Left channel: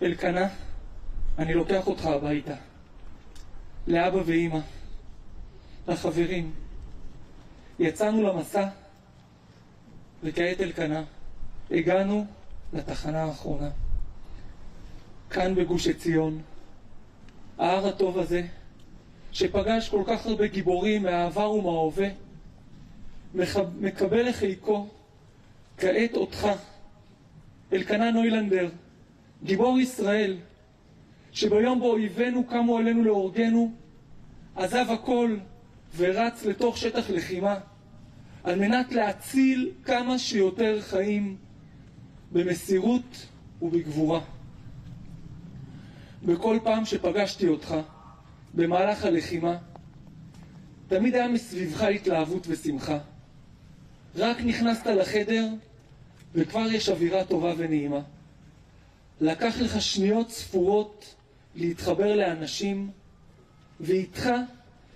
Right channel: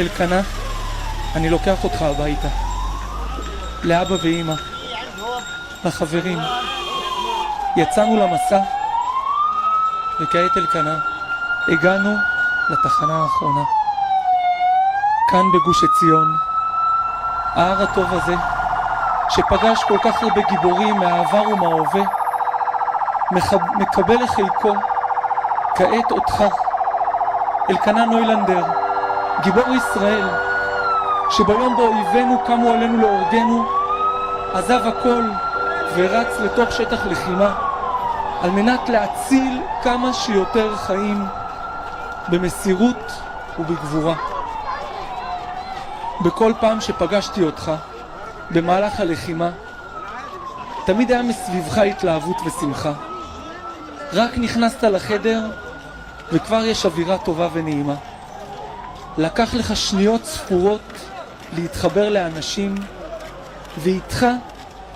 אלקנה, אני לוקח אותך הביתה. לאבא ואמא, לחברים. יצאנו למסע, וכעת אלקנה, הגענו לתחנה האחרונה. כאן בגוש עציון, ההר הטוב הזה, שפגש כל כך הרבה גיבורים מהעבר ומההווה, מקבל לחלקו כעת אותך, אלקנה נוילנדר, גיבור ישראל, שביום בו אויבינו קמו עלינו להורגנו, עזב הכל ורץ לתוך שטח לחימה, על מנת להציל כמה שיותר חיים במסירות ובגבורה. בכל פעם שפגשתי אותך במהלך הלחימה, תמיד היה מסביבך התלהבות ושמחה. רק נכנסת לחדר וכבר יש אווירה טובה ונעימה. לקח לך שניות ספורות להתחבר לאנשים, ואיתך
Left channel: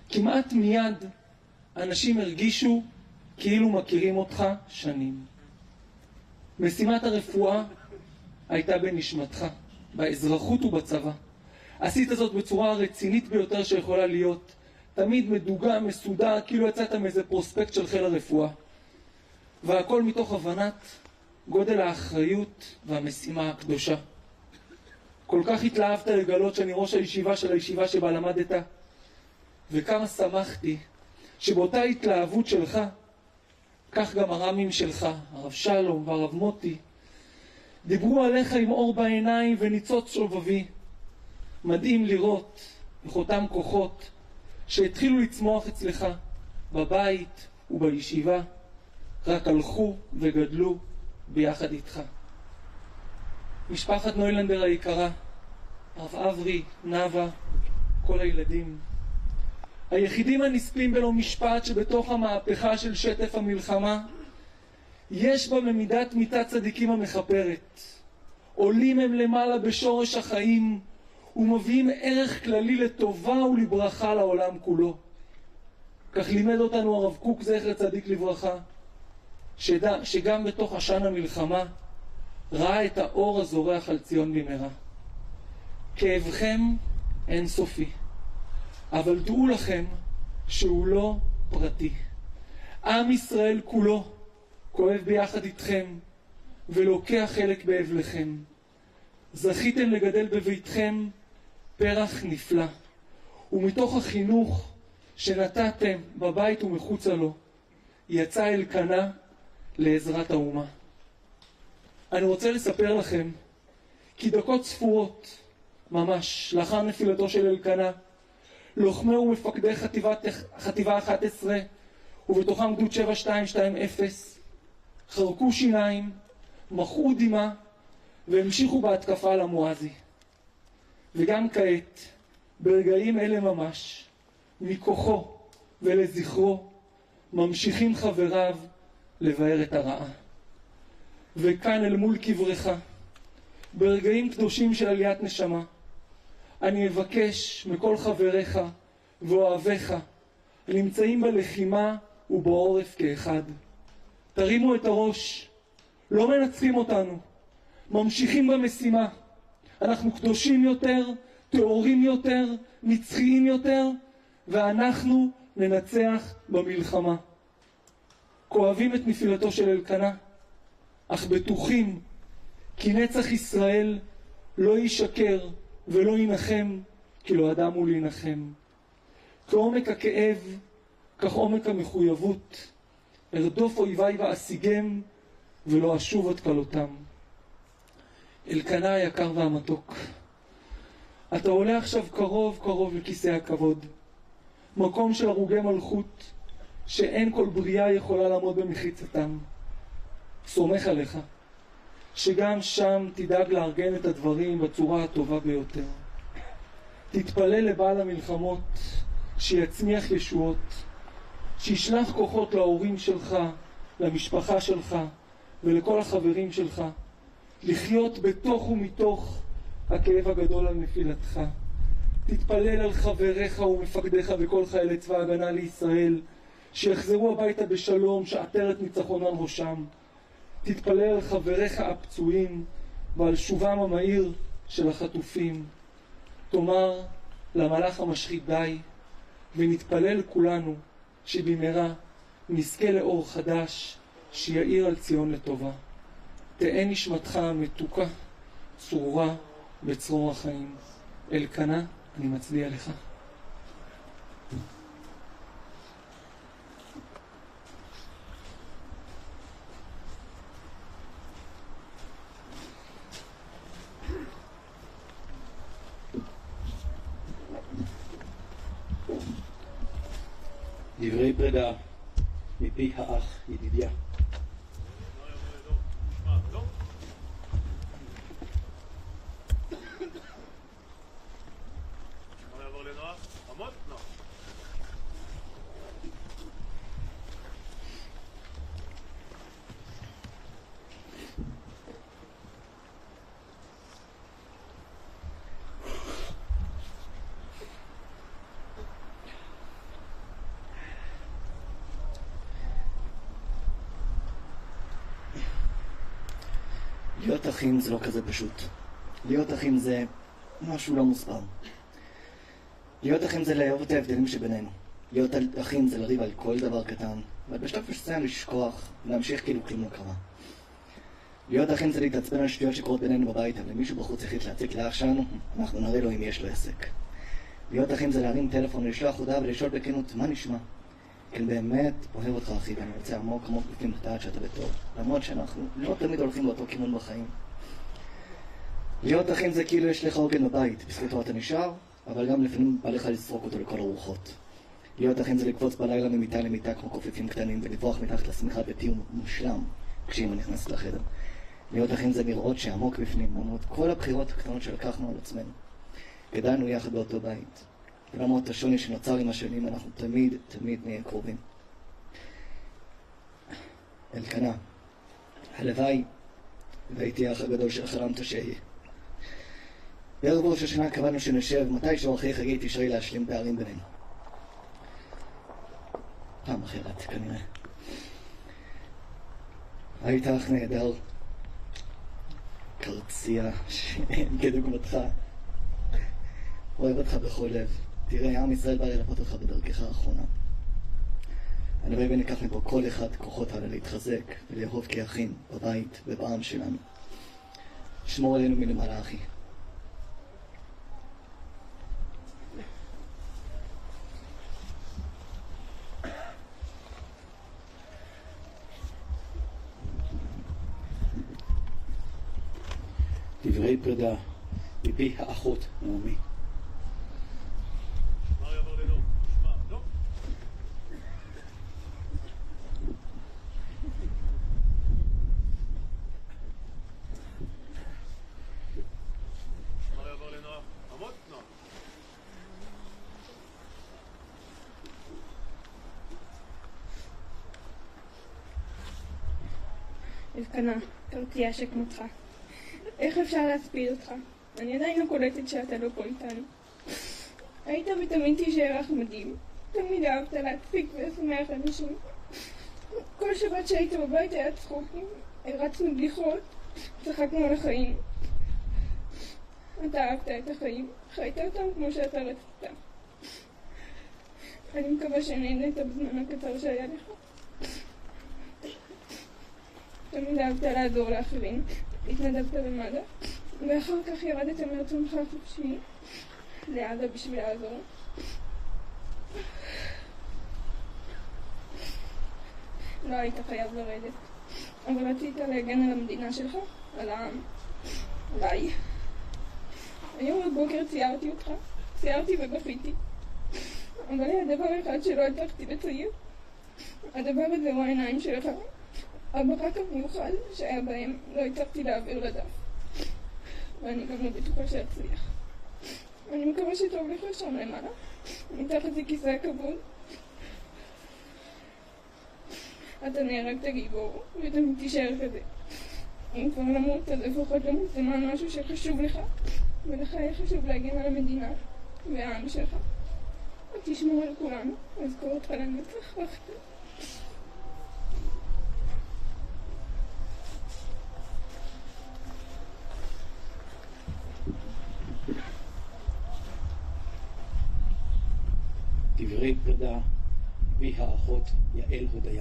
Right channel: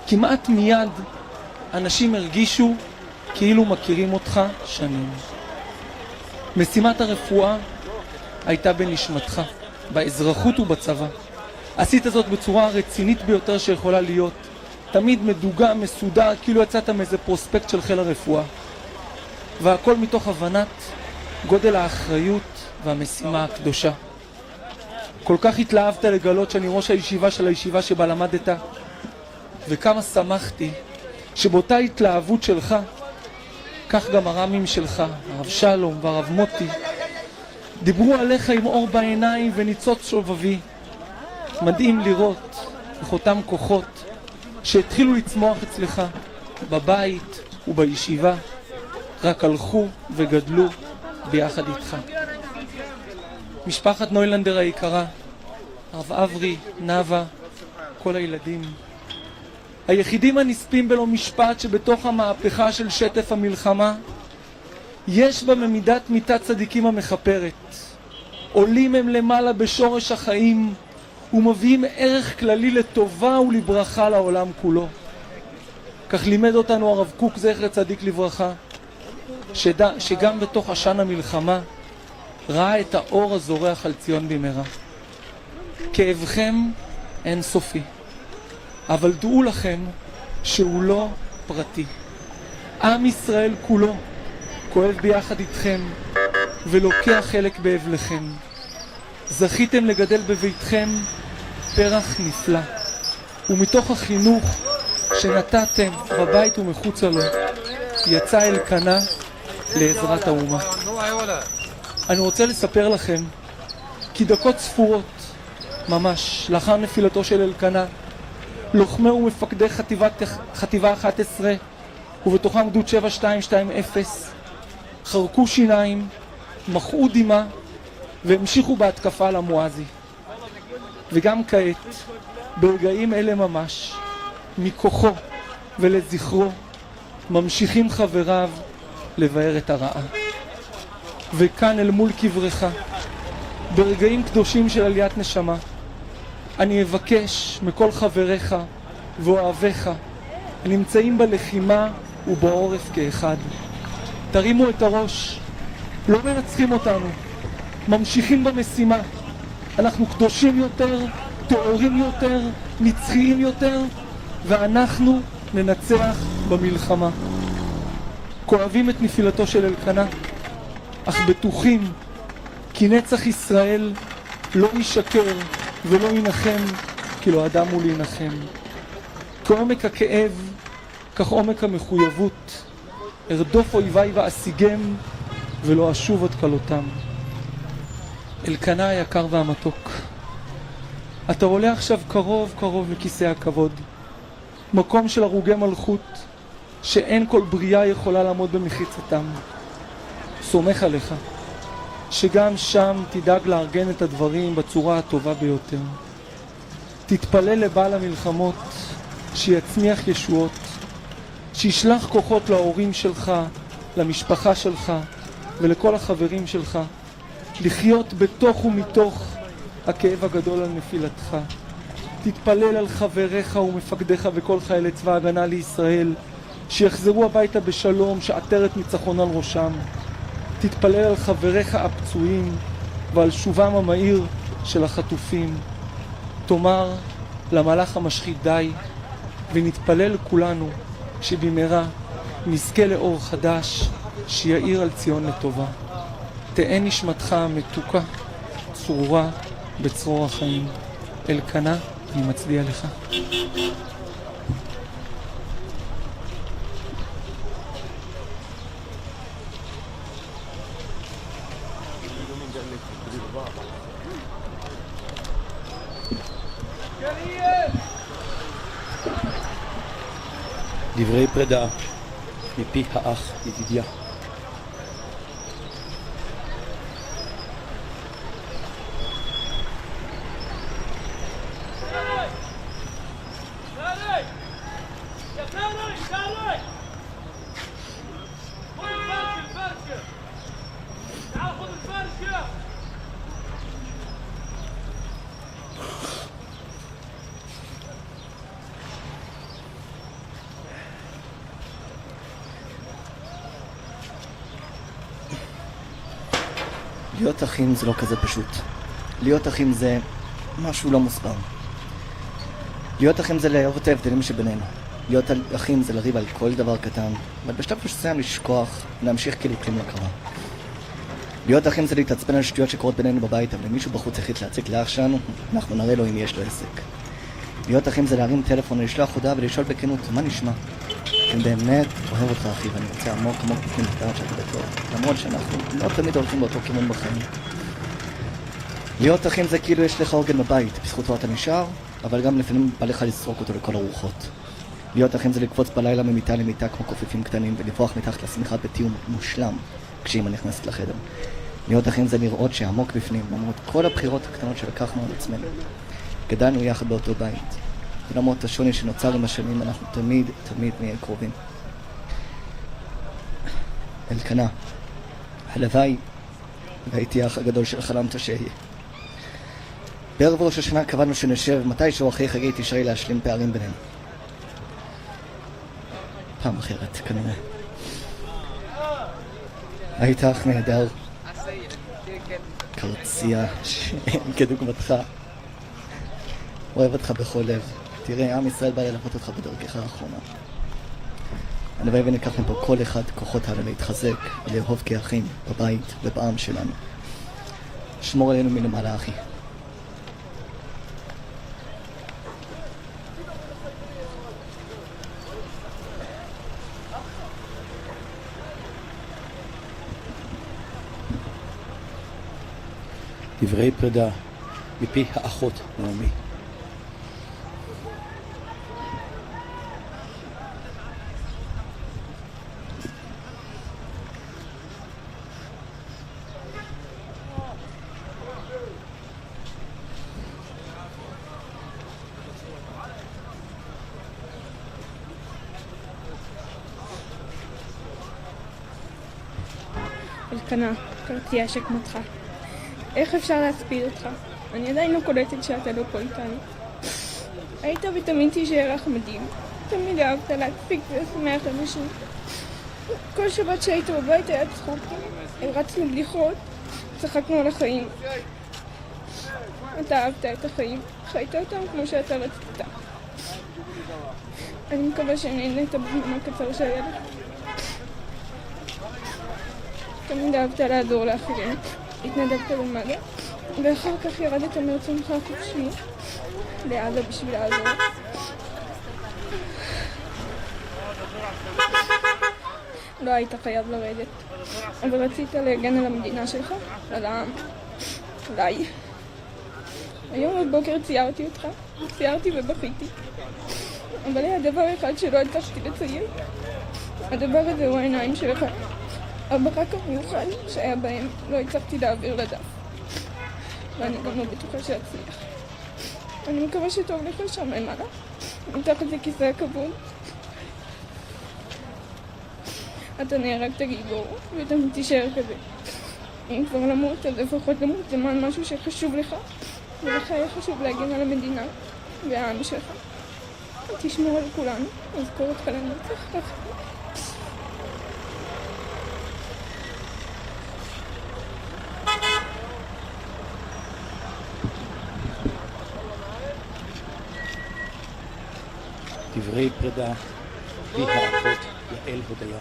כמעט מיד אנשים הרגישו כאילו מכירים אותך שנים. משימת הרפואה הייתה בנשמתך, באזרחות ובצבא. עשית זאת בצורה רצינית ביותר שיכולה להיות, תמיד מדוגה, מסודר, כאילו יצאת מאיזה פרוספקט של חיל הרפואה. והכל מתוך הבנת גודל האחריות והמשימה הקדושה. כל כך התלהבת לגלות שאני ראש הישיבה של הישיבה שבה למדת, וכמה שמחתי שבאותה התלהבות שלך, כך גם הרמים שלך, הרב שלום והרב מוטי, דיברו עליך עם אור בעיניים וניצוץ שובבי. מדהים לראות איך אותם כוחות שהתחילו לצמוח אצלך בבית ובישיבה, רק הלכו וגדלו ביחד איתך. משפחת נוילנדר היקרה, הרב אברי, נאווה, כל הילדים, היחידים הנספים בלא משפט שבתוך המהפכה של שטף המלחמה, יש בה ממידת מיתת צדיקים המחפרת. עולים הם למעלה בשורש החיים ומביאים ערך כללי לטובה ולברכה לעולם כולו. כך לימד אותנו הרב קוק זכר צדיק לברכה, שגם בתוך עשן המלחמה ראה את האור הזורח על ציון במהרה. כאבכם אין סופי, אבל דעו לכם שהוא לא פרטי. עם ישראל כולו כואב ביחד איתכם ולוקח חלק באבלכם. זכיתם לגדל בביתכם פרח נפלא, ומתוך החינוך שנתתם בבית ומחוצה לו יצא אלקנה לעזרת האומה. אני רוצה לספר לכם כי דקות ספורות ממש לאחר נפילתו של אלקנה, לוחמי ומפקדי חטיבה 11 ובתוכם גדוד 7220 חרקו שיניים, מחאו דמעה והמשיכו בהתקפה על המואזי. וגם כעת, ברגעים אלה ממש, מכוחו ולזכרו, ממשיכים חבריו לבאר את הרעה. וכאן אל מול קברך, ברגעים קדושים של עליית נשמה, אני אבקש מכל חבריך ואוהביך הנמצאים בלחימה ובעורף כאחד. תרימו את הראש, לא מנצחים אותנו, ממשיכים במשימה. אנחנו קדושים יותר, טהורים יותר, נצחיים יותר, ואנחנו ננצח במלחמה. כואבים את נפילתו של אלקנה, אך בטוחים כי נצח ישראל לא ישקר ולא ינחם, כי לא אדם הוא להנחם. כעומק הכאב, כך עומק המחויבות. ארדוף אויביי ואשיגם ולא אשוב עוד כלותם. אלקנה היקר והמתוק, אתה עולה עכשיו קרוב קרוב לכיסא הכבוד, מקום של הרוגי מלכות שאין כל בריאה יכולה לעמוד במחיצתם. סומך עליך שגם שם תדאג לארגן את הדברים בצורה הטובה ביותר. תתפלל לבעל המלחמות שיצמיח ישועות, שישלח כוחות להורים שלך, למשפחה שלך ולכל החברים שלך, לחיות בתוך ומתוך הכאב הגדול על נפילתך. תתפלל על חבריך ומפקדיך בכל חיילי צבא הגנה לישראל, שיחזרו הביתה בשלום, שעטרת ניצחון על ראשם. תתפלל על חבריך הפצועים ועל שובם המהיר של החטופים, תאמר למלאך המשחית די, ונתפלל כולנו שבמהרה נזכה לאור חדש שיאיר על ציון לטובה. תהא נשמתך המתוקה, צרורה בצרור החיים. אלקנה, אני מצדיע לך. דברי פרידה מפי האח ידידיה. להיות אחים זה לא כזה פשוט. להיות אחים זה משהו לא מוסבר. להיות אחים זה להראות את ההבדלים שבינינו. להיות אחים זה לריב על כל דבר קטן, אבל בשלב מסוים לשכוח, להמשיך כלי כלום לא קרה. להיות אחים זה להתעצבן על שטויות שקורות בינינו בבית, אבל אם מישהו בחוץ החליט להציק לאח שלנו, אנחנו נראה לו אם יש לו עסק. להיות אחים זה להרים טלפון ולשלוח הודעה ולשאול בכנות, מה נשמע? אני באמת אוהב אותך אחי, ואני רוצה עמוק בפנים לדעת שאתה בטוב, למרות שאנחנו לא תמיד הולכים באותו כיוון בחיים. להיות אחים זה כאילו יש לך עוגן בבית, בזכותו אתה נשאר, אבל גם לפעמים בא לך לסרוק אותו לכל הרוחות. להיות אחים זה לקפוץ בלילה ממיטה למיטה כמו קופיפים קטנים ולברוח מתחת לשמיכה בטיעון מושלם כשאמא נכנסת לחדר. להיות אחים זה לראות שעמוק בפנים, למרות כל הבחירות הקטנות שלקחנו על עצמנו. גדלנו יחד באותו בית. ולמרות השוני שנוצר עם השנים, אנחנו תמיד נהיה קרובים. אלקנה, הלוואי והייתי האח הגדול של חלמת שיהיה. בערב ראש השנה קבענו שנשב מתישהו אחרי חגי תשרי להשלים פערים בינינו. פעם אחרת, כנראה. היית אח נהדר, קרצייה שאין כדוגמתך. אוהב אותך בכל לב. תראה, עם ישראל בא ללכות אותך בדרכך האחרונה. הלוואי וניקח מפה כל אחד כוחות הלאה להתחזק ולאהוב כאחים בבית ובעם שלנו. שמור עלינו מלמעלה, אחי. דברי פרידה מפי האחות נעמי. אלקנה, קרצייה שכמותך. איך אפשר להספיד אותך? אני עדיין לא קולטת שאתה לא פה איתנו. היית ותמיד תישאר לך מדהים. תמיד אהבת להקפיק ולשמח אנשים. כל שבת שהיית בבית היה צחוק. הרצנו בדיחות, צחקנו על החיים. אתה אהבת את החיים, חיית אותם כמו שאתה רצית. אני מקווה שנהנית בזמן הקצר שהיה. תמיד אהבת לעזור לאחרים. התנדבת למעלה, ואחר כך ירדת מרצונך חופשי לעזה בשביל לעזור. לא היית חייב לרדת, אבל רצית להגן על המדינה שלך, על העם, עליי. היום בבוקר ציירתי אותך, ציירתי ובכיתי. אבל היה דבר אחד שלא הצלחתי לצייר. הדבר הזה הוא העיניים שלך. הברק המיוחד שהיה בהם, לא הצלחתי להעביר לדף. ואני גם לא בטוחה שאצליח. אני מקווה שטוב לך שם למעלה, מתחת לכיסא הכבוד. אתה נהרגת גיבור, ואתה תישאר כזה. אם כבר למות, אז לפחות למות למען משהו שחשוב לך, ולך היה חשוב להגן על המדינה והעם שלך. תשמור על כולנו, אזכור אותך לנצח. דברי פרידה מפי האחות יעל הודיה.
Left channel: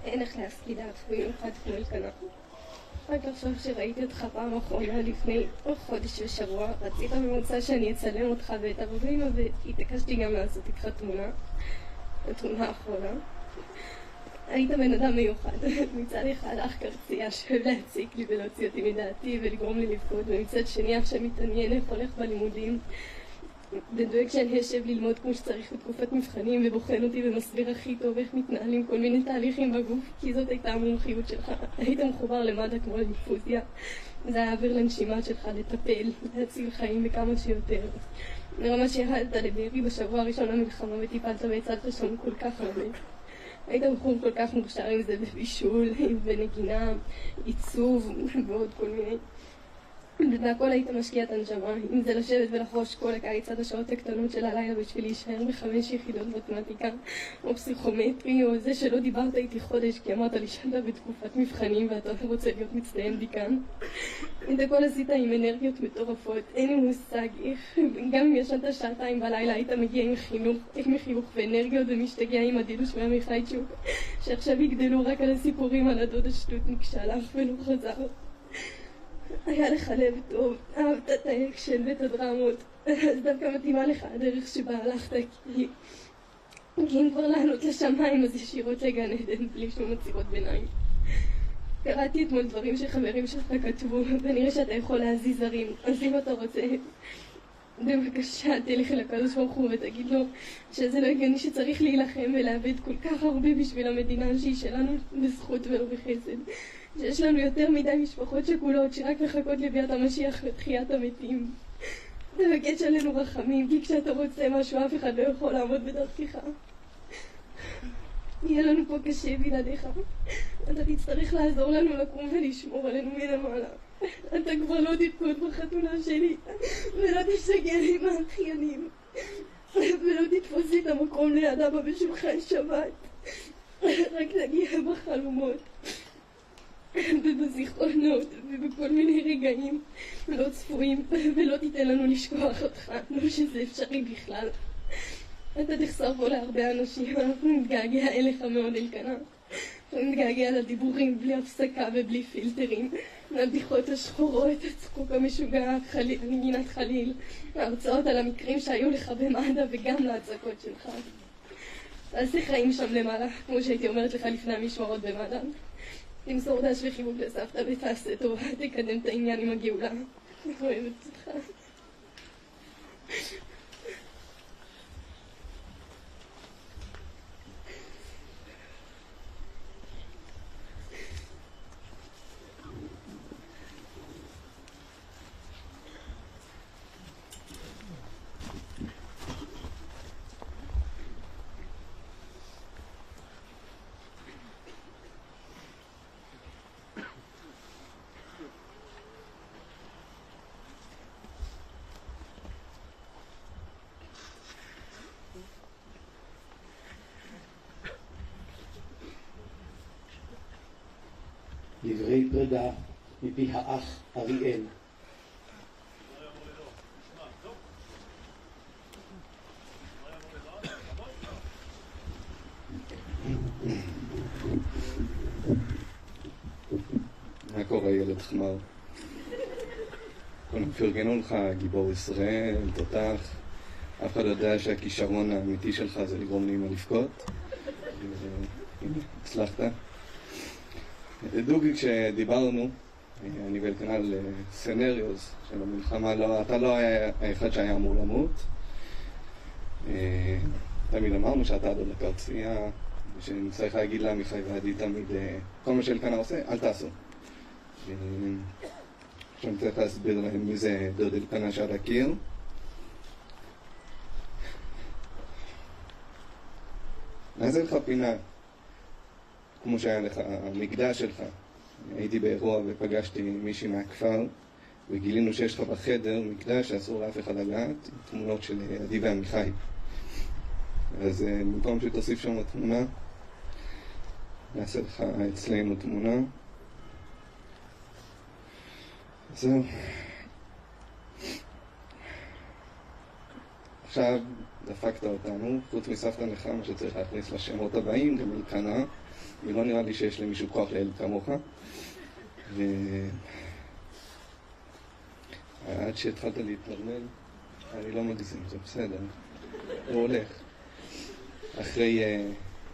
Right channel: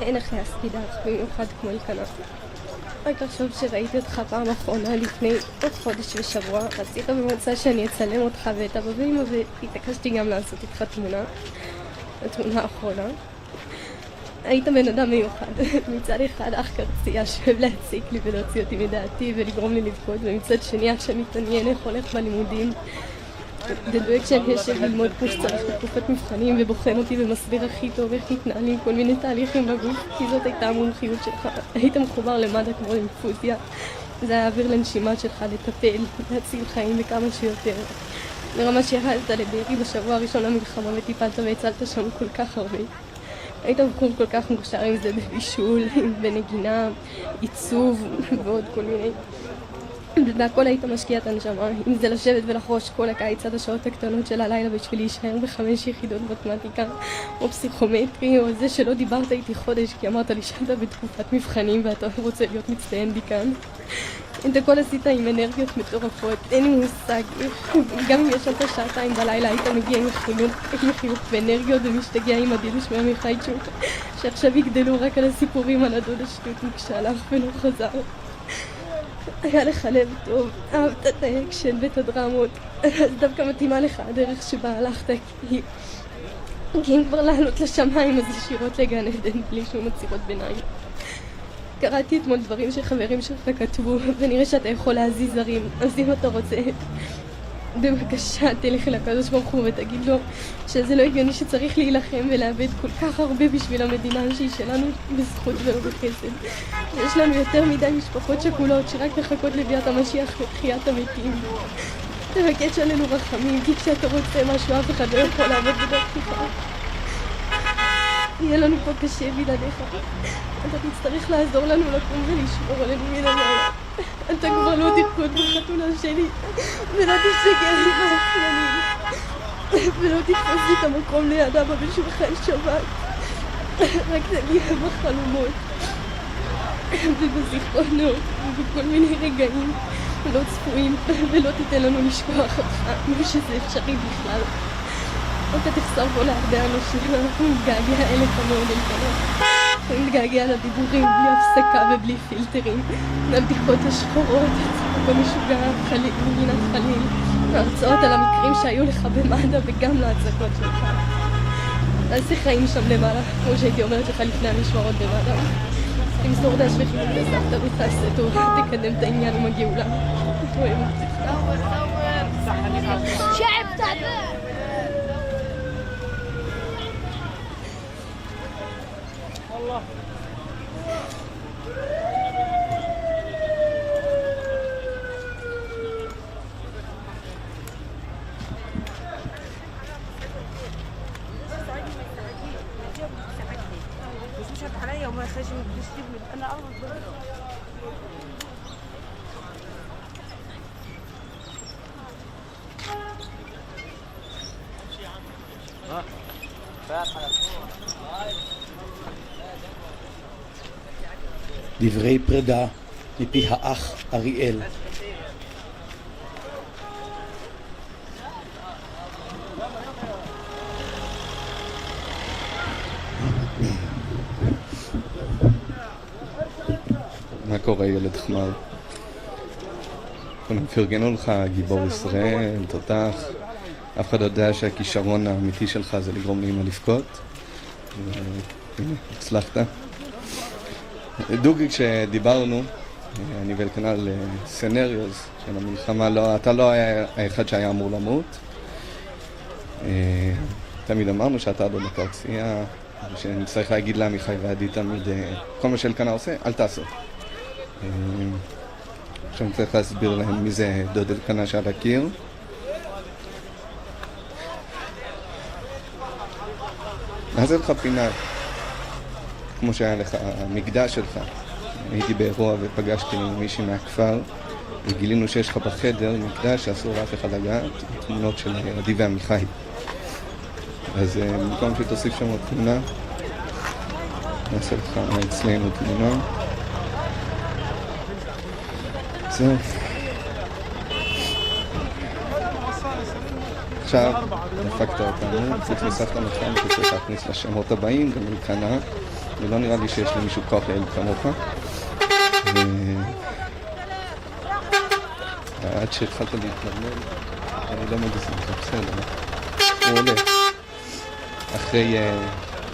אין אחרי הספידה, במיוחד כמו להיכנס. רק לחשוב שראיתי אותך פעם אחרונה לפני עוד חודש ושבוע, רצית במוצא שאני אצלם אותך ואת אבא ואמא, והתעקשתי גם לעשות איתך תמונה, התמונה האחרונה. היית בן אדם מיוחד, מצד אחד אח קרצייה שאוהב להציק לי ולהוציא אותי מדעתי ולגרום לי לבכות, ומצד שני אח שאני מתעניין איך הולך בלימודים. דואג שאני אשב ללמוד כמו שצריך בתקופת מבחנים ובוחן אותי במסביר הכי טוב איך מתנהלים כל מיני תהליכים בגוף, כי זאת הייתה המומחיות שלך. היית מחובר למדע כמו אינפוזיה. זה היה האוויר לנשימה שלך לטפל, להציל חיים בכמה שיותר. ברמה שירדת לדיירי בשבוע הראשון למלחמה וטיפלת והצלת שם כל כך הרבה. היית בחור כל כך מוכשר עם זה בבישול, בנגינה, עיצוב ועוד כל מיני. והכל היית משקיע את הנשמה, אם זה לשבת ולחרוש כל הקיץ עד השעות הקטנות של הלילה בשביל להישאר ב5 יחידות מתמטיקה או פסיכומטרי, או זה שלא דיברת איתי חודש כי אמרת לי שאתה בתקופת מבחנים ואתה רוצה להיות מצטיין דיקן. את הכל עשית עם אנרגיות מטורפות, אין לי מושג, גם אם ישבת שעתיים בלילה היית מגיע עם חיוך ואנרגיות ומשתגע עם הדידוש מהמיכאיצ'וק שעכשיו יגדלו רק על הסיפורים על הדוד השטות כשהלך ולא חזר. היה לך לב טוב, אהבת את האקשן ואת הדרמות, אז דווקא מתאימה לך הדרך שבה הלכת, כי אם כבר לעלות לשמיים אז ישירות לגן עדן בלי שום עצירות ביניים. קראתי אתמול דברים שחברים שלך כתבו, ונראה שאתה יכול להזיז זרים, אז אם אתה רוצה, בבקשה תלך אל הקדוש ברוך הוא ותגיד לו שזה לא הגיוני שצריך להילחם ולאבד כל כך הרבה בשביל המדינה שהיא שלנו בזכות ולא בחסד. יש לנו יותר מדי משפחות שכולות שרק מחכות לביאת המשיח לתחיית המתים. תבקש עלינו רחמים, כי כשאתה רוצה משהו אף אחד לא יכול לעבוד בדרכך. יהיה לנו פה קשה בלעדיך. אתה תצטרך לעזור לנו לקום ולשמור עלינו מלמעלה. אתה כבר לא תרקוד בחתונה שלי, ולא תשתגע לי באופנים, ולא תתפוס את המקום לידה בשולחן שבת. רק תהיה בחלומות ובזיכרונות ובכל מיני רגעים לא צפויים, ולא תיתן לנו לשכוח אותך כמו שזה אפשרי בכלל. אתה תחסר פה להרבה אנשים ואנחנו נתגעגע אליך מאוד מלחמה. אנחנו נתגעגע לדיבורים בלי הפסקה ובלי פילטרים, לבדיחות השחורות, במשוגע חליל, מגינת חליל, ההרצאות על המקרים שהיו לך במד"א וגם להצגות שלך. תעשה חיים שם למעלה, כמו שהייתי אומרת לך לפני המשמרות במד"א. תמסור דש וחילות לסבתא ותעשה טוב, תקדם את העניין עם הגאולה. شعب تعبان. والله مش شد عليا وما خرج من الدستيب انا اغلط. דברי פרידה מפי האח אריאל. מה קורה ילד חמר? כולם פרגנו לך, גיבור ישראל, תותח. אף אחד לא יודע שהכישרון האמיתי שלך זה לגרום לאמא לבכות. הצלחת. דוגי, כשדיברנו, אני ולכנ"ל סנריוס של המלחמה, אתה לא היה האחד שהיה אמור למות. תמיד אמרנו שאתה בקרצייה, שנצטרך להגיד לעמיחי ועדי תמיד, כל מה שאלקנה עושה, אל תעשו. עכשיו אני צריך להסביר להם מי זה דוד אלקנה שעל הקיר. אז אין לך פינה, כמו שהיה לך, המקדש שלך, הייתי באירוע ופגשתי מישהי מהכפר וגילינו שיש לך בחדר מקרה שאסור לאף אחד לגעת, תמונות של עדי ועמיחי. אז במקום שתוסיף שם עוד תמונה, נעשה לך אצלנו תמונה. זהו. עכשיו דפקת אותנו, נכנסת למתחם שצריך להכניס לשמות הבאים, גם מכאנה, ולא נראה לי שיש למישהו כוח להיות כמוך. עד שהתחלת להתנרמל, אני לא מגזים, זה בסדר. הוא הולך. אחרי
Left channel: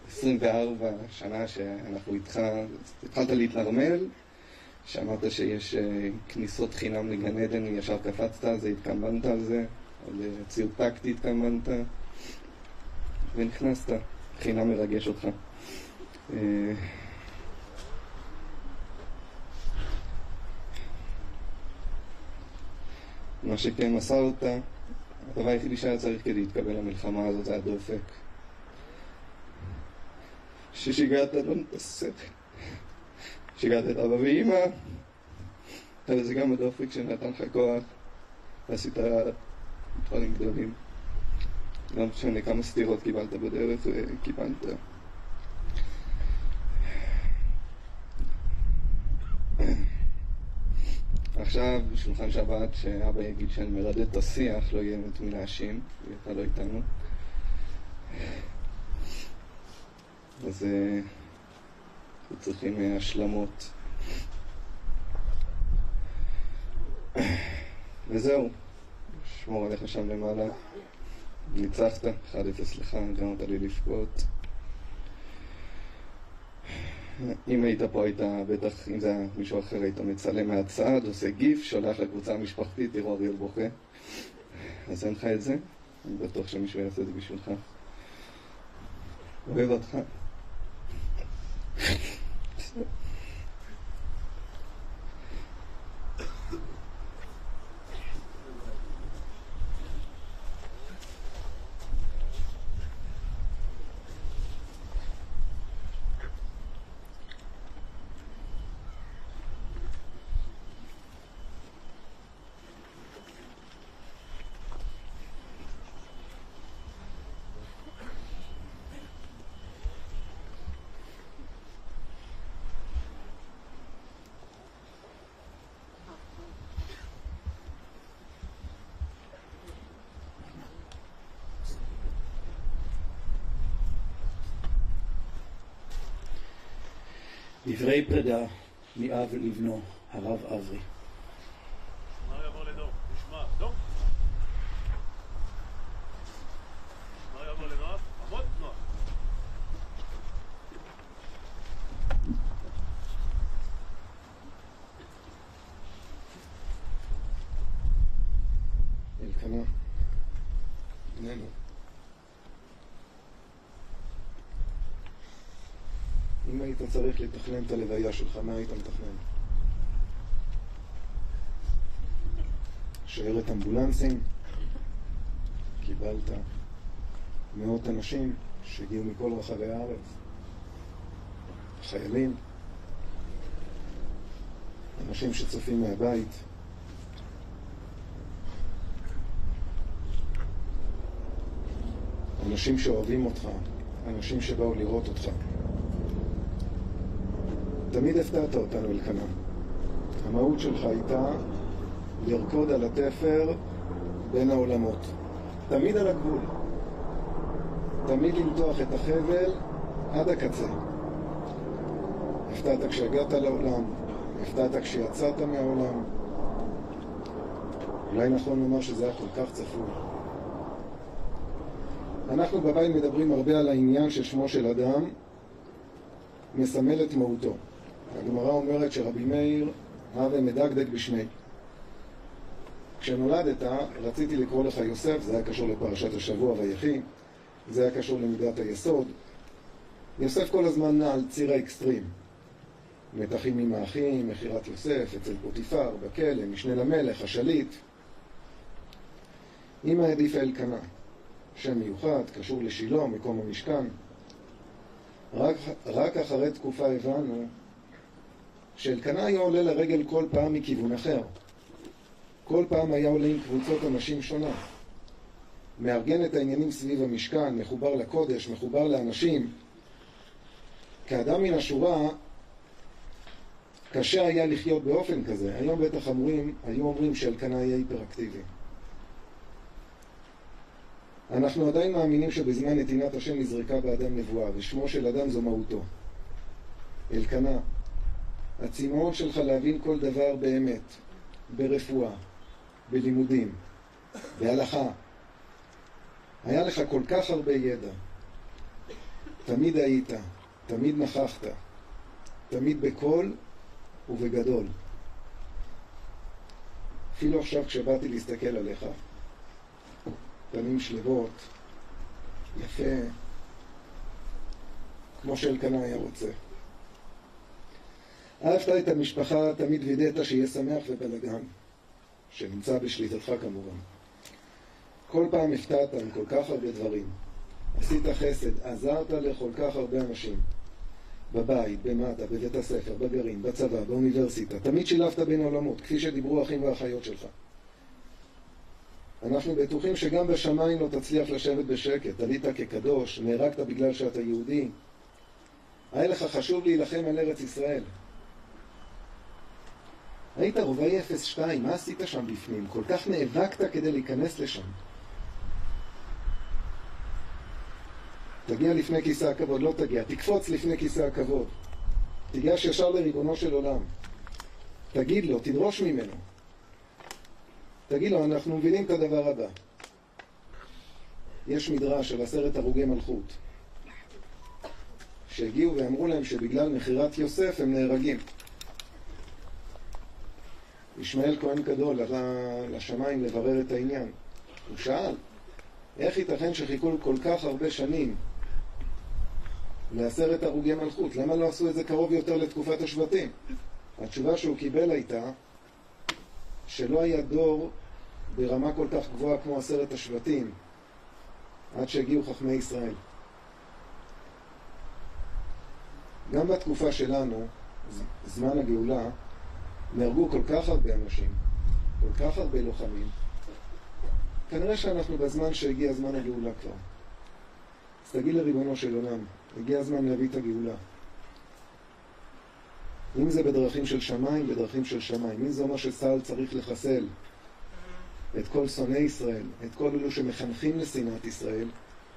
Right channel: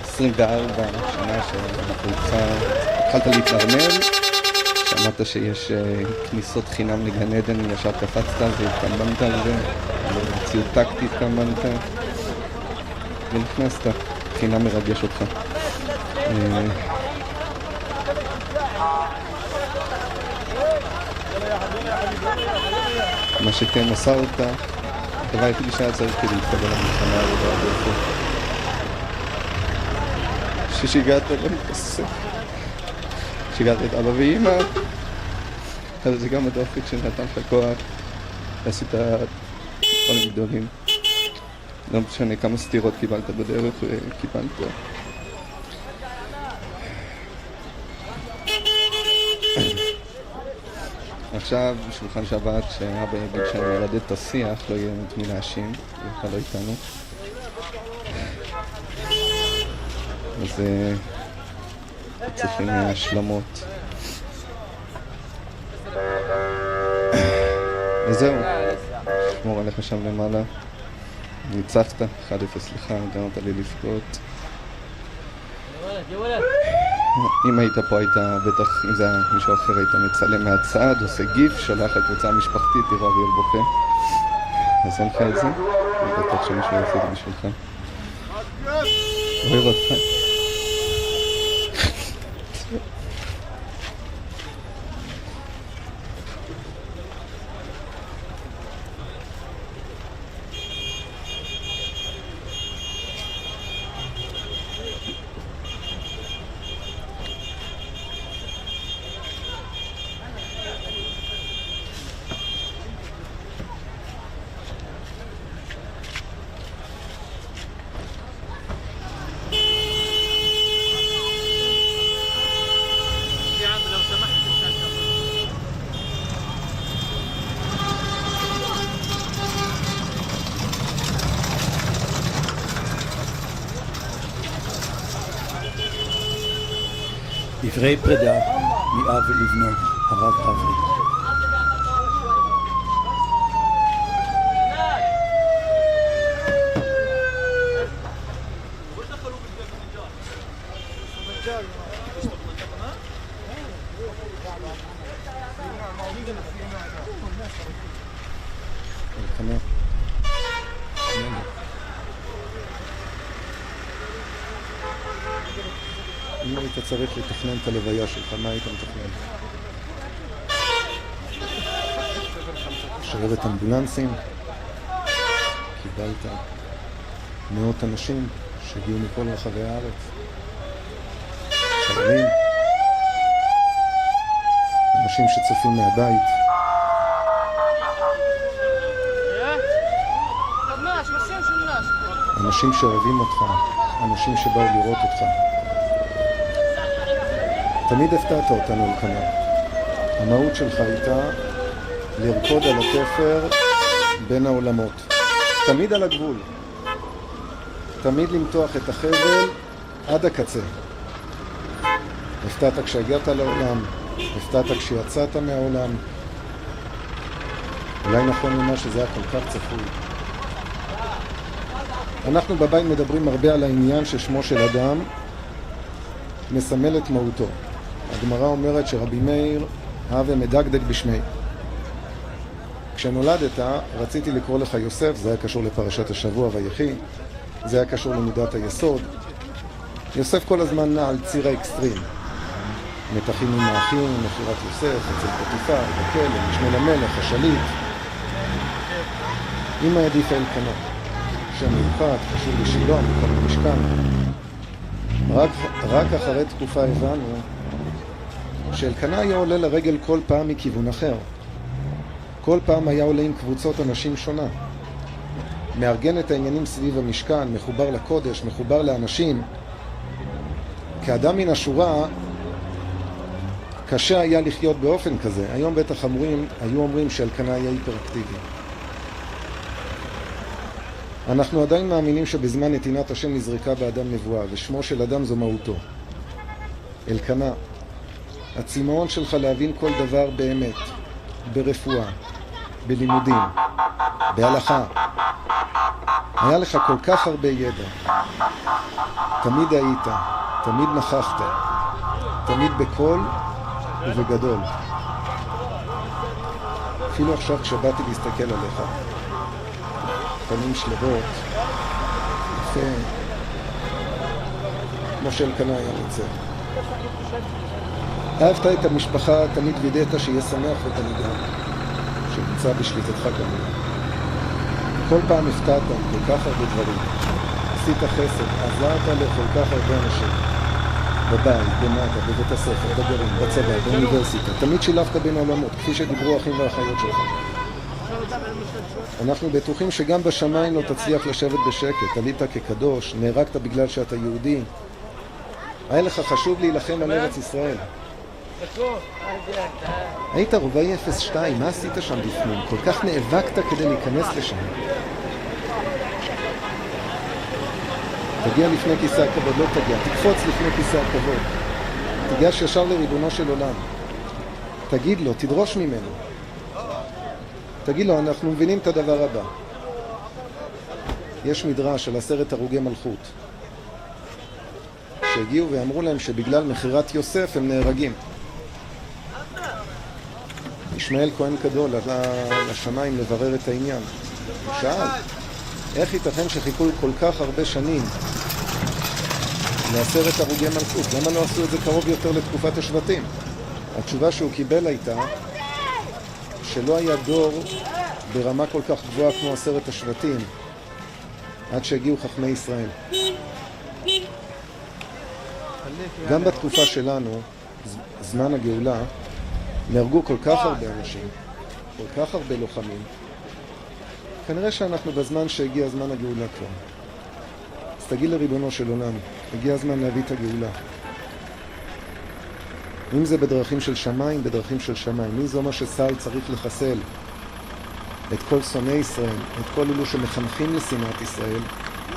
24 שנה שאנחנו איתך, התחלת להתנרמל, שמעת שיש כניסות חינם לגן עדן, ישר קפצת והתקמבנת על זה, במציאות טקטית התקמבנת, ונכנסת, חינם מרגש אותך. מה שכן מסרת, הדבר היחידי שהיה צריך כדי להתקבל למלחמה הזאת, ששיגעת שיגעת את אבא ואמא, אבל זה גם הדופק שנתן לך כוח, עשית דברים גדולים. לא משנה כמה סתירות קיבלת בדרך וקיבלת. עכשיו בשולחן שבת שאבא יגיד שאני ילד את השיח, לא יהיה את מי להאשים, בכלל לא איתנו. אז צריכים השלמות. וזהו, שמור עליך שם למעלה. ניצחת, 1-0 לך, גרמת לי לבכות. אם היית פה היית בטח, אם זה היה מישהו אחר היית מצלם מהצד, עושה גיף, שולח לקבוצה המשפחתית, תראו להיות בוכה. אז אין לך את זה, אני בטח שמישהו יעשה את בשבילך. אוהב אותך. דברי פרידה מאב ולבנו, הרב אברי. אם היית צריך לתכנן את הלוויה שלך, מה היית מתכנן? שרדת אמבולנסים, קיבלת מאות אנשים שהגיעו מכל רחבי הארץ, חיילים, אנשים שצופים מהבית. אנשים שאוהבים אותך, אנשים שבאו לראות אותך. תמיד הפתעת אותנו כאן. המהות שלך הייתה לרקוד על התפר בין העולמות. תמיד על הגבול. תמיד למתוח את החבל עד הקצה. הפתעת כשהגעת לעולם, הפתעת כשיצאת מהעולם. אולי נכון לומר שזה היה כל כך צפוי. אנחנו בבית מדברים הרבה על העניין ששמו של אדם מסמל את מהותו. הגמרא אומרת שרבי מאיר אהב ומדקדק בשמי. כשנולדת רציתי לקרוא לך יוסף, זה היה קשור לפרשת השבוע ויחי, זה היה קשור למידת היסוד. יוסף כל הזמן נע על ציר האקסטרים. מתחים עם האחים, מכירת יוסף, אצל פוטיפר, בכלא, משנה למלך, השליט. אמא העדיפה לקנה. שם מיוחד, קשור לשילון, כל המשכן. רק אחרי תקופה הבנו שאלקנה היה עולה לרגל כל פעם מכיוון אחר. כל פעם היה עולה עם קבוצות אנשים שונה. מארגן את העניינים סביב המשכן, מחובר לקודש, מחובר לאנשים. כאדם מן השורה, קשה היה לחיות באופן כזה. היום בטח היו אומרים שאלקנה היה היפראקטיבי. אנחנו עדיין מאמינים שבזמן נתינת השם נזרקה באדם נבואה, ושמו של אדם זו מהותו. אלקנה, הצמאון שלך להבין כל דבר באמת, ברפואה, בלימודים, בהלכה. היה לך כל כך הרבה ידע. תמיד היית, תמיד נכחת, תמיד בקול ובגדול. אפילו עכשיו כשבאתי להסתכל עליך, פנים שלבות, יפה, כמו שאלקנה היה רוצה. אהבת את המשפחה, תמיד וידעת שיהיה שמח ותמידה, שנמצא בשליטתך כמובן. כל פעם הפתעת כל כך הרבה דברים. עשית חסד, עזרת לכל כך הרבה אנשים. בבית, במטה, בבית הספר, בגרעין, בצבא, באוניברסיטה. תמיד שילבת בין עולמות, כפי שדיברו אחים ואחיות שלך. אנחנו בטוחים שגם בשמיים לא תצליח לשבת בשקט. עלית כקדוש, נהרגת בגלל שאתה יהודי. היה לך חשוב להילחם על ארץ ישראל. היית רובעי 02, מה עשית שם בפנים? כל כך נאבקת כדי להיכנס לשם. תגיע לפני כיסא הכבוד, לא תגיע, תקפוץ לפני כיסא הכבוד. תיגש ישר לריבונו של עולם. תגיד לו, תדרוש ממנו. תגיד לו, אנחנו מבינים את הדבר הבא. יש מדרש על 10 הרוגי מלכות שהגיעו ואמרו להם שבגלל מחירת יוסף הם נהרגים. ישמעאל כהן גדול עלה לשמיים לברר את העניין. הוא שאל, איך ייתכן שחיכו כל כך הרבה שנים ל10 הרוגי מלכות? למה לא עשו את זה קרוב יותר לתקופת השבטים? התשובה שהוא קיבל הייתה שלא היה דור ברמה כל כך גבוהה כמו 10 השבטים עד שהגיעו חכמי ישראל. גם בתקופה שלנו, זמן הגאולה, נהרגו כל כך הרבה אנשים, כל כך הרבה לוחמים. כנראה שאנחנו בזמן שהגיע זמן הגאולה כבר. אז תגיד לריבונו של עולם, הגיע הזמן להביא את הגאולה. אם זה בדרכים של שמיים, בדרכים של שמיים. אם זה אומר שצה"ל צריך לחסל את כל שונאי ישראל, את כל אלו שמחנכים לשנאת ישראל,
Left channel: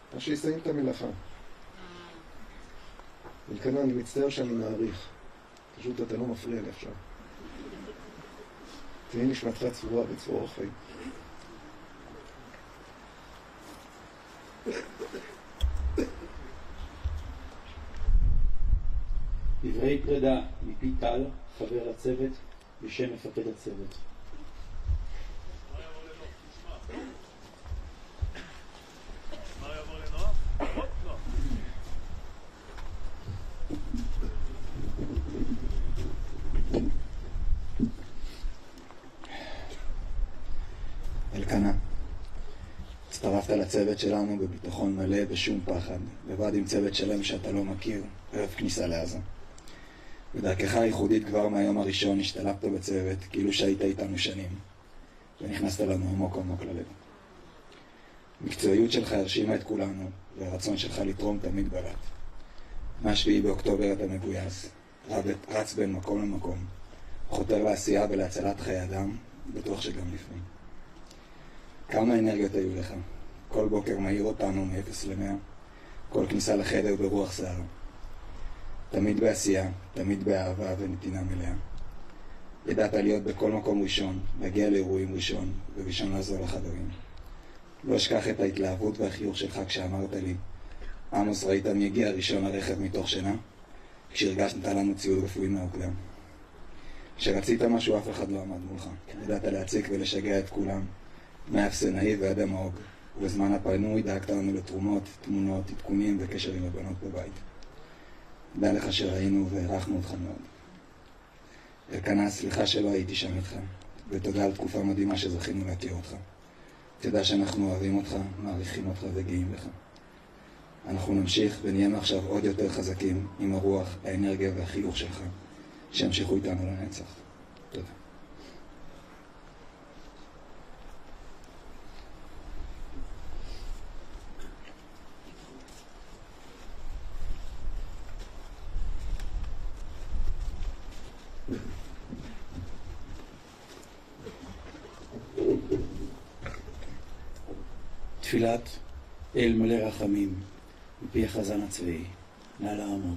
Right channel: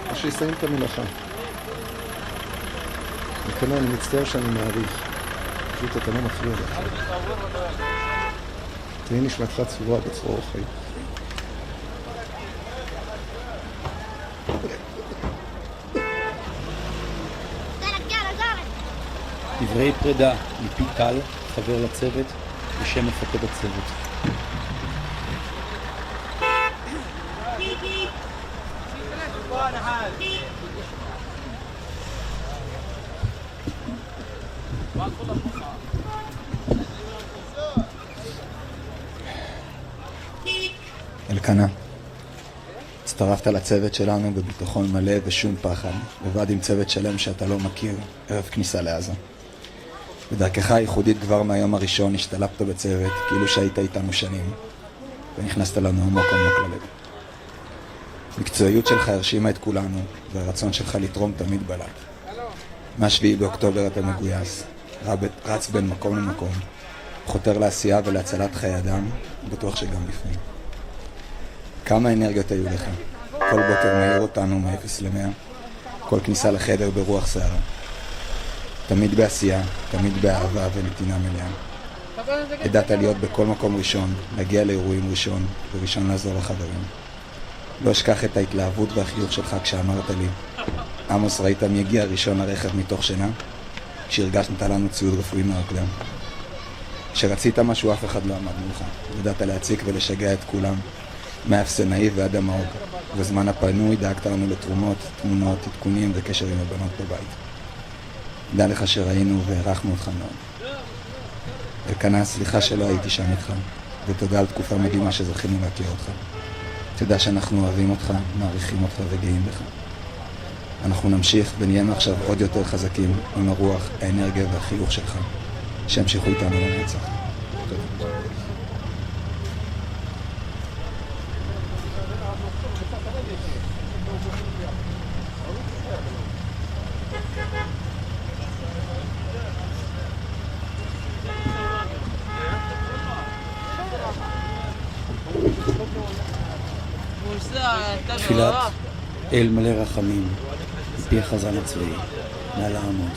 אז שיסיים את המלאכה. וכן אני מצטער שאני מעריך. פשוט אתה לא מפריע לך. תהיה נשמתך צבורה בצורה אוכל. דברי פרידה מפי טל, חבר לצוות, בשם מפקד הצוות. אלקנה, הצטרפת לצוות שלנו בביטחון מלא ושום פחד, לבד עם צוות שלם שאתה לא מכיר, ערב כניסה לעזה. בדרכך הייחודית כבר מהיום הראשון השתלבת בצוות, כאילו שהיית איתנו שנים, ונכנסת לנו עמוק עמוק ללב. המקצועיות שלך הרשימה את כולנו, והרצון שלך לתרום תמיד בלט. מה-7 באוקטובר אתה מגויס, רץ בין מקום למקום, חותר לעשייה ולהצלת חיי אדם, בטוח שגם לפני. כמה אנרגיות היו לך? כל בוקר מהיר אותנו מ-0 ל-100, כל כניסה לחדר ברוח סער. תמיד בעשייה, תמיד באהבה ונתינה מלאה. ידעת להיות בכל מקום ראשון, להגיע לאירועים ראשון, וראשון לעזור לחברים. לא אשכח את ההתלהבות והחיוך שלך כשאמרת לי, עמוס, ראית מי הגיע ראשון לרכב מתוך שינה? כשהרגשת לנו ציוד רפואי מהרקדן. כשרצית משהו אף אחד לא עמד מולך, ידעת להציק ולשגע את כולם, מהאפסנאי ועד המעוק, בזמן הפנוי דאגת לנו לתרומות, תמונות, עדכונים וקשר עם הבנות בבית. דע לך שראינו והערכנו אותך מאוד. אלקנה, סליחה שלא הייתי שם איתך, ותודה על תקופה מדהימה שזכינו להכיר אותך. תדע שאנחנו אוהבים אותך, מעריכים אותך וגאים בך. אנחנו נמשיך ונהיינו עכשיו עוד יותר חזקים עם הרוח, האנרגיה והחיוך שלך. שימשיכו איתנו לנצח. תודה. תפילת אל מלא רחמים, מפי החזן הצבאי, נא לעמוד.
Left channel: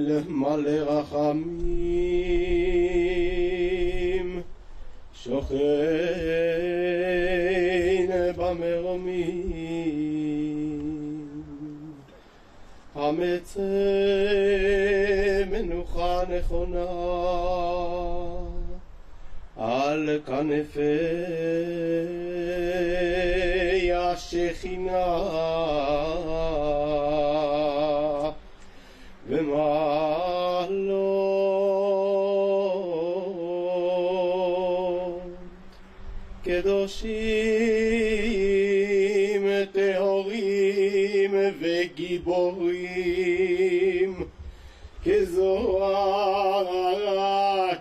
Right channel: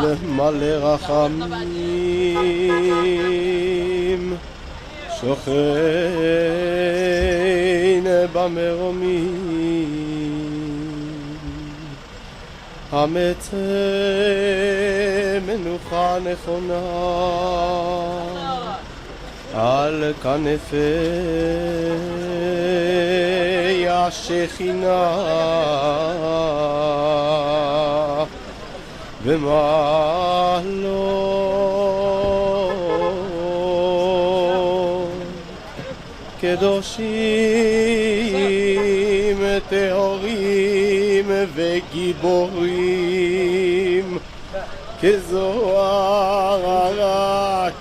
אל מלא רחמים, שוכן במרומים, המצא מנוחה נכונה על כנפי השכינה, ומה לא קדושים, טהורים וגיבורים, כזוהר הרקיע,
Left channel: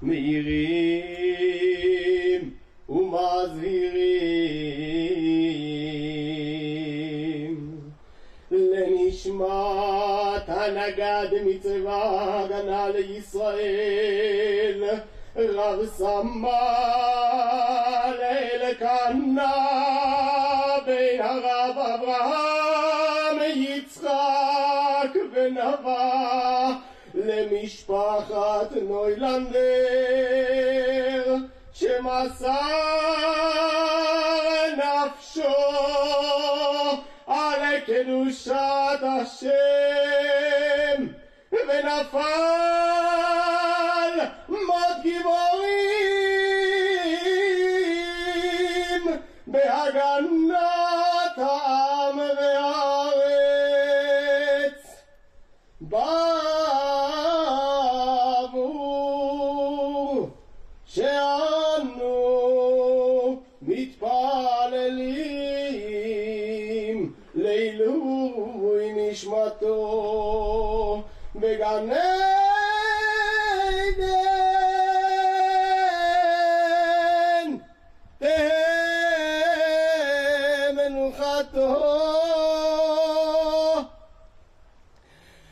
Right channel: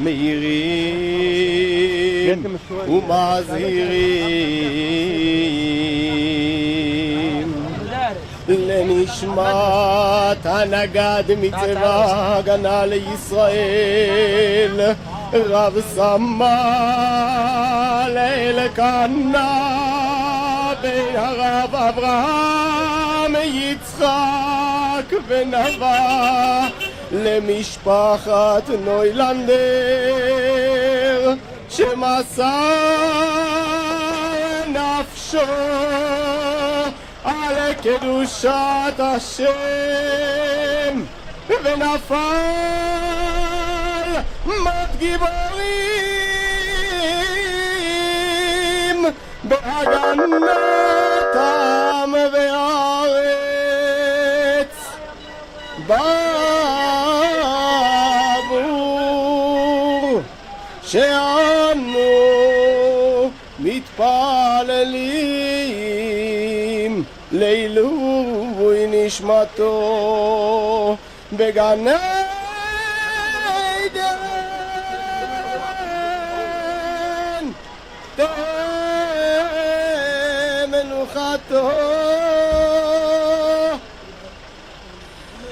מאירים ומזהירים לנשמת הנגד מצבא הגנה לישראל, רב סמל אלקנה בן הרב אברהם יצחק ונבע, למשפחת נוילנדר שמסר נפשו על קדושת השם ונפל מת גיבורים בהגנת העם והארץ, בעבור שאנו מתפללים לעילוי נשמתו בגן עדן, תהא מנוחתו.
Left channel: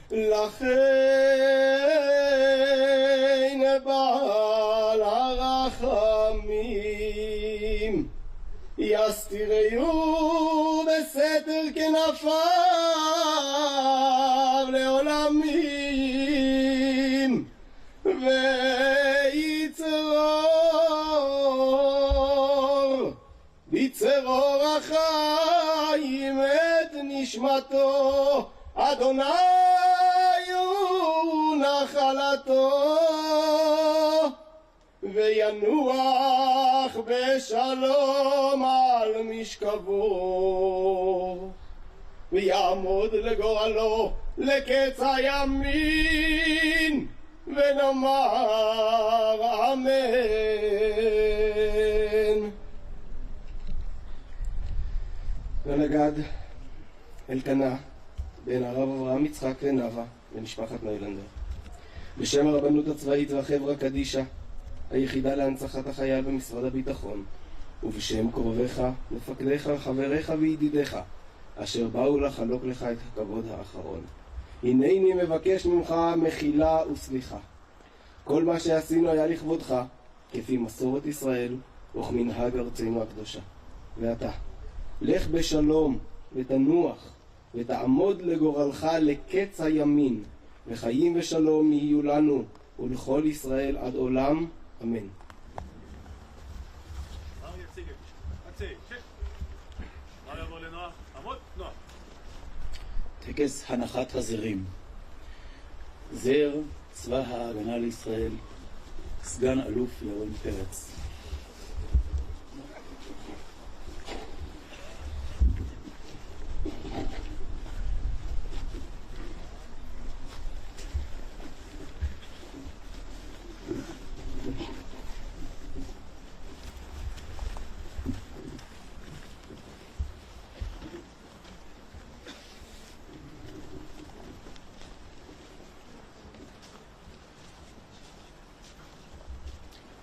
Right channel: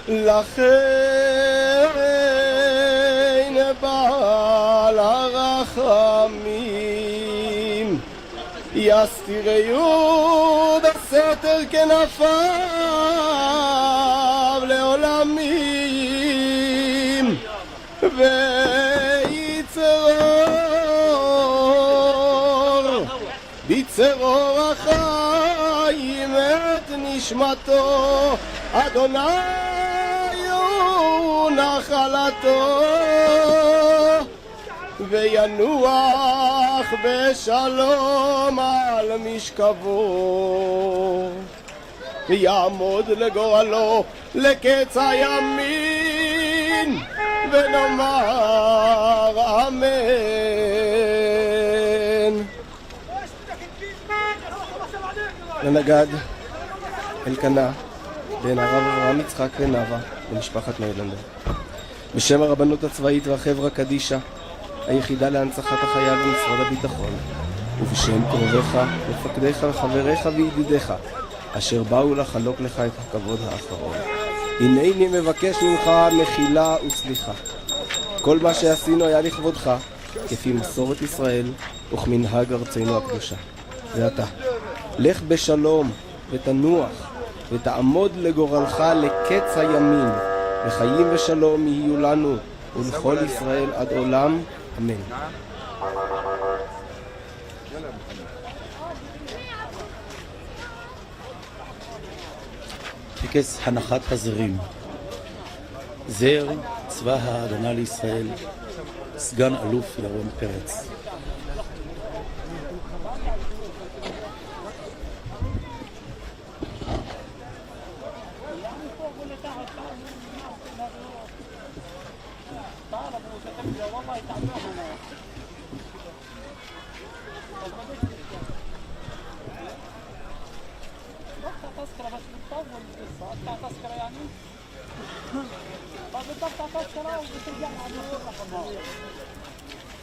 לכן בעל הרחמים יסתירהו בסתר כנפיו לעולמים, ויצרור בצרור החיים את נשמתו, אדוני נחלתו, וינוח בשלום על משכבו, ויעמוד לגורלו לקץ הימין, ונאמר אמן. לנגד אלקנה בן הרב אברהם יצחק ונבע למשפחת נוילנדר, בשם הרבנות הצבאית רחברה קדישה, היחידה להנצחת החייל במשרד הביטחון, ובשם קרוביך, מפקדיך וחבריך וידידיך, אשר באו לחלוק לך את הכבוד האחרון, הנני מבקש ממך מחילה וסליחה. כל מה שעשינו היה לכבודך, כפי מסורת ישראל וכמנהג ארצנו הקדושה. ועתה, לך בשלום ותנוח ותעמוד לגורלך לקץ הימים, וחיים ושלום יהיו לנו ולכל ישראל עד עולם, אמן. טקס הנחת הזרים. זר צבא ההגנה לישראל, סגן אלוף ירון פרץ.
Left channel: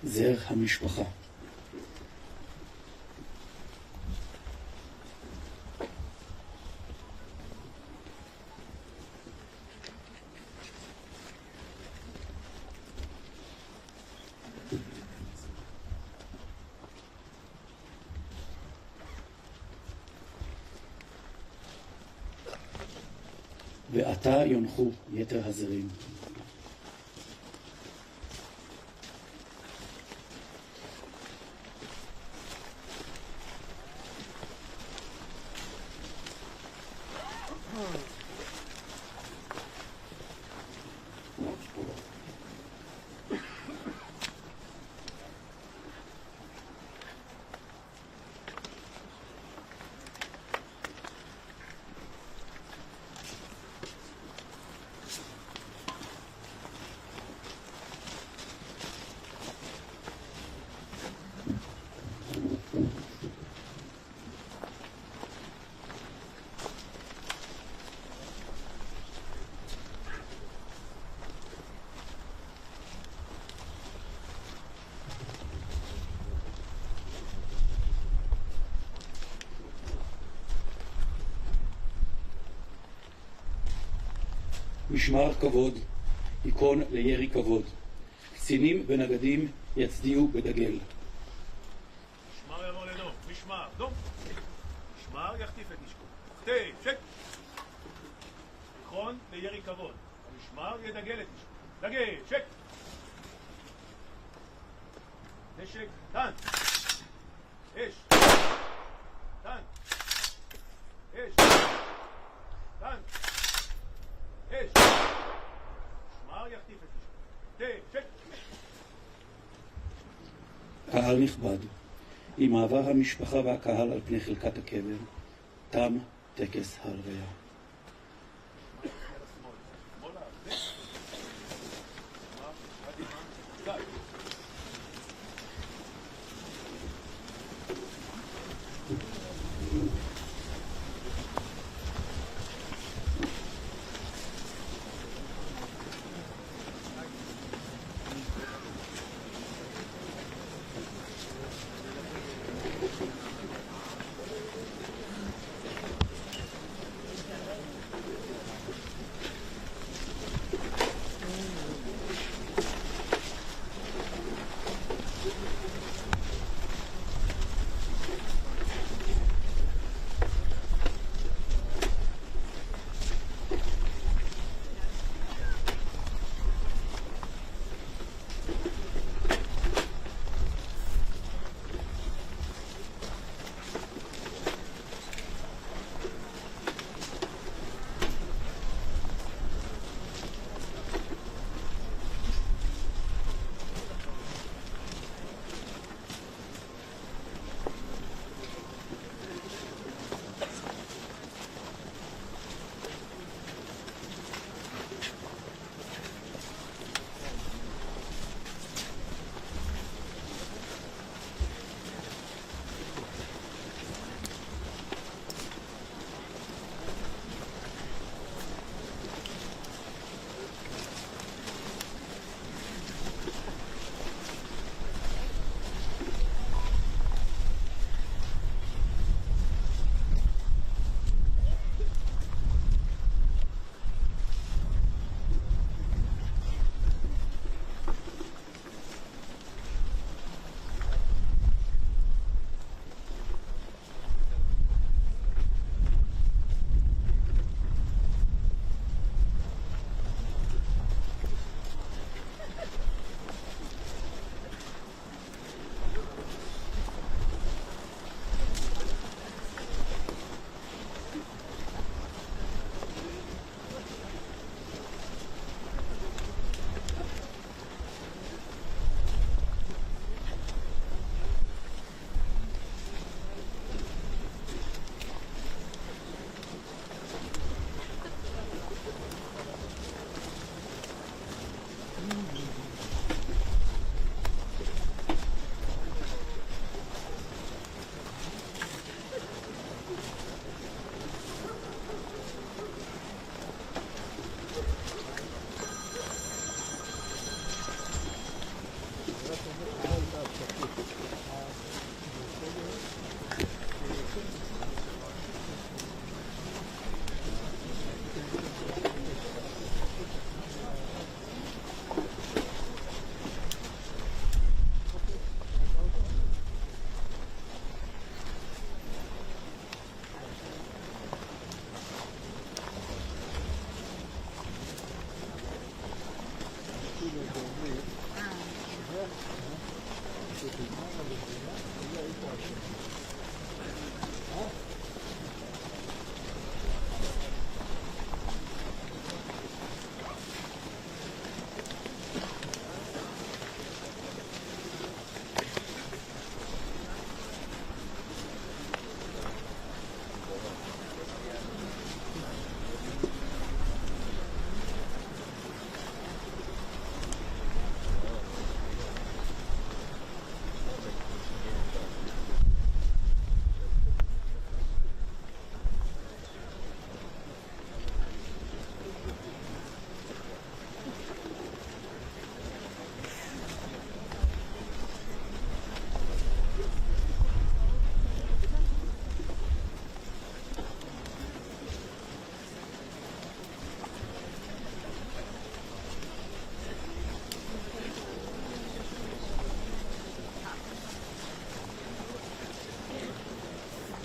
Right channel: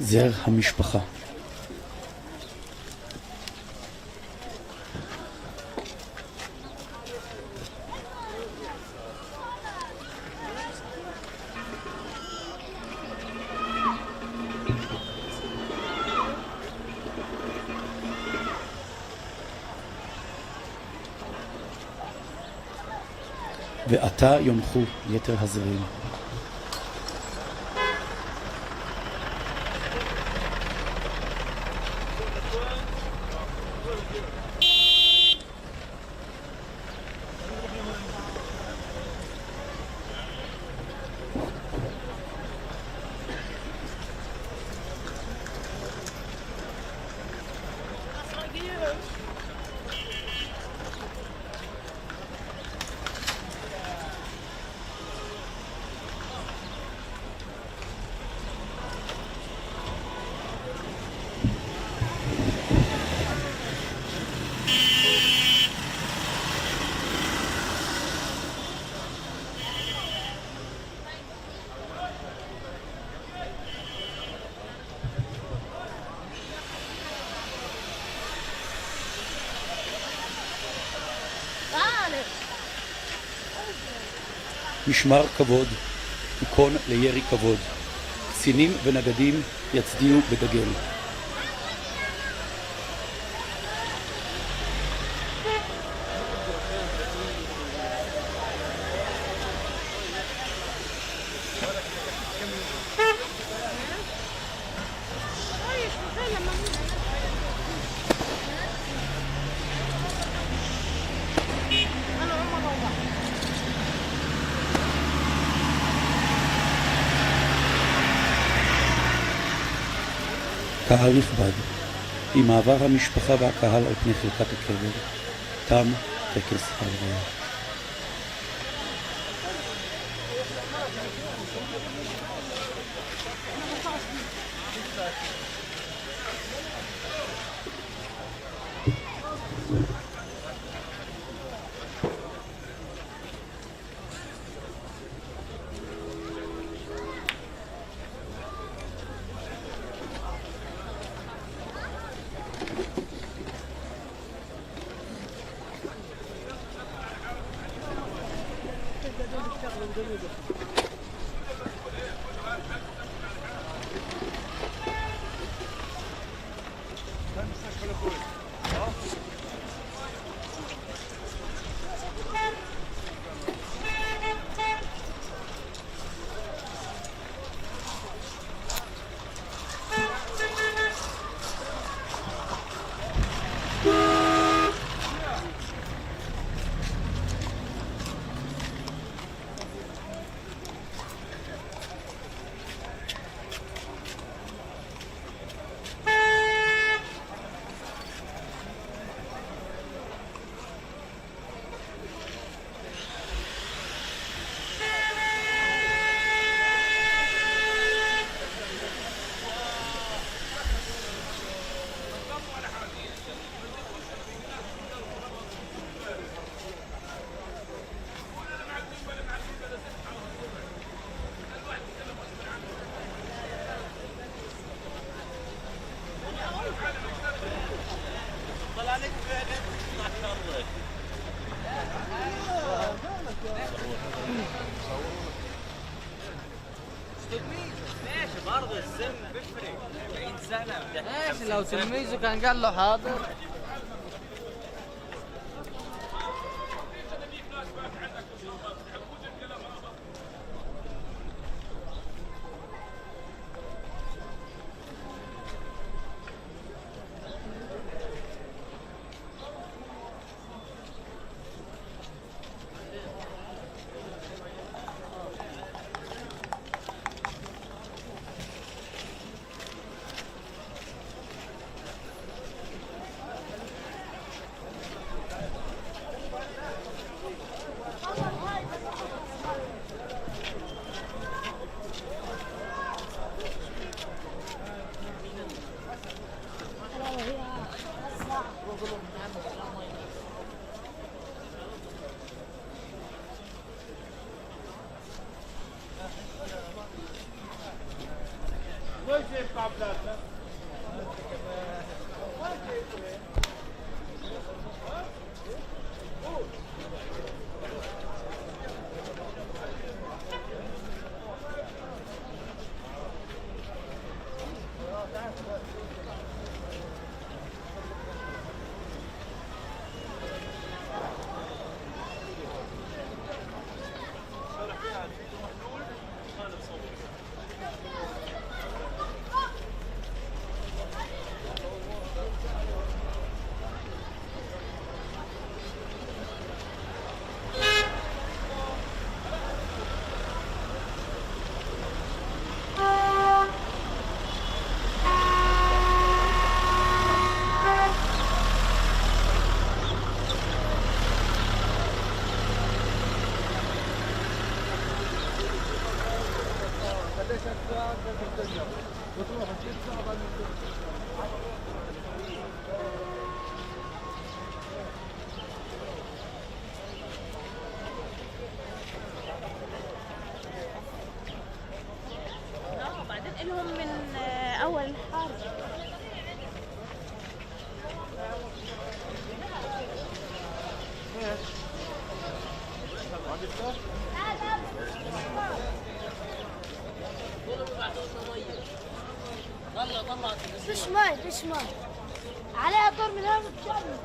זר המשפחה. ועתה יומחו יתר הזרים. משמר כבוד, מכון לירי כבוד. קצינים ונגדים יצדיעו בדגל. קהל נכבד, עם מעבר המשפחה והקהל על פני חלקת הקבר, תם טקס ההלוויה. لو تلميذه كان قال له حاضر. شوي تشمر عليها طر من هذا الشارع.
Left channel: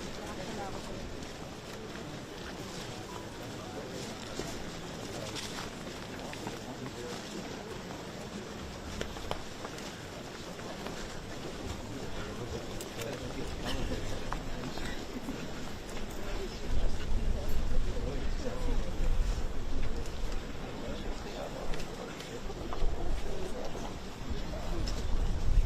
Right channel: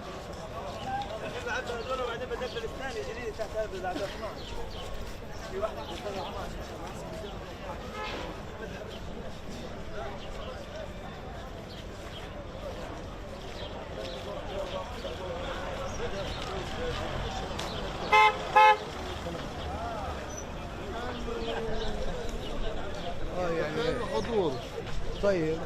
طيب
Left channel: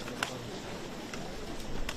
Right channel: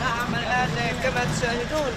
نعم الآن كما تشاهدون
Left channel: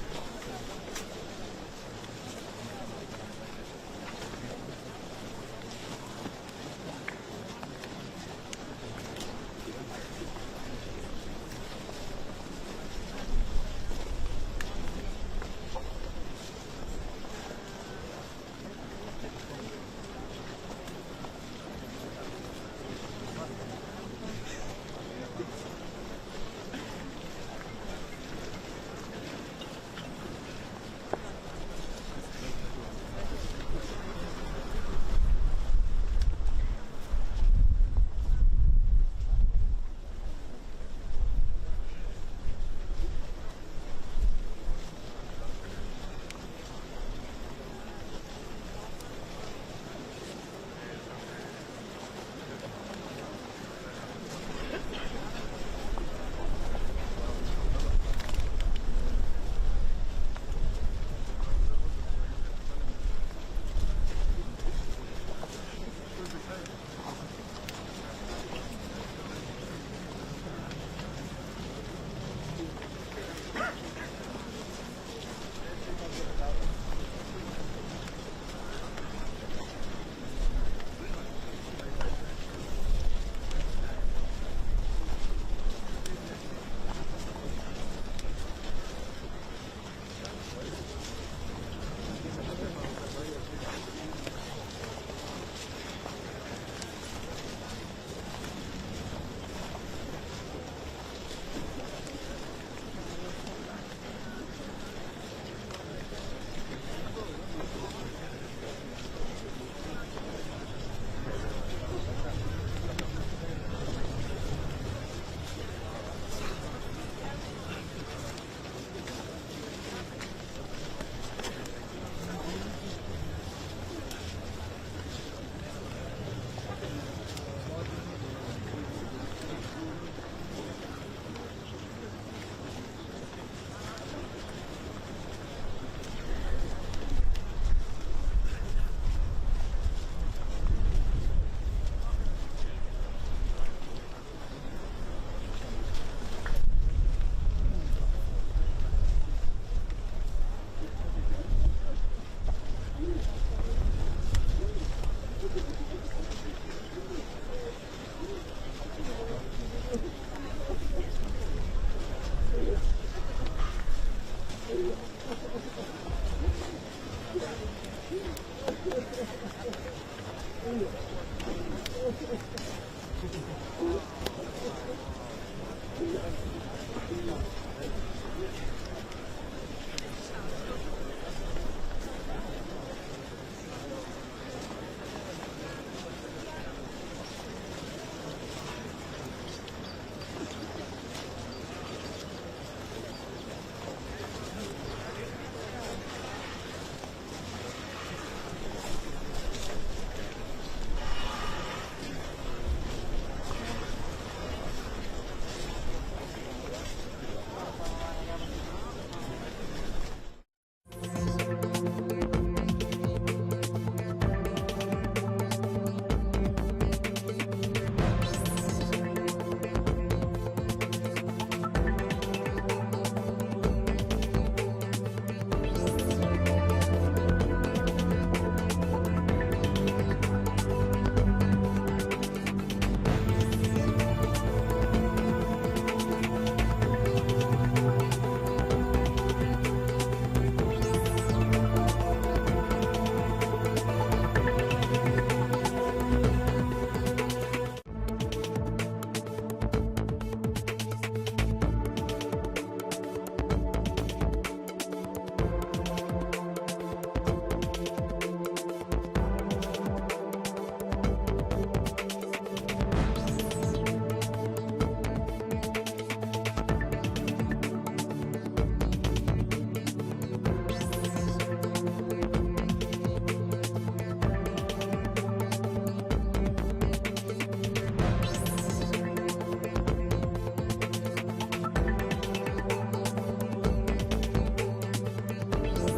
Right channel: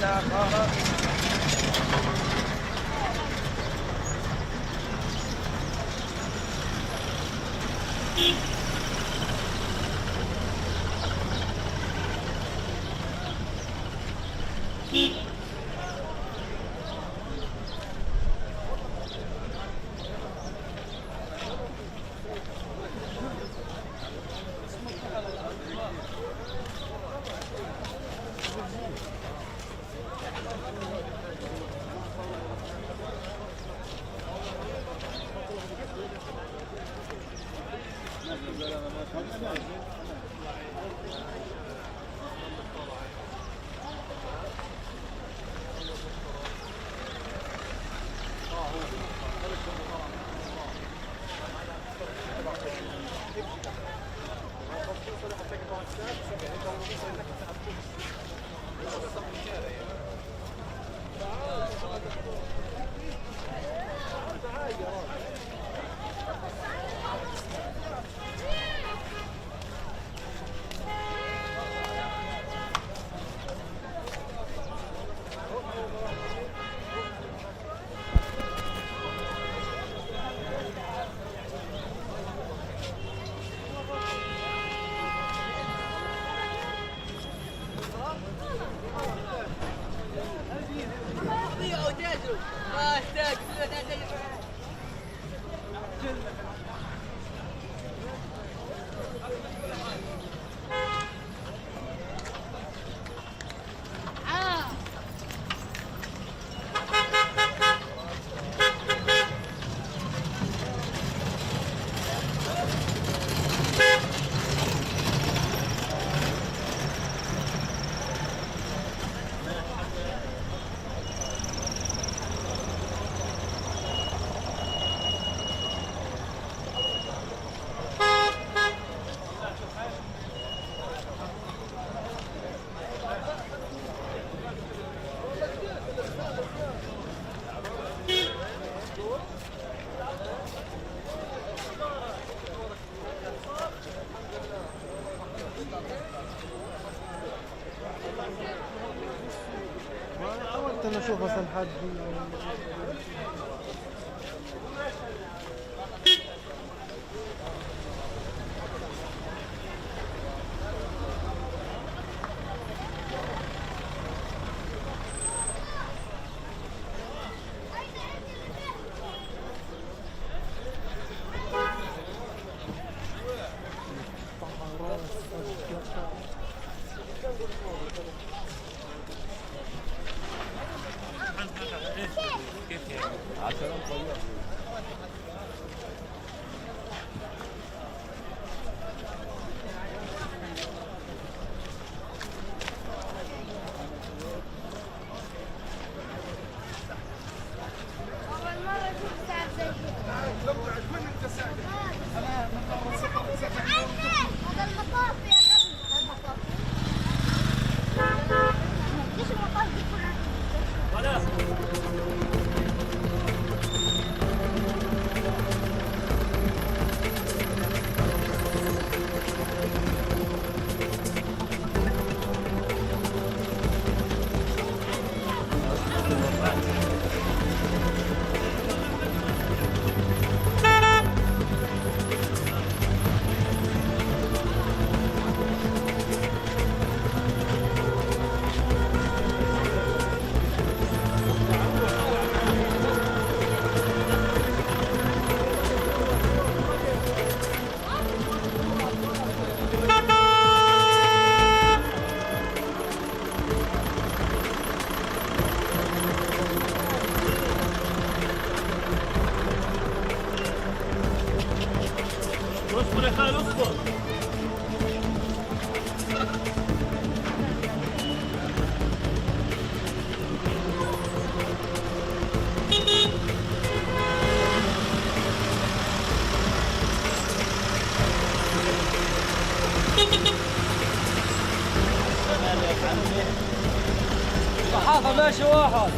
نشوف مثلا حد ماشي واحد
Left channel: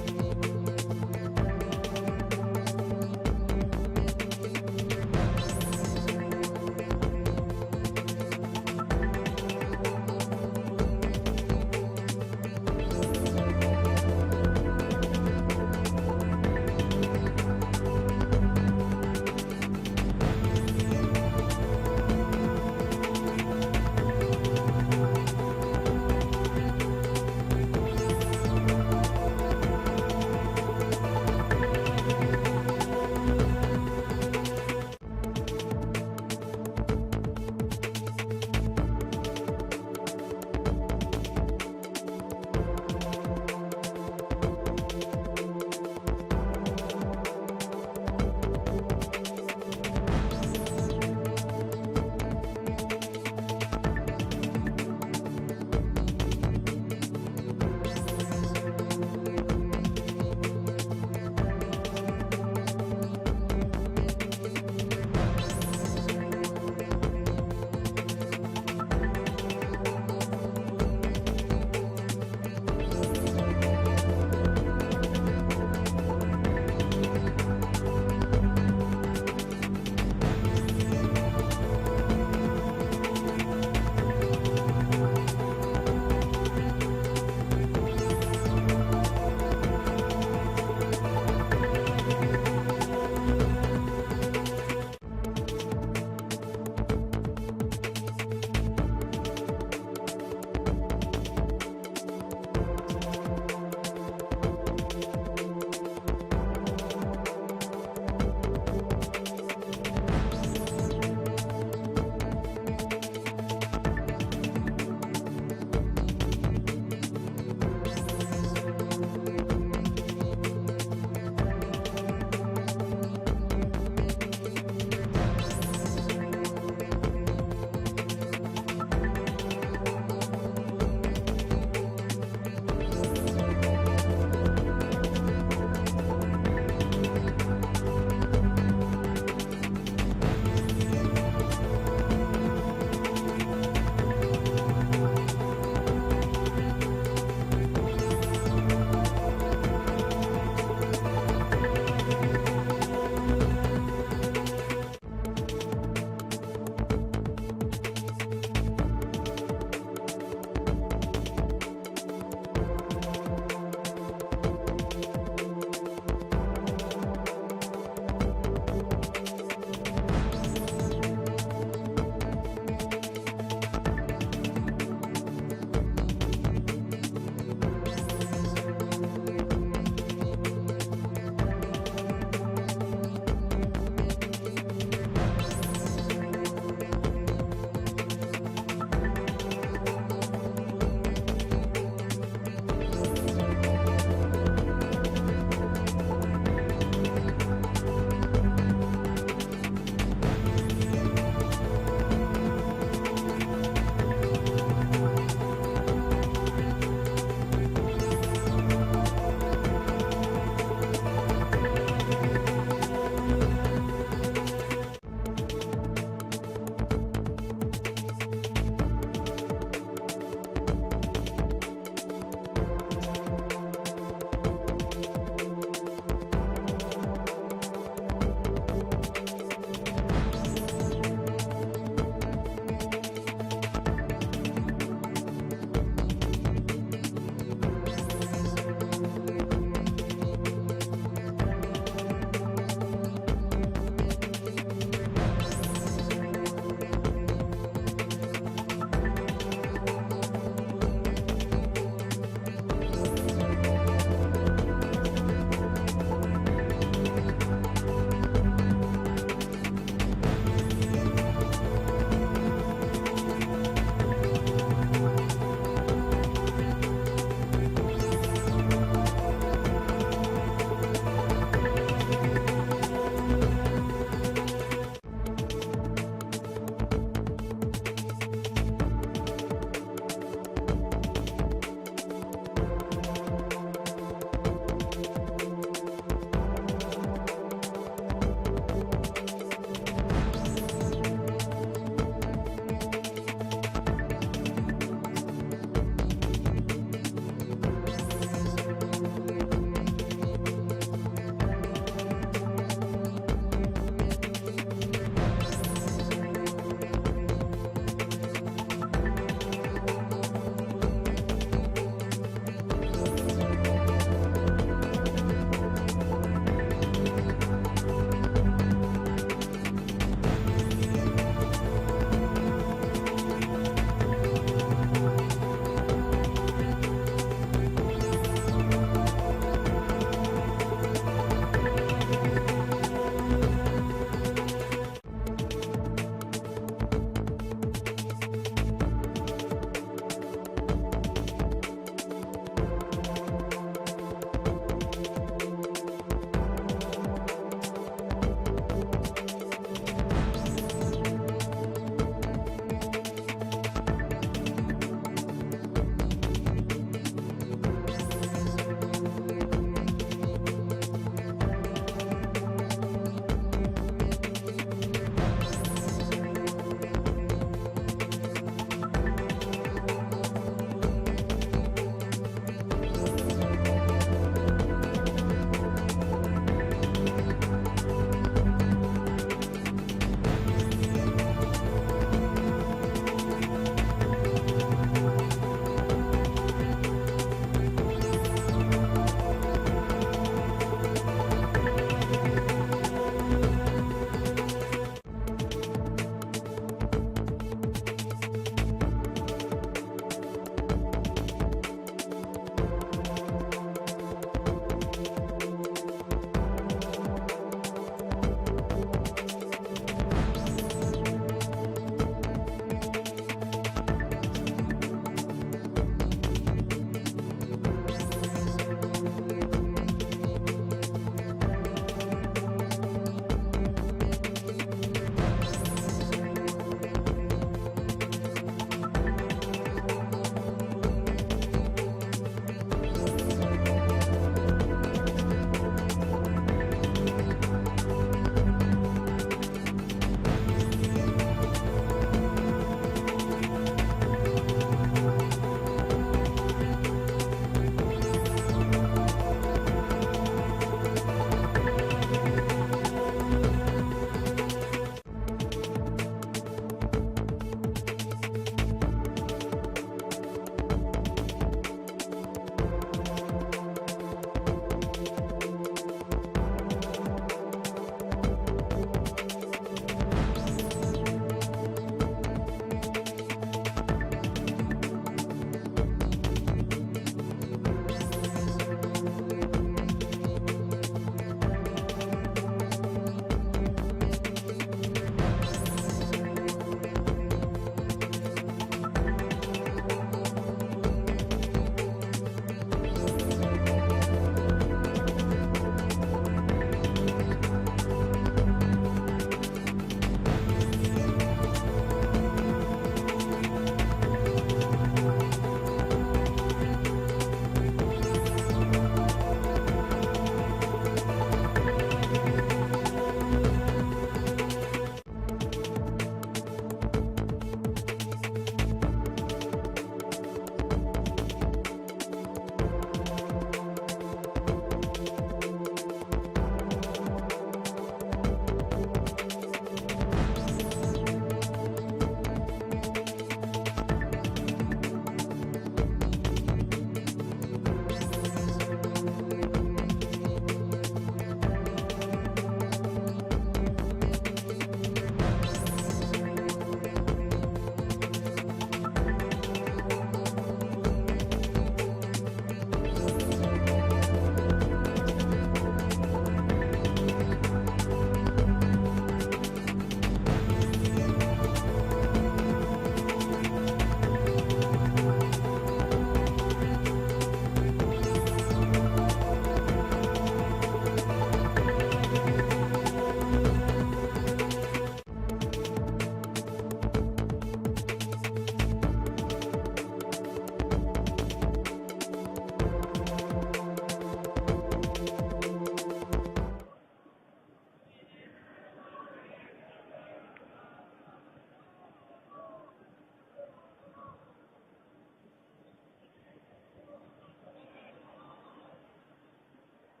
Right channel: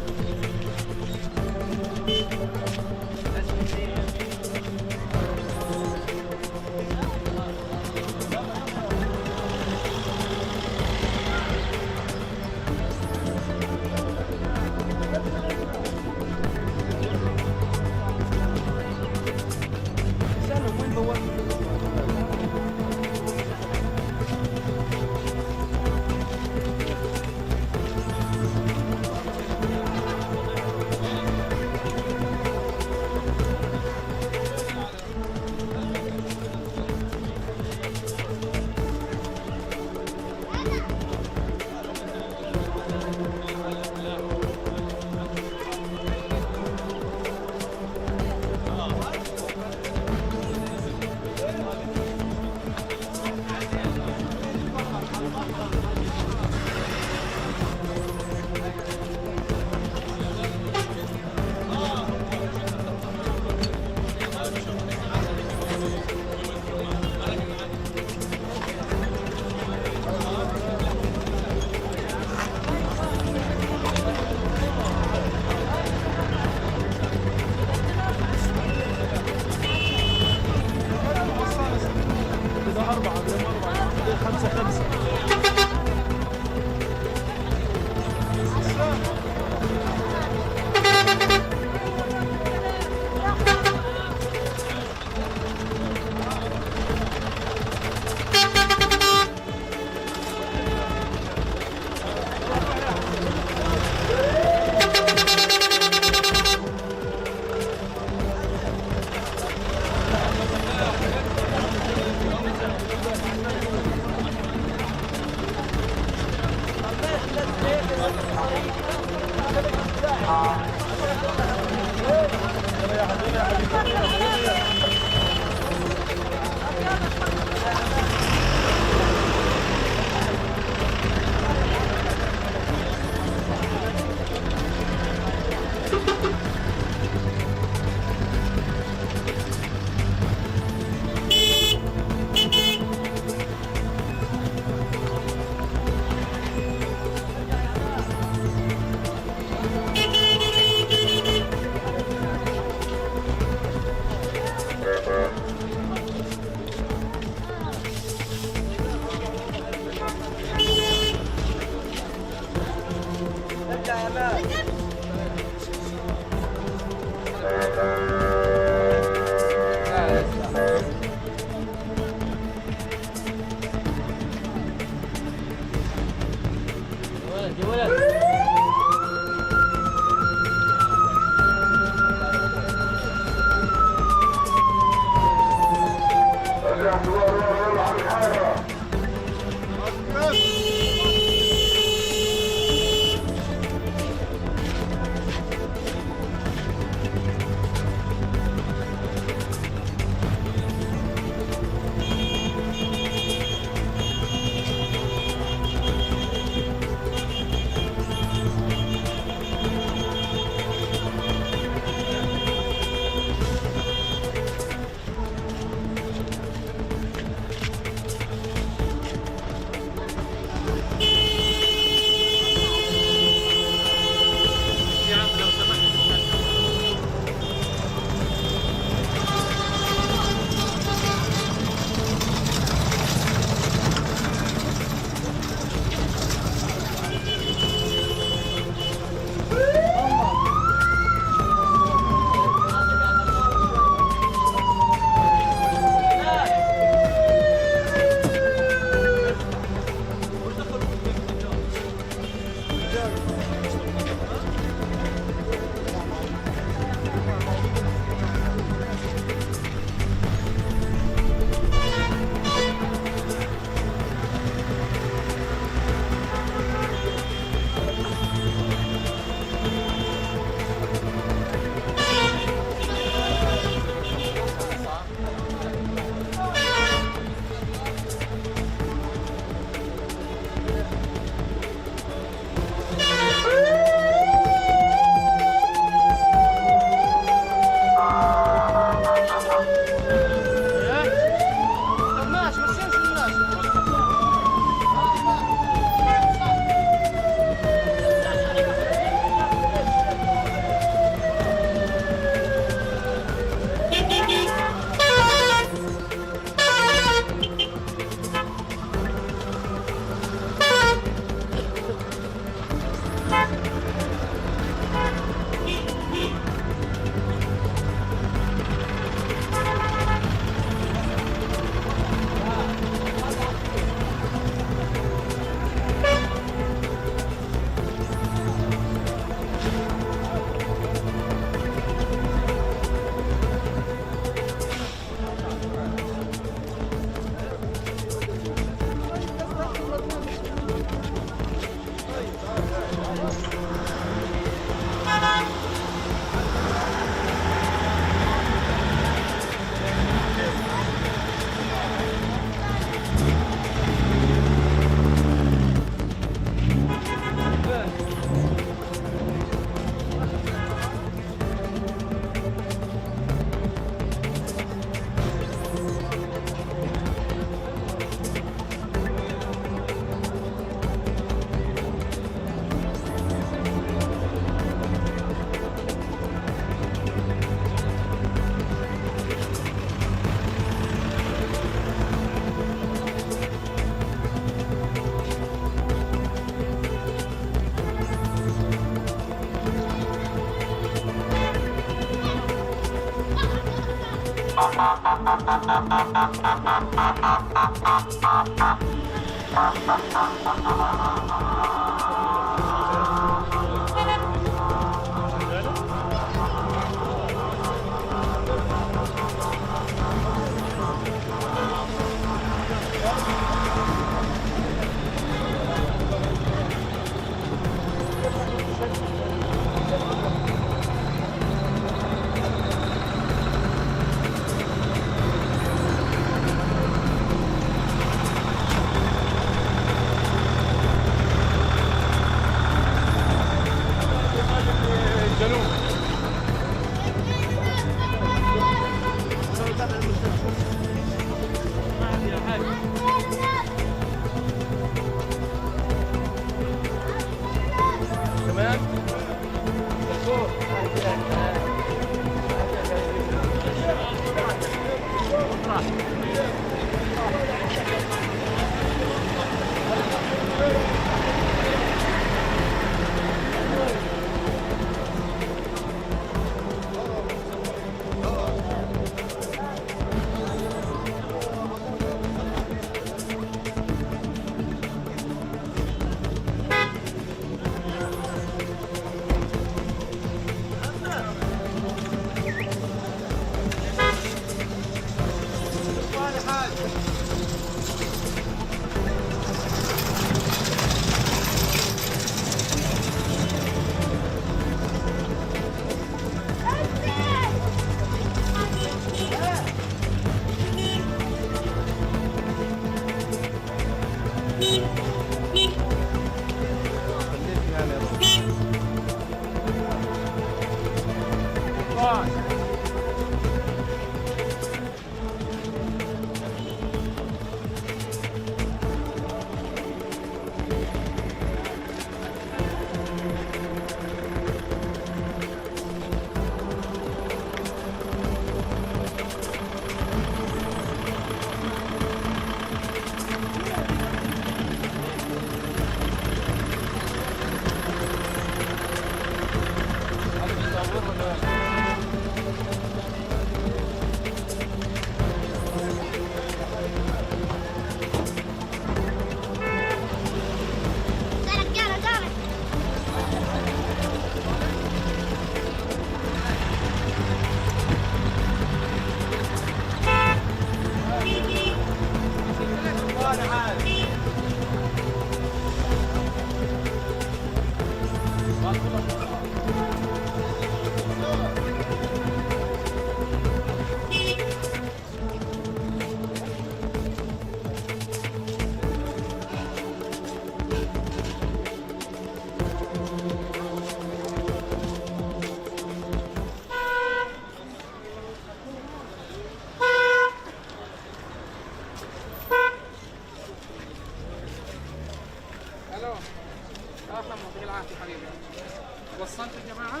وصلت يا جماعة؟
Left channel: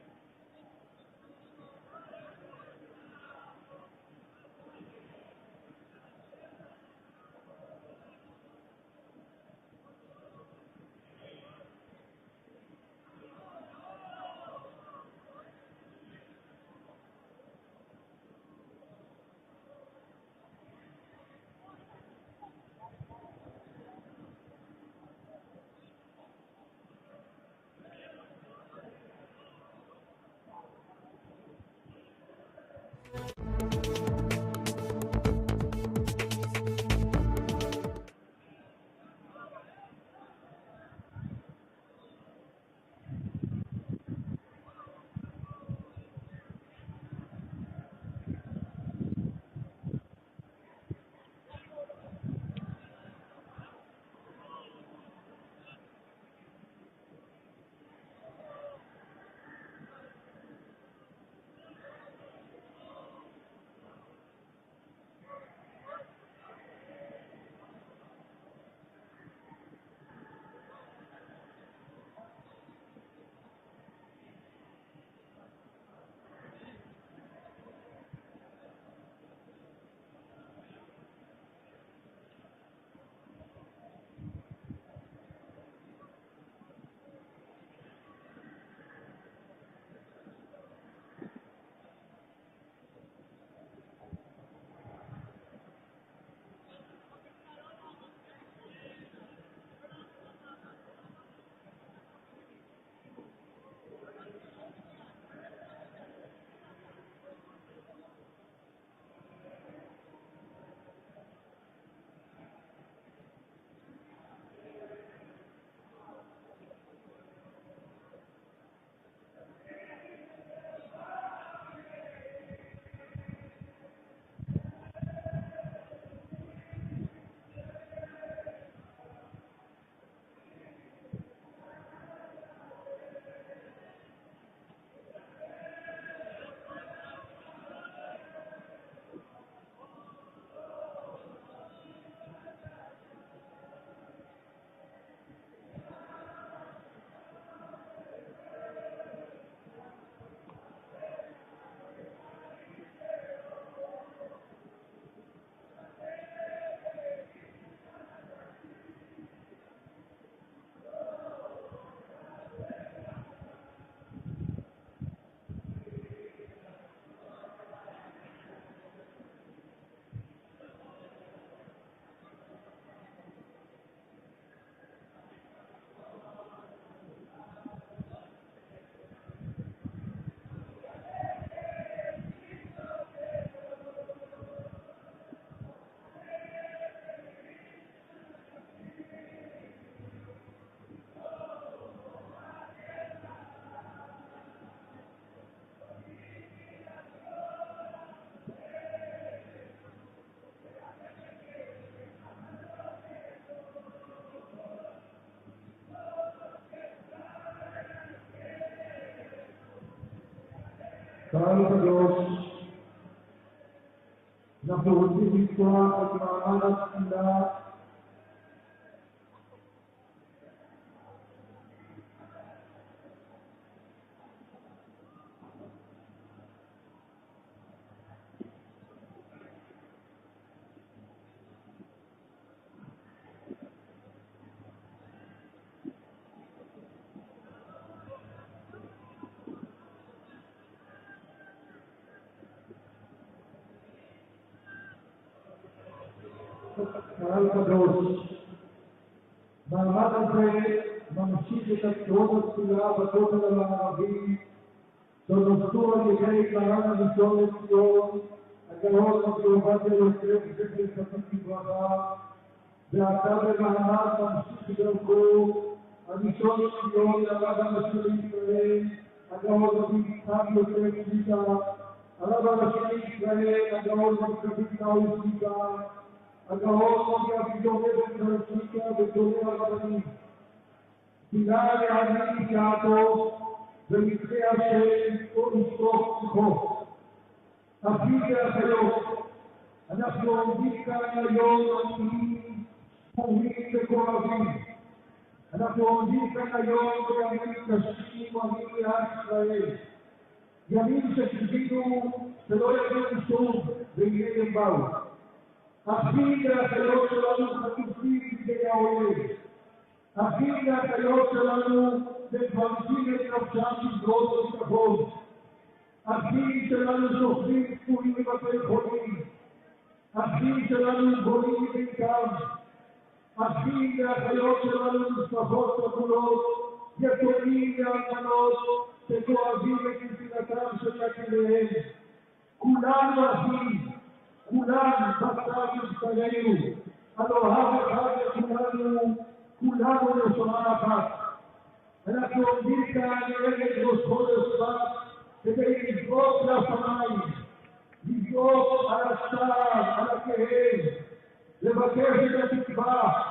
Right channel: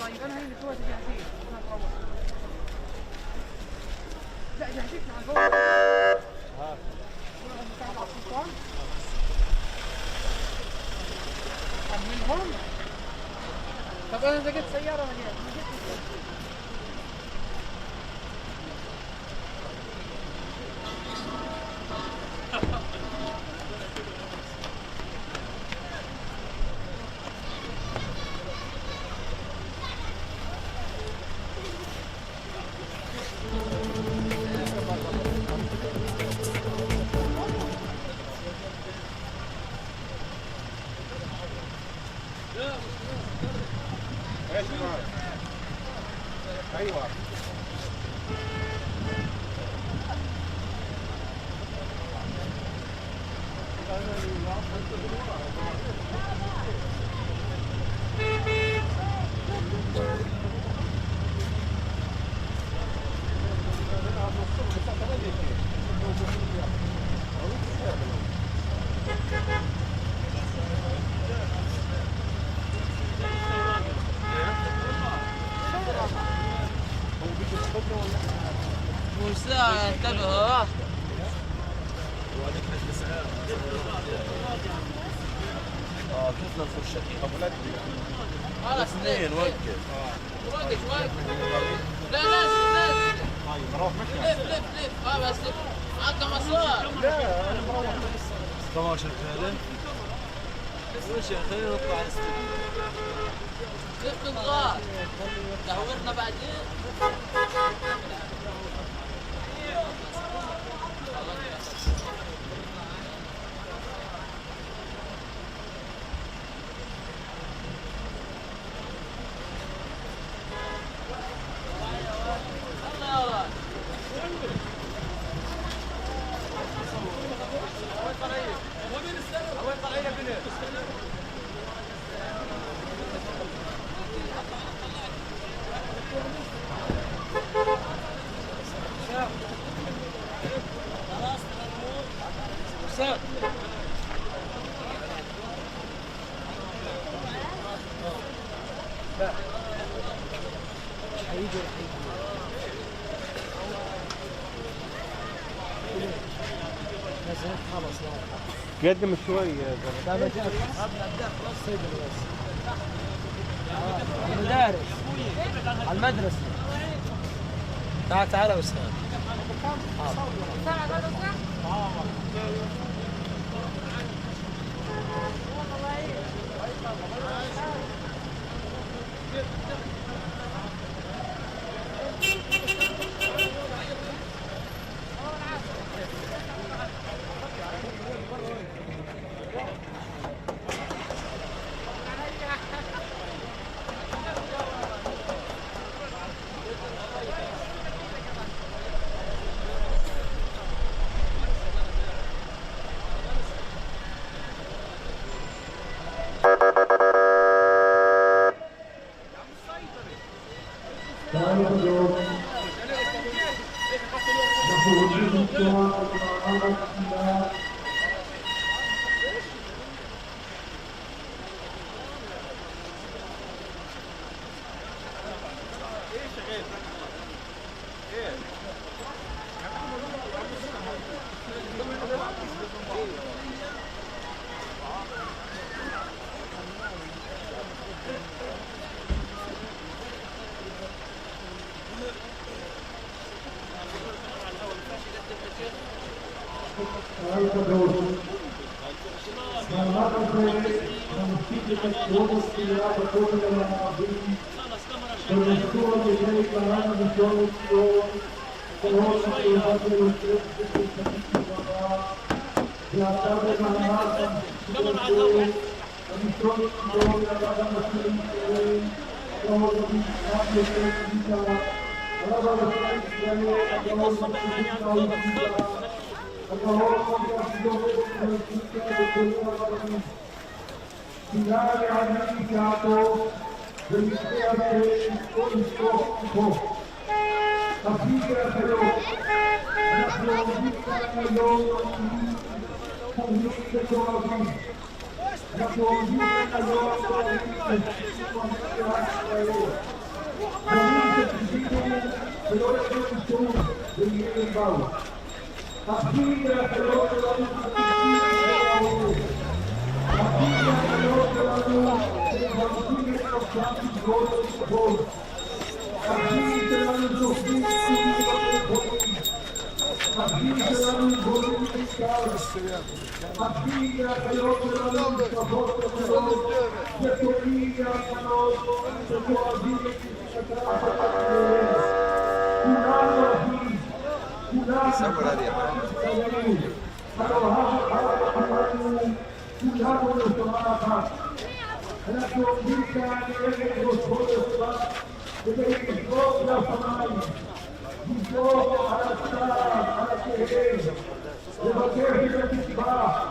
طيب أنا هي دلوقتي جاهزين. لا جاهزين على الفوق. أحملهم؟ طب أنا لقيت سيارة هنا. انتبهوا شفنا الفرشة خلاص اثنين وقف لا نزل نزل لف لف لف بس لف معك مسار لا انا مروح بس 12 فعلا وش يا اخي نطلع على السلم لف نضغط دورنا بعدين قدم شوي يا زلمه. المدارس على المدرسة. تعال أستاذ. אנחנו רוצים לפתוח את מעמד התפילה קהל קדוש. מעמד הזה ממשיך את הקרוב הספירה בכותל המערבי שנוסדו על ידי מרן הראשון לציון הקרוב הקרובה ביותר בקריסתית לברכה ועתה במעמד המשיכותו הראשון לציון הרב הראשי לישראל הגאון רבי יצחק יוסף שליט"א הרב הראשי לישראל הגאון מצחיק האוזניט"א הגאון משה סידורית וחלקיקה וקוראים הרבנים תפילה להביא שעתו ומצפה השם ולשפוך כוחו. אחים ואחיות, אנחנו עומדים כאן היום עומדים חומים וכואבים. אנחנו עומדים כאן היום כואבים לשישים ומדינת ישראל. דברים שציפינו ולא ידעו שוב והנה הם באו. אחים ואחיות שלנו חטופים לפני העולם. אחים ואחיות שלנו שמברכים את נפשם בזרועות הביטחון. אחים שלנו זוכרים פצועים בבתי חולים. אחים שלנו גולים בעיקר. אחים ואחיות שלנו משפחות שכולות יתומים ואלמנות שכואבים את נפילתה של יקיריהם. כולנו אחים. כולנו נמצאים, הלוא כולנו נשמה אחת. אנחנו עומדים כאן נגד ראש חודש כדי לזרוק לשמיים, לזרוק על הצער, על הכאב, לבקש את התקווה,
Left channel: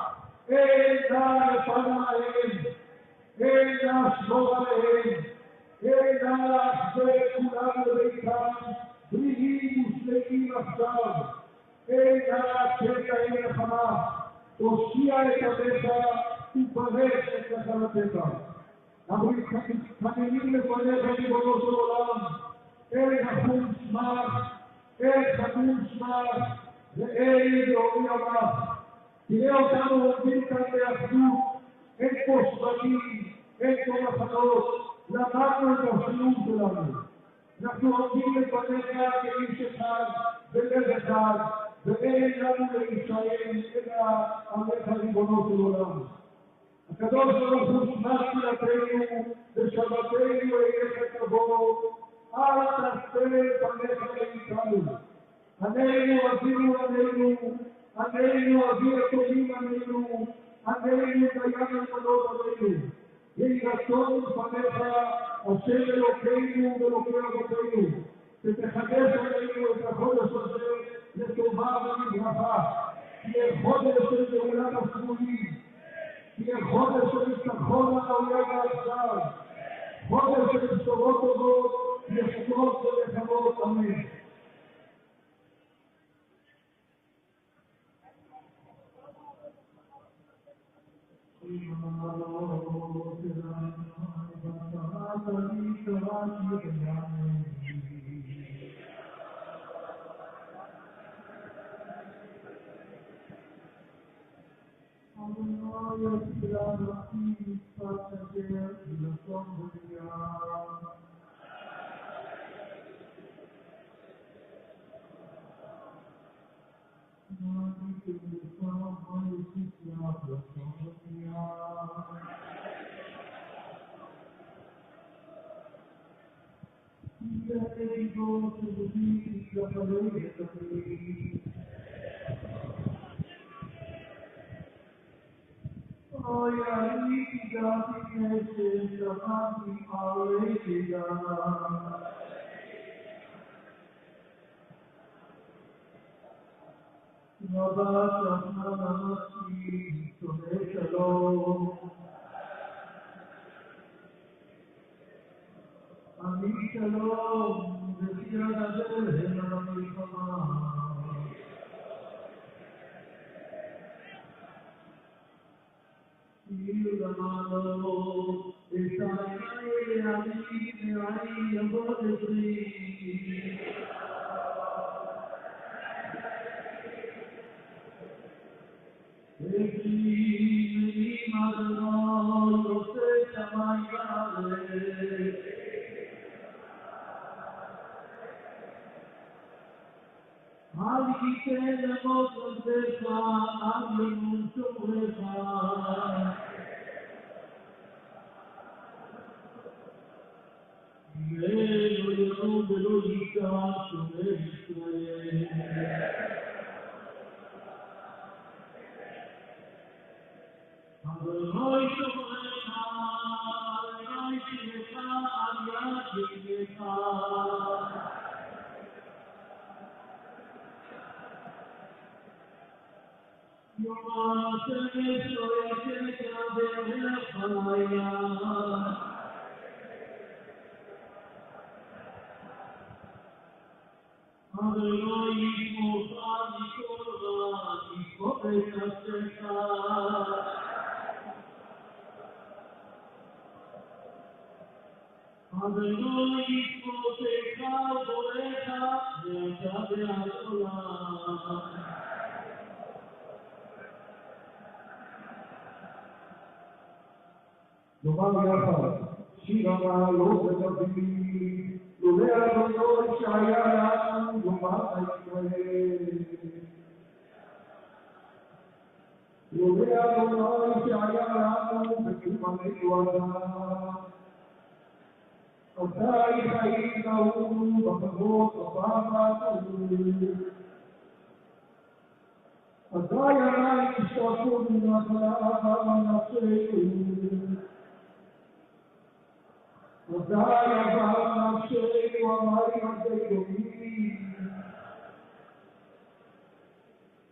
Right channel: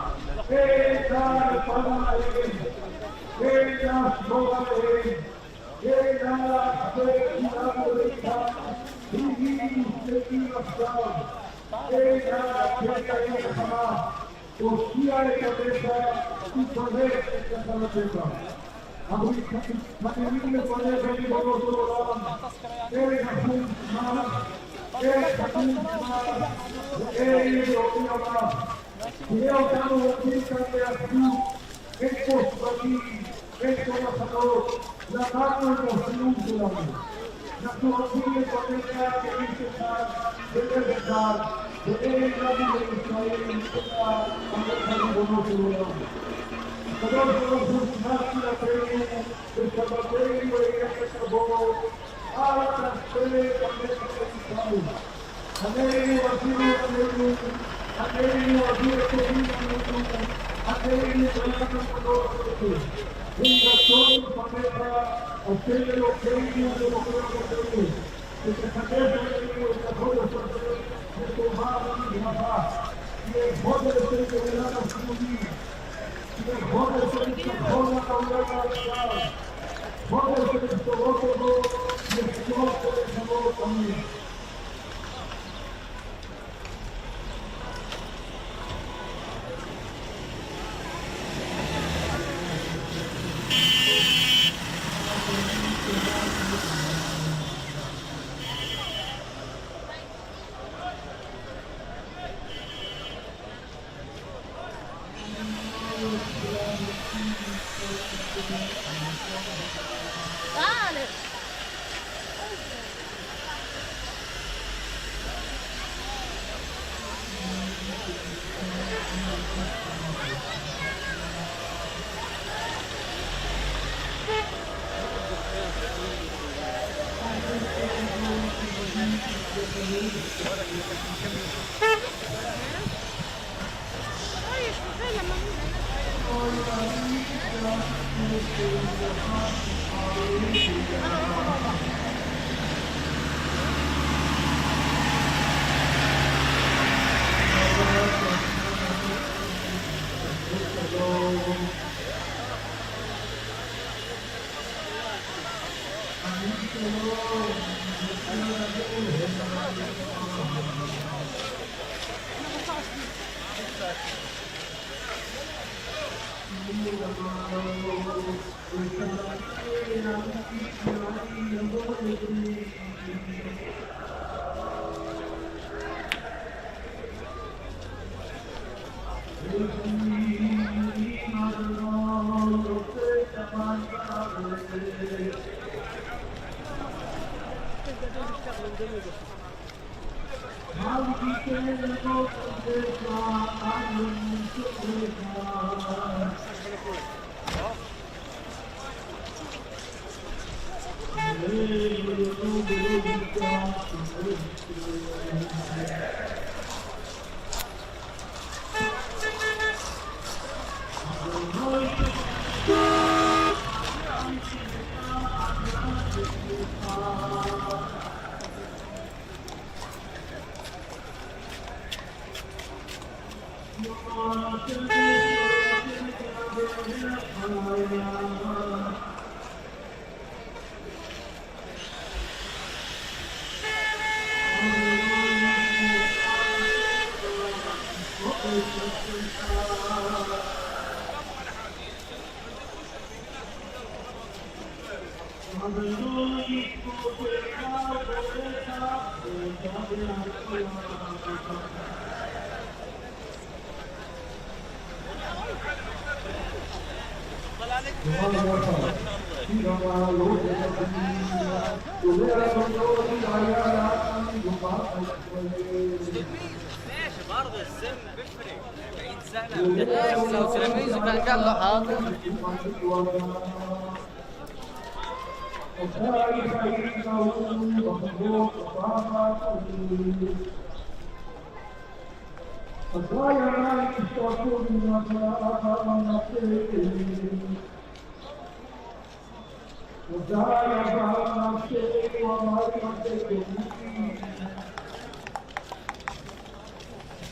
אין לה לפנה עליהם, אין לה לשמור עליהם, אין לה להחזק כולנו ביתם, בריאים ושלמים עכשיו, אין לה קטע אין לחמה, תושיע את עמך ותפרק את נחלתך. אנחנו מתחננים לפניך ריבונו של עולם, אין חכום שמך, אין חכום שמך ואין אלוהים עמך. תראה אותנו עומדים כאן באחדות, אין פה שבטים, אין פה מחנות, למדנו את החיוב שלנו. אנחנו עומדים לפניה כאיש אחד, בלב אחד, ואין לנו לישראל אלא עמך ריבונו של עולם. הקדוש ברוך הוא שמע תפילתנו ושבתנו אליך תבוא, אל תעשה פניך מאיתנו. עלינו אבינו עלינו, עלינו אבי הטובים עלינו, עלינו בים המדור עלינו. ויהי רצון לפניך, אשר אלוקינו ואלוקי אבותינו, שתחדש עלינו את החודש הזה לטובה ולברכה. תהיה חודש של גאולת הסמונים, תהיה חודש של ניצחון על האויב והאכזר, חודש של בשורות טובות, נפלאות ונחמות, אמן.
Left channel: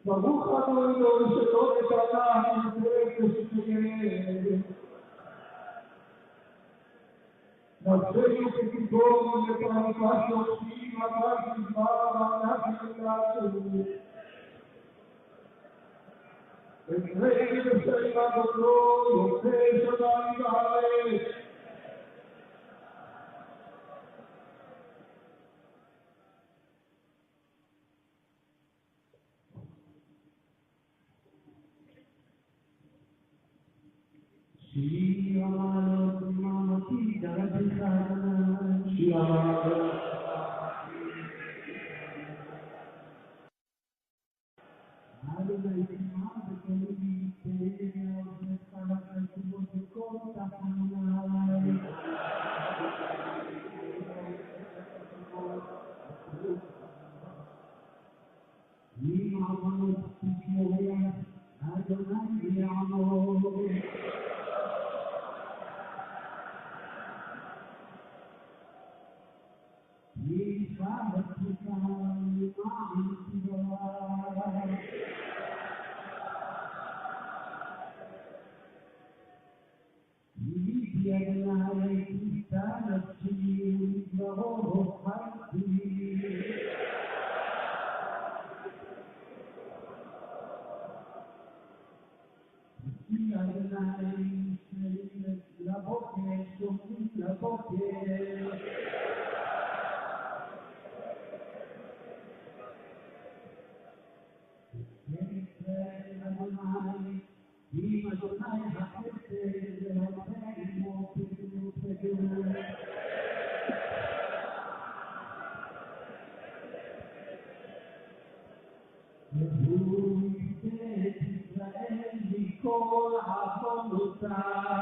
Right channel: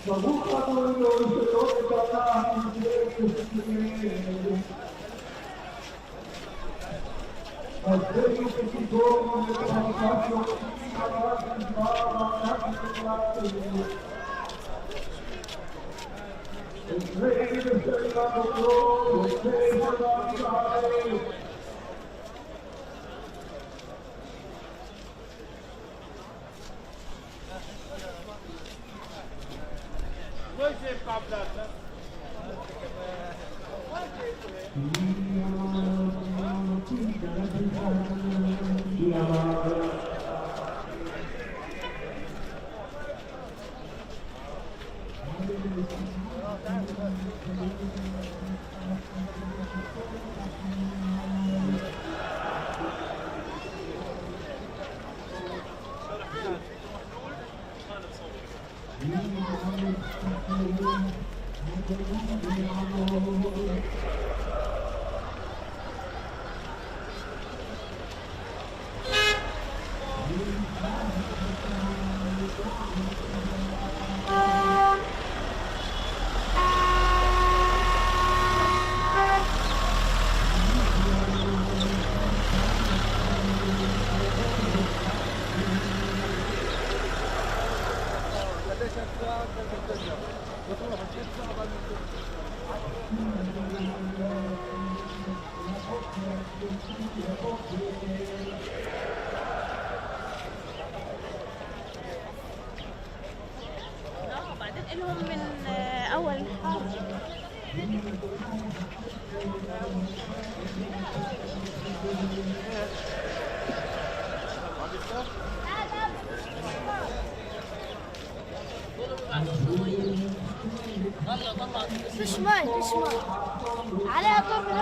ברוך אתה אלוהינו שלא נתנה מסבינו כתיבום ותמכה שופטים עליו נדבר ואנחנו נתנו אצלנו בשביל עבודו יוצא שדם בארץ Dia بعدين إلهم من أول فيش ماي على طول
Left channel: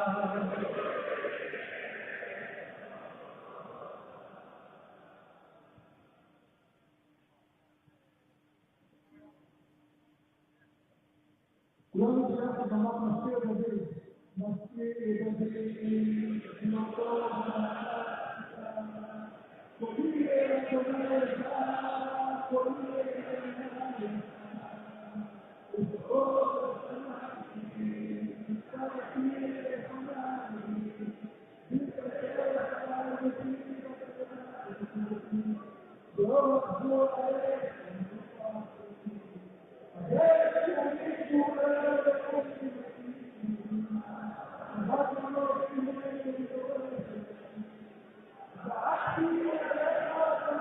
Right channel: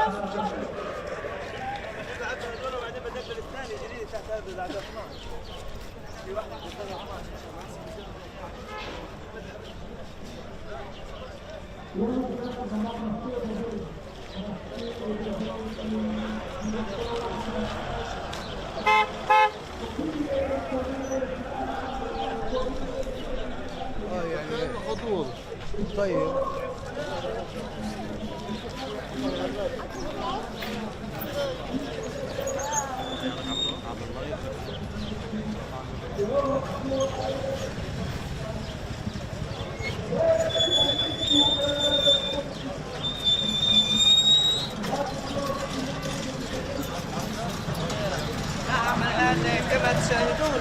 خطور طيب كما تشاهدون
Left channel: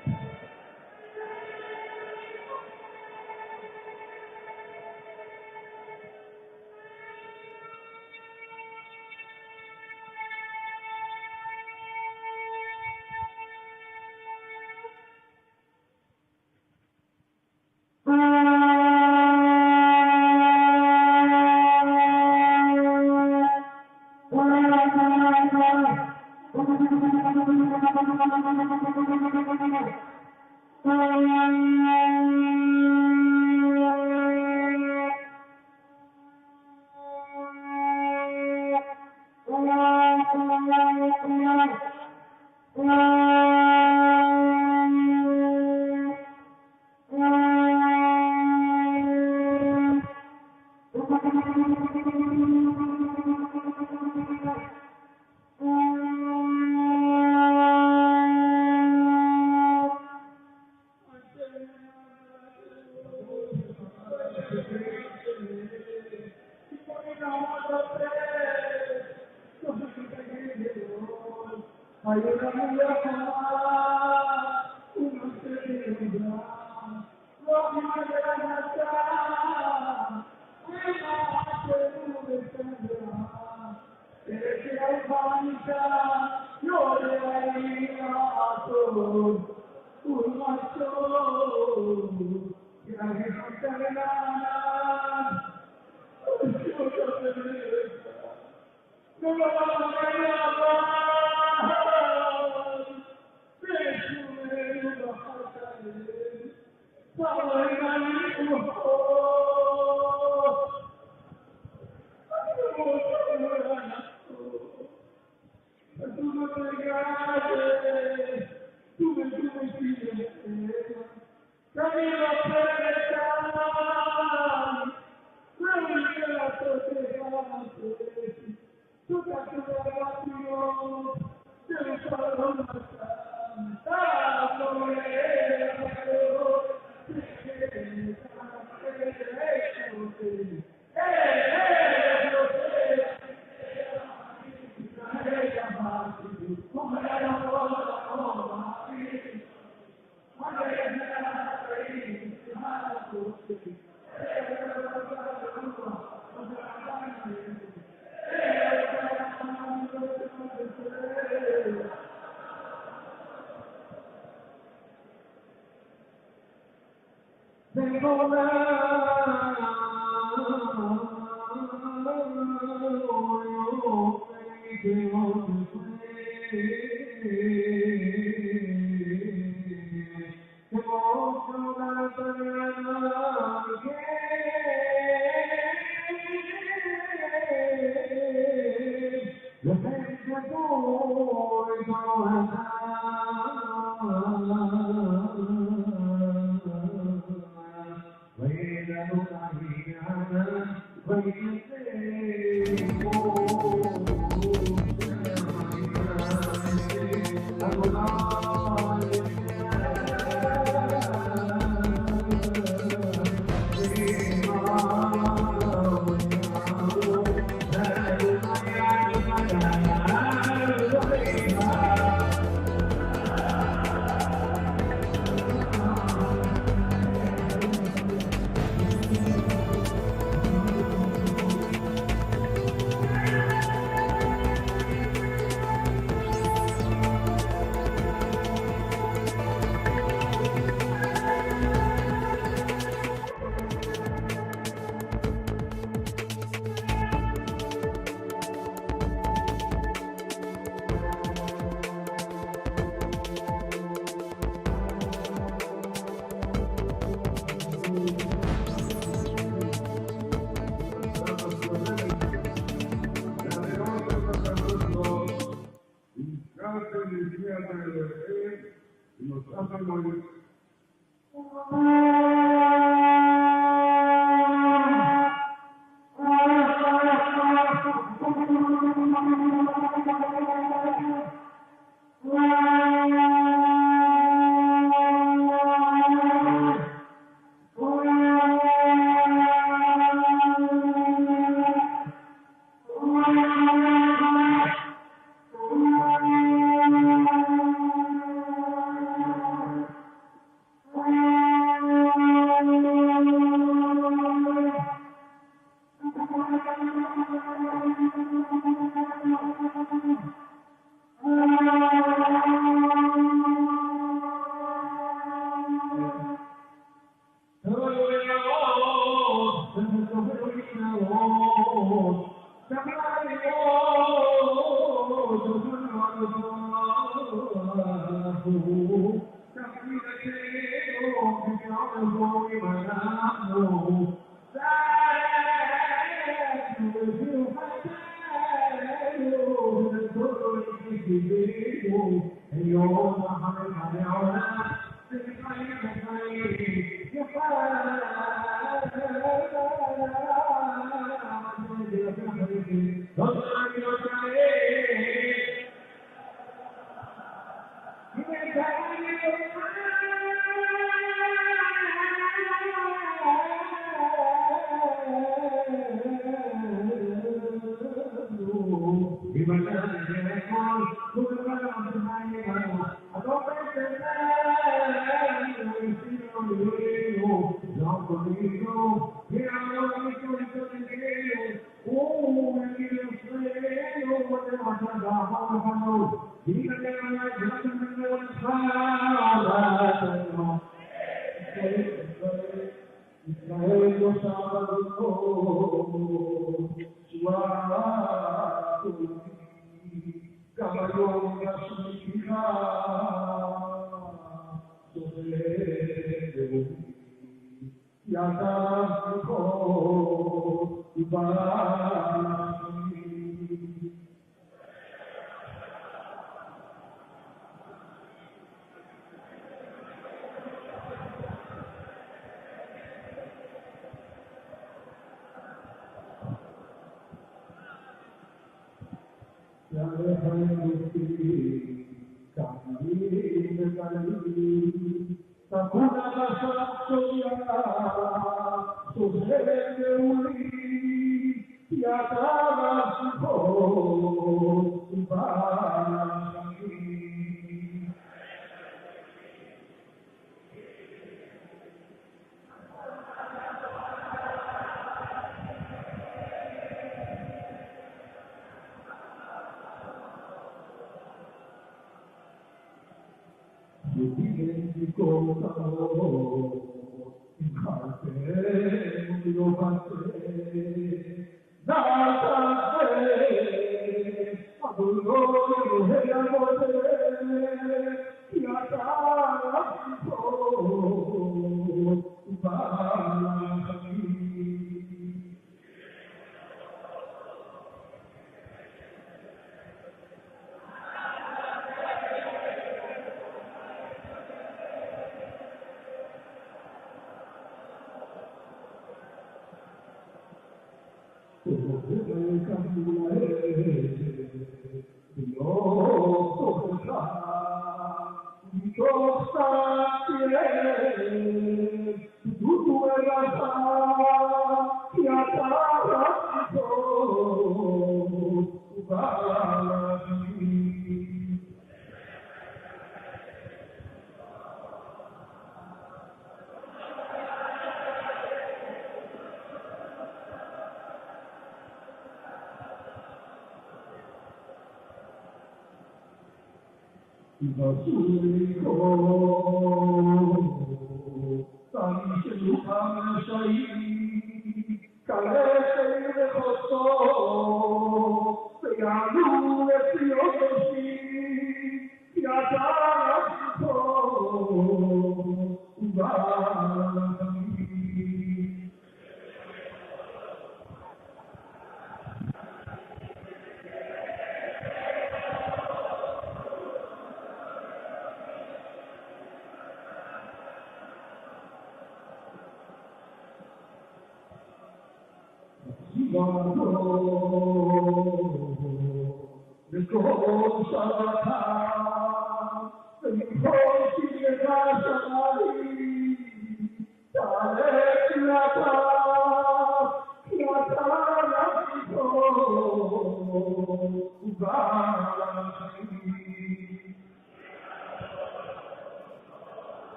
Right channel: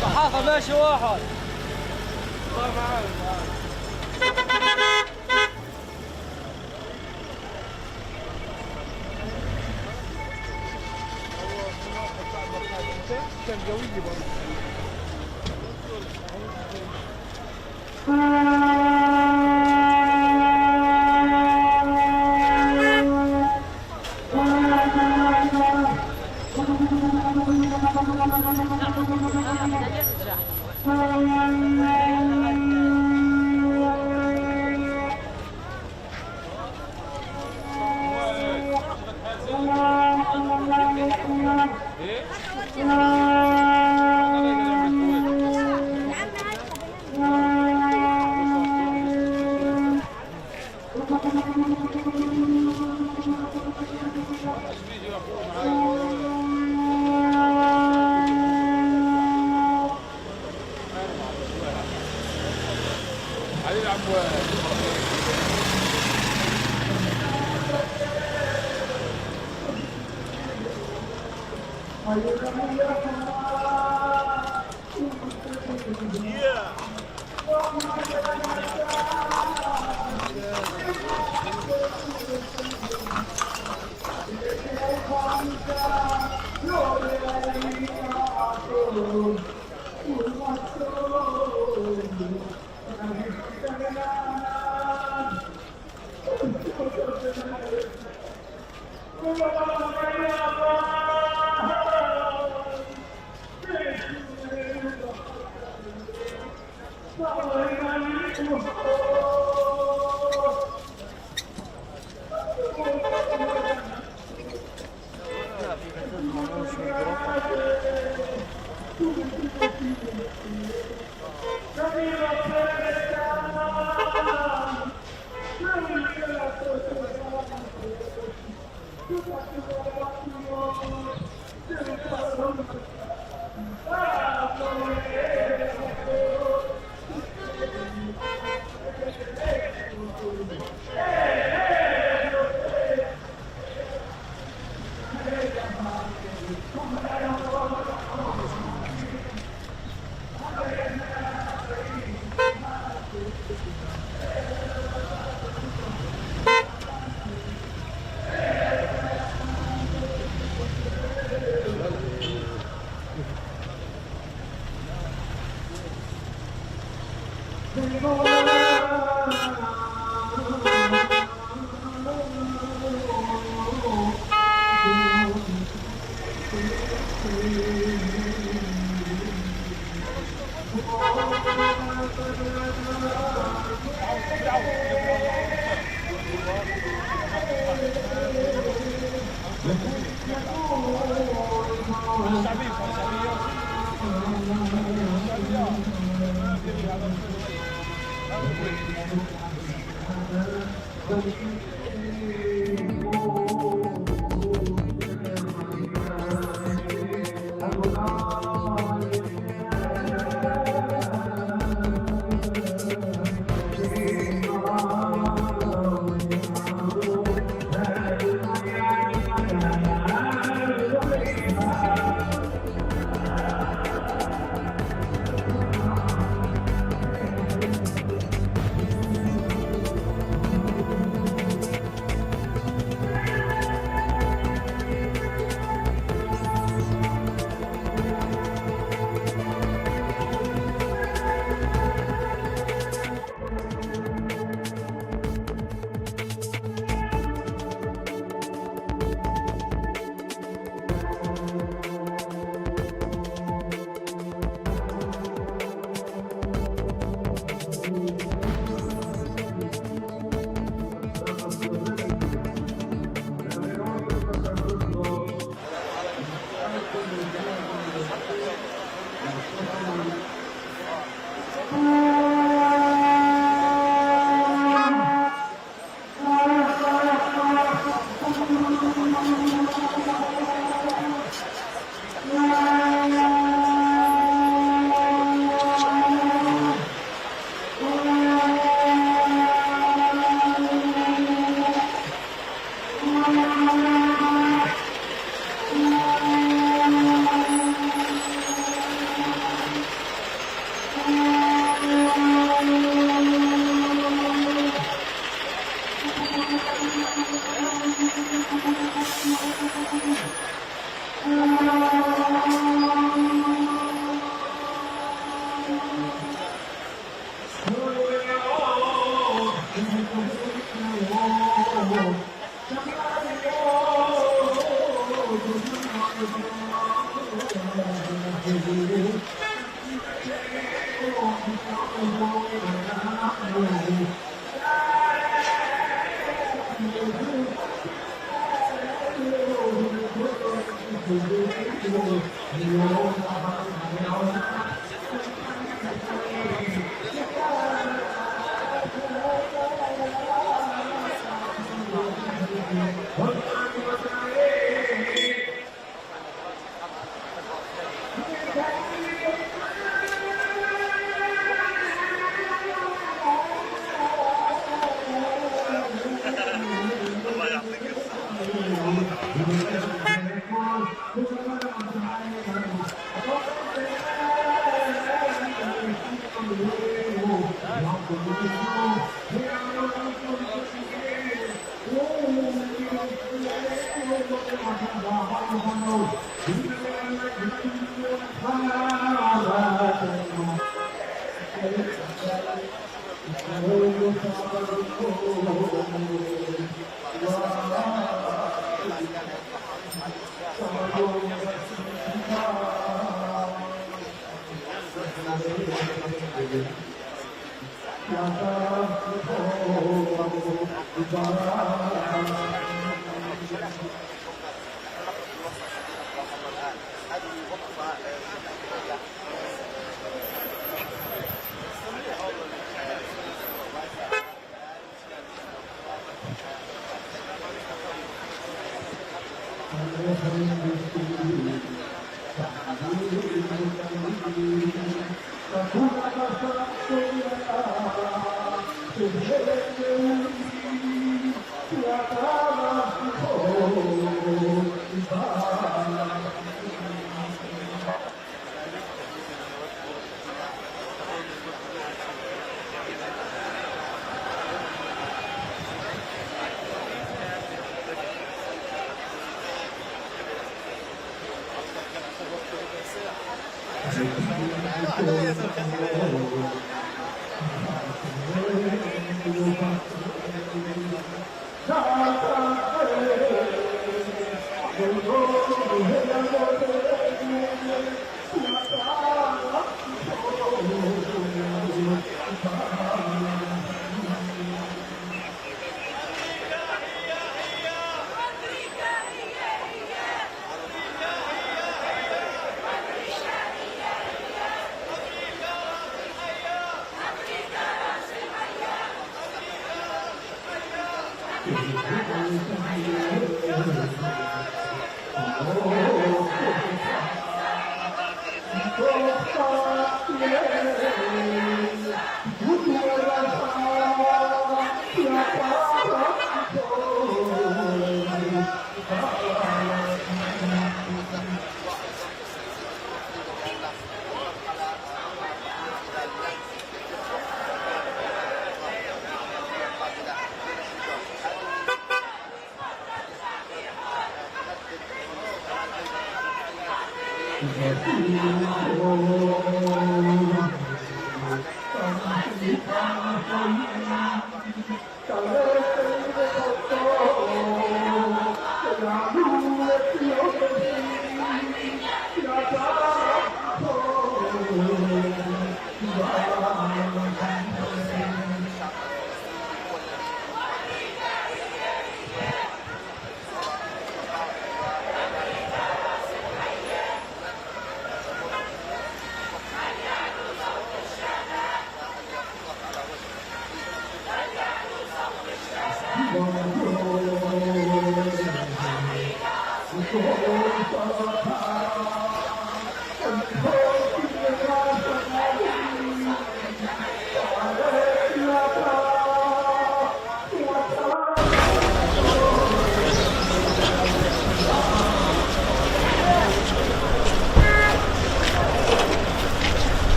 صحافة ماشي واحد كان قوي برضه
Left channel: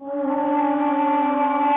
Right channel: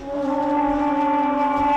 Oh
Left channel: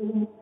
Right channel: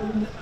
Oh,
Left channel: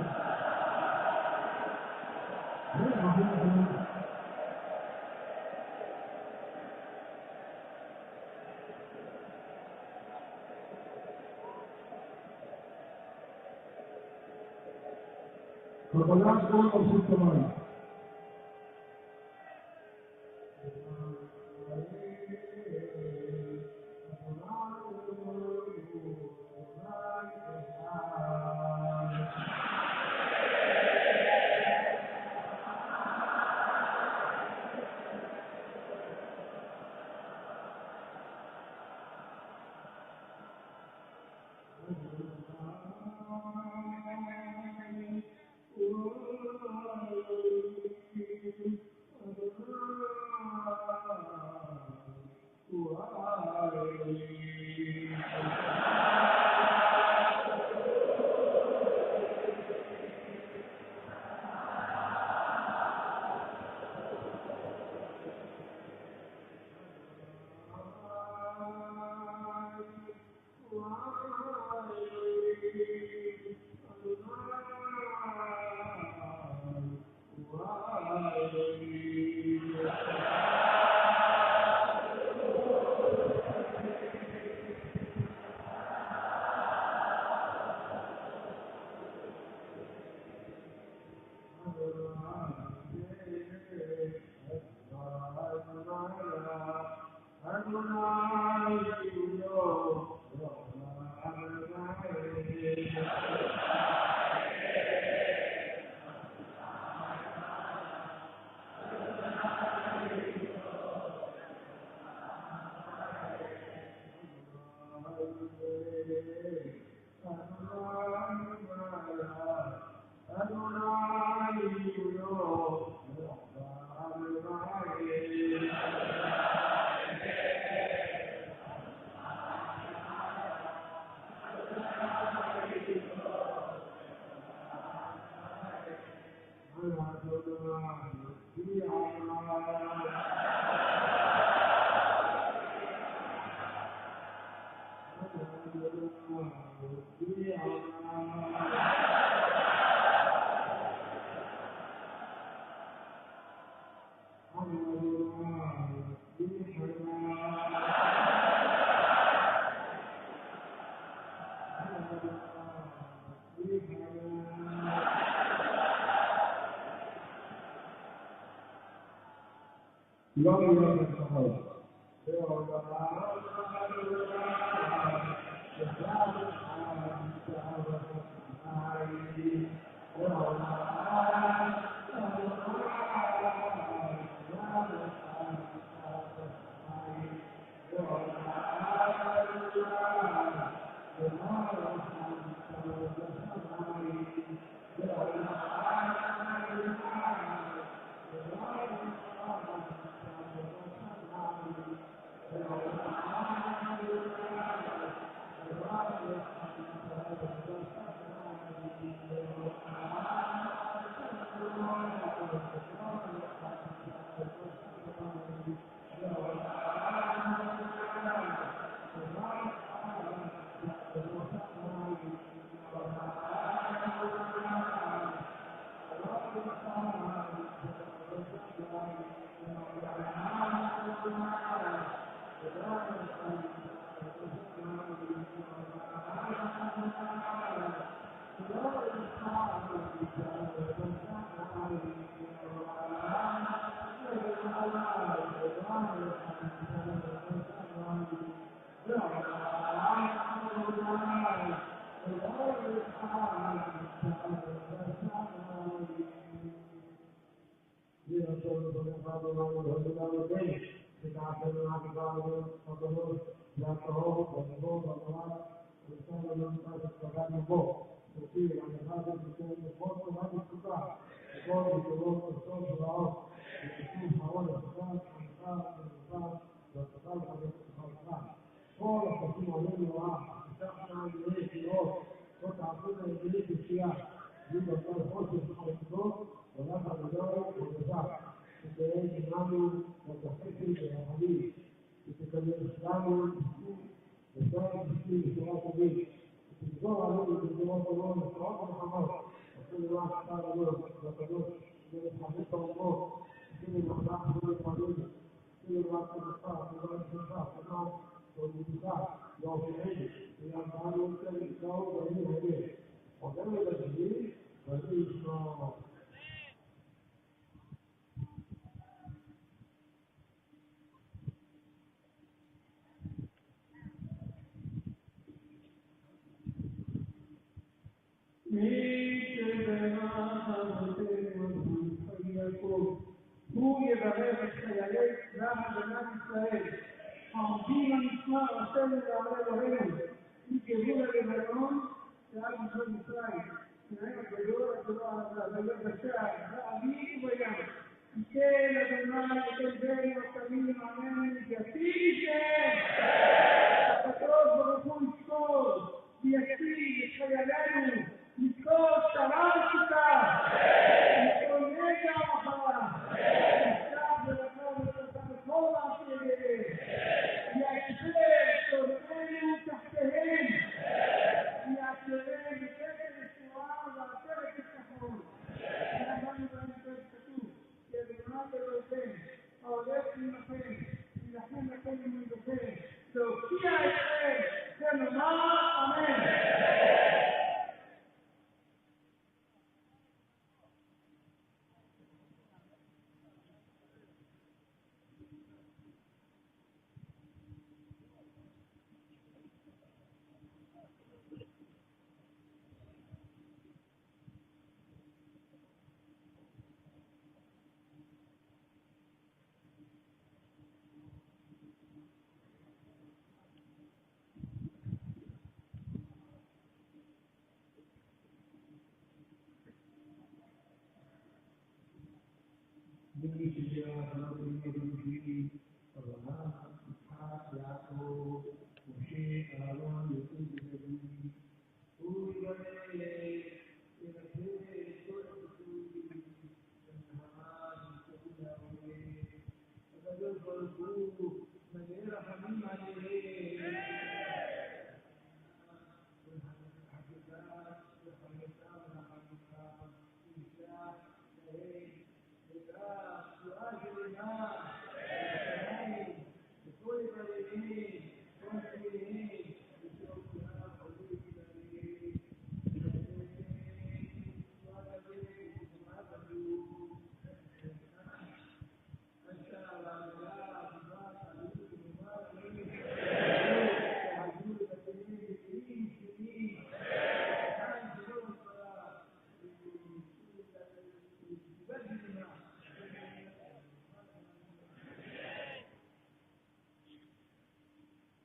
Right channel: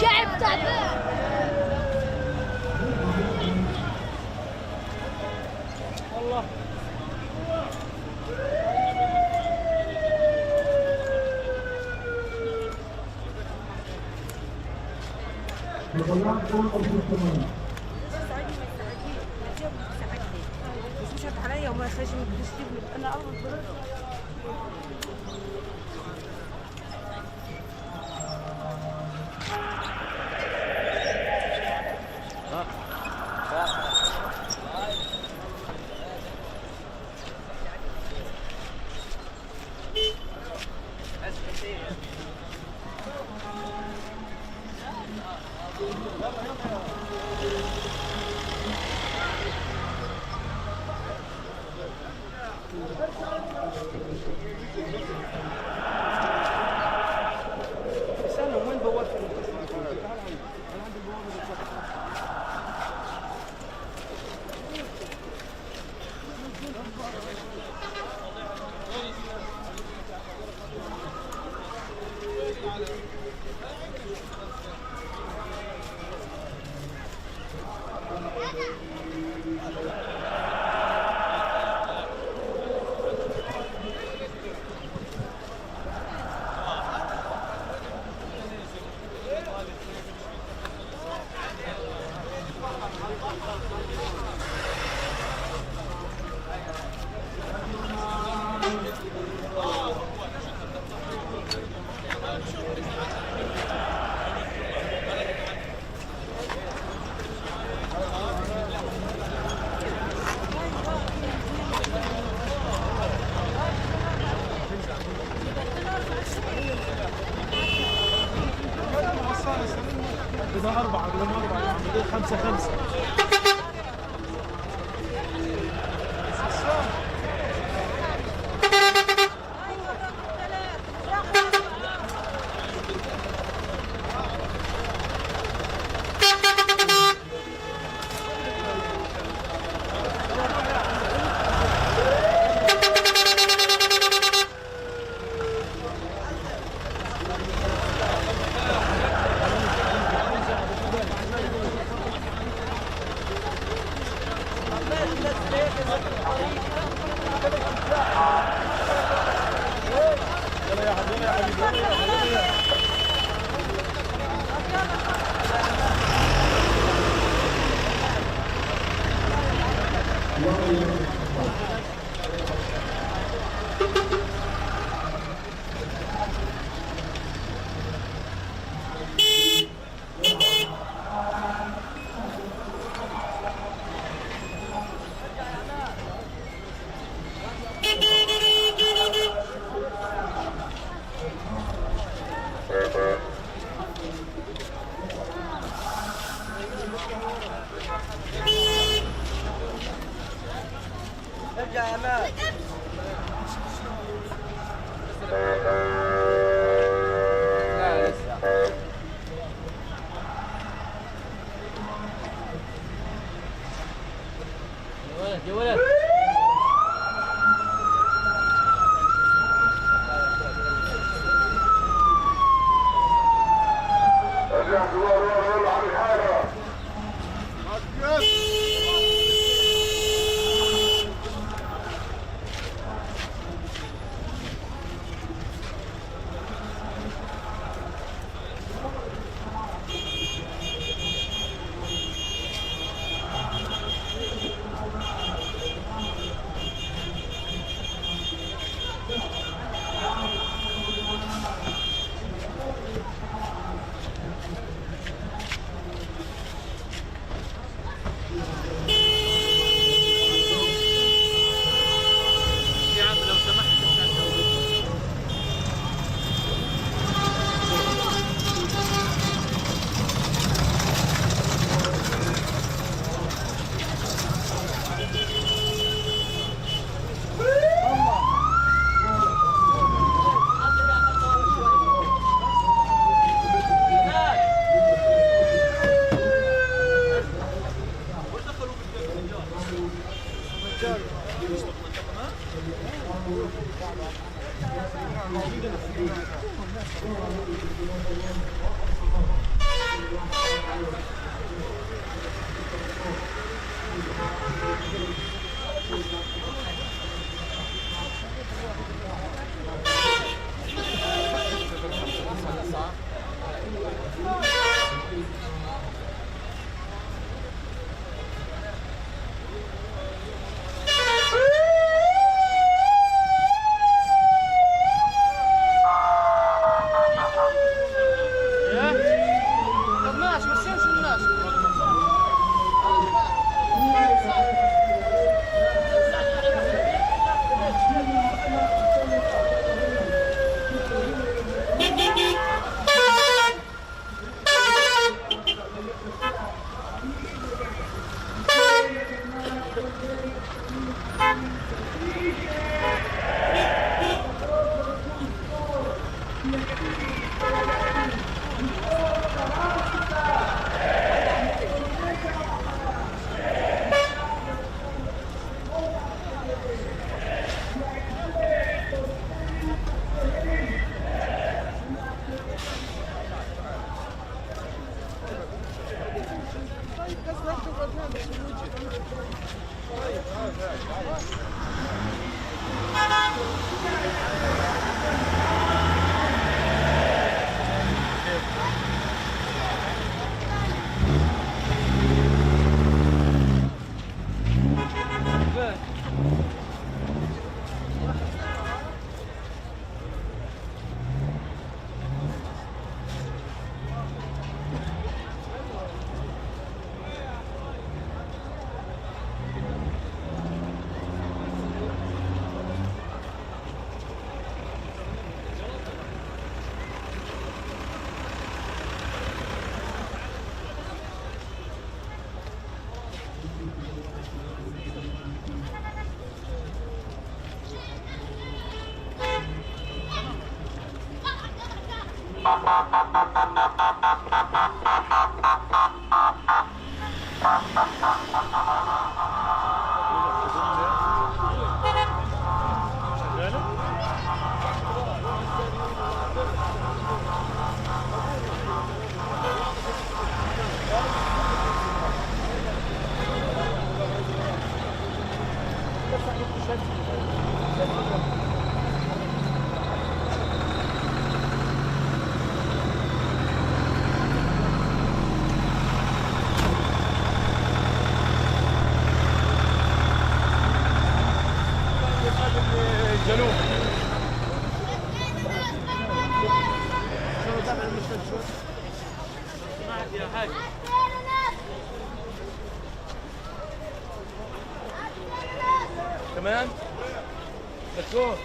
شعب تعبان وطلعت كل أرض كمان. مشت عليا وما خرج من التسليم انا اول كمان بتكون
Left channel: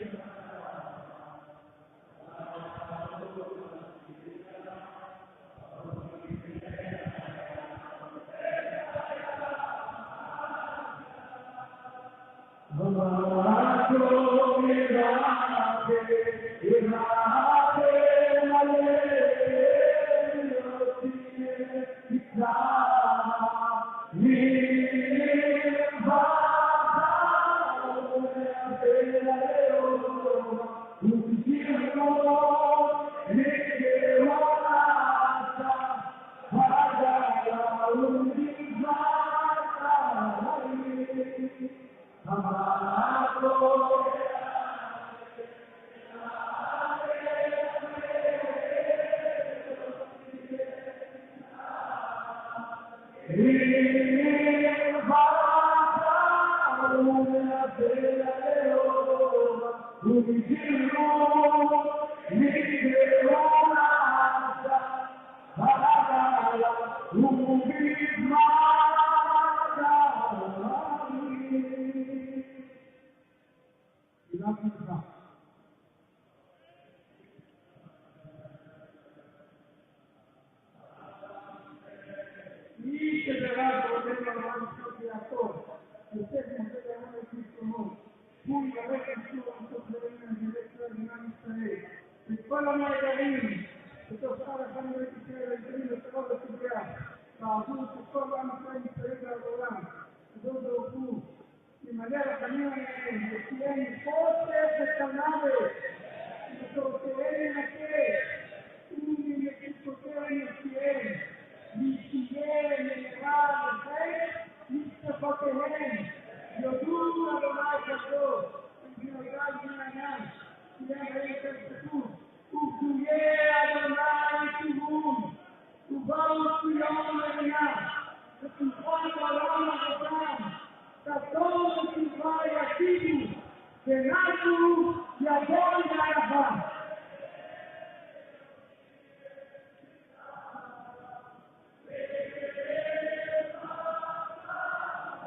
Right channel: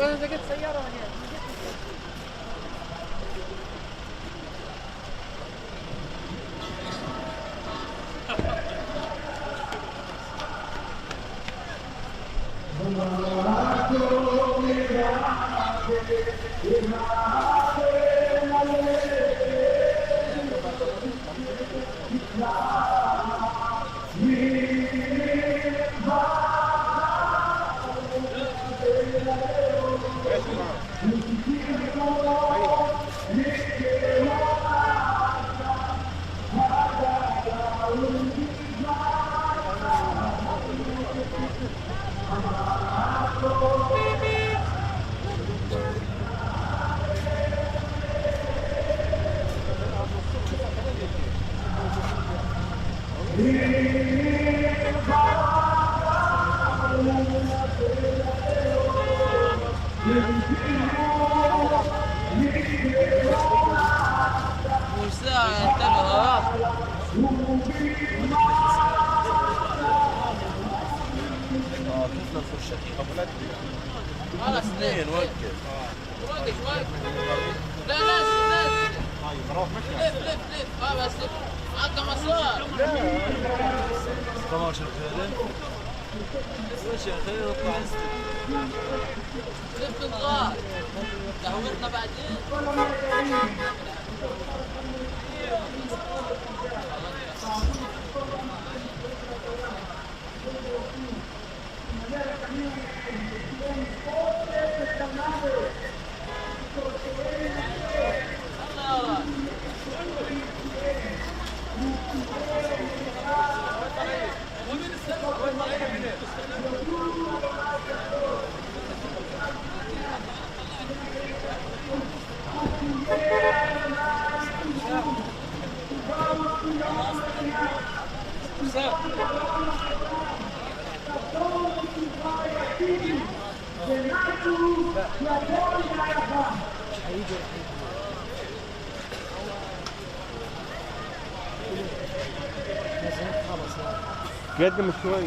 انا لقيت سياره هنا. خلاص اثنين وقف لا ناس لف بس عندنا مسار 15 فعلا. ايش يا اخي نطلع لف الغار قهوتنا بعدين. قدم شوي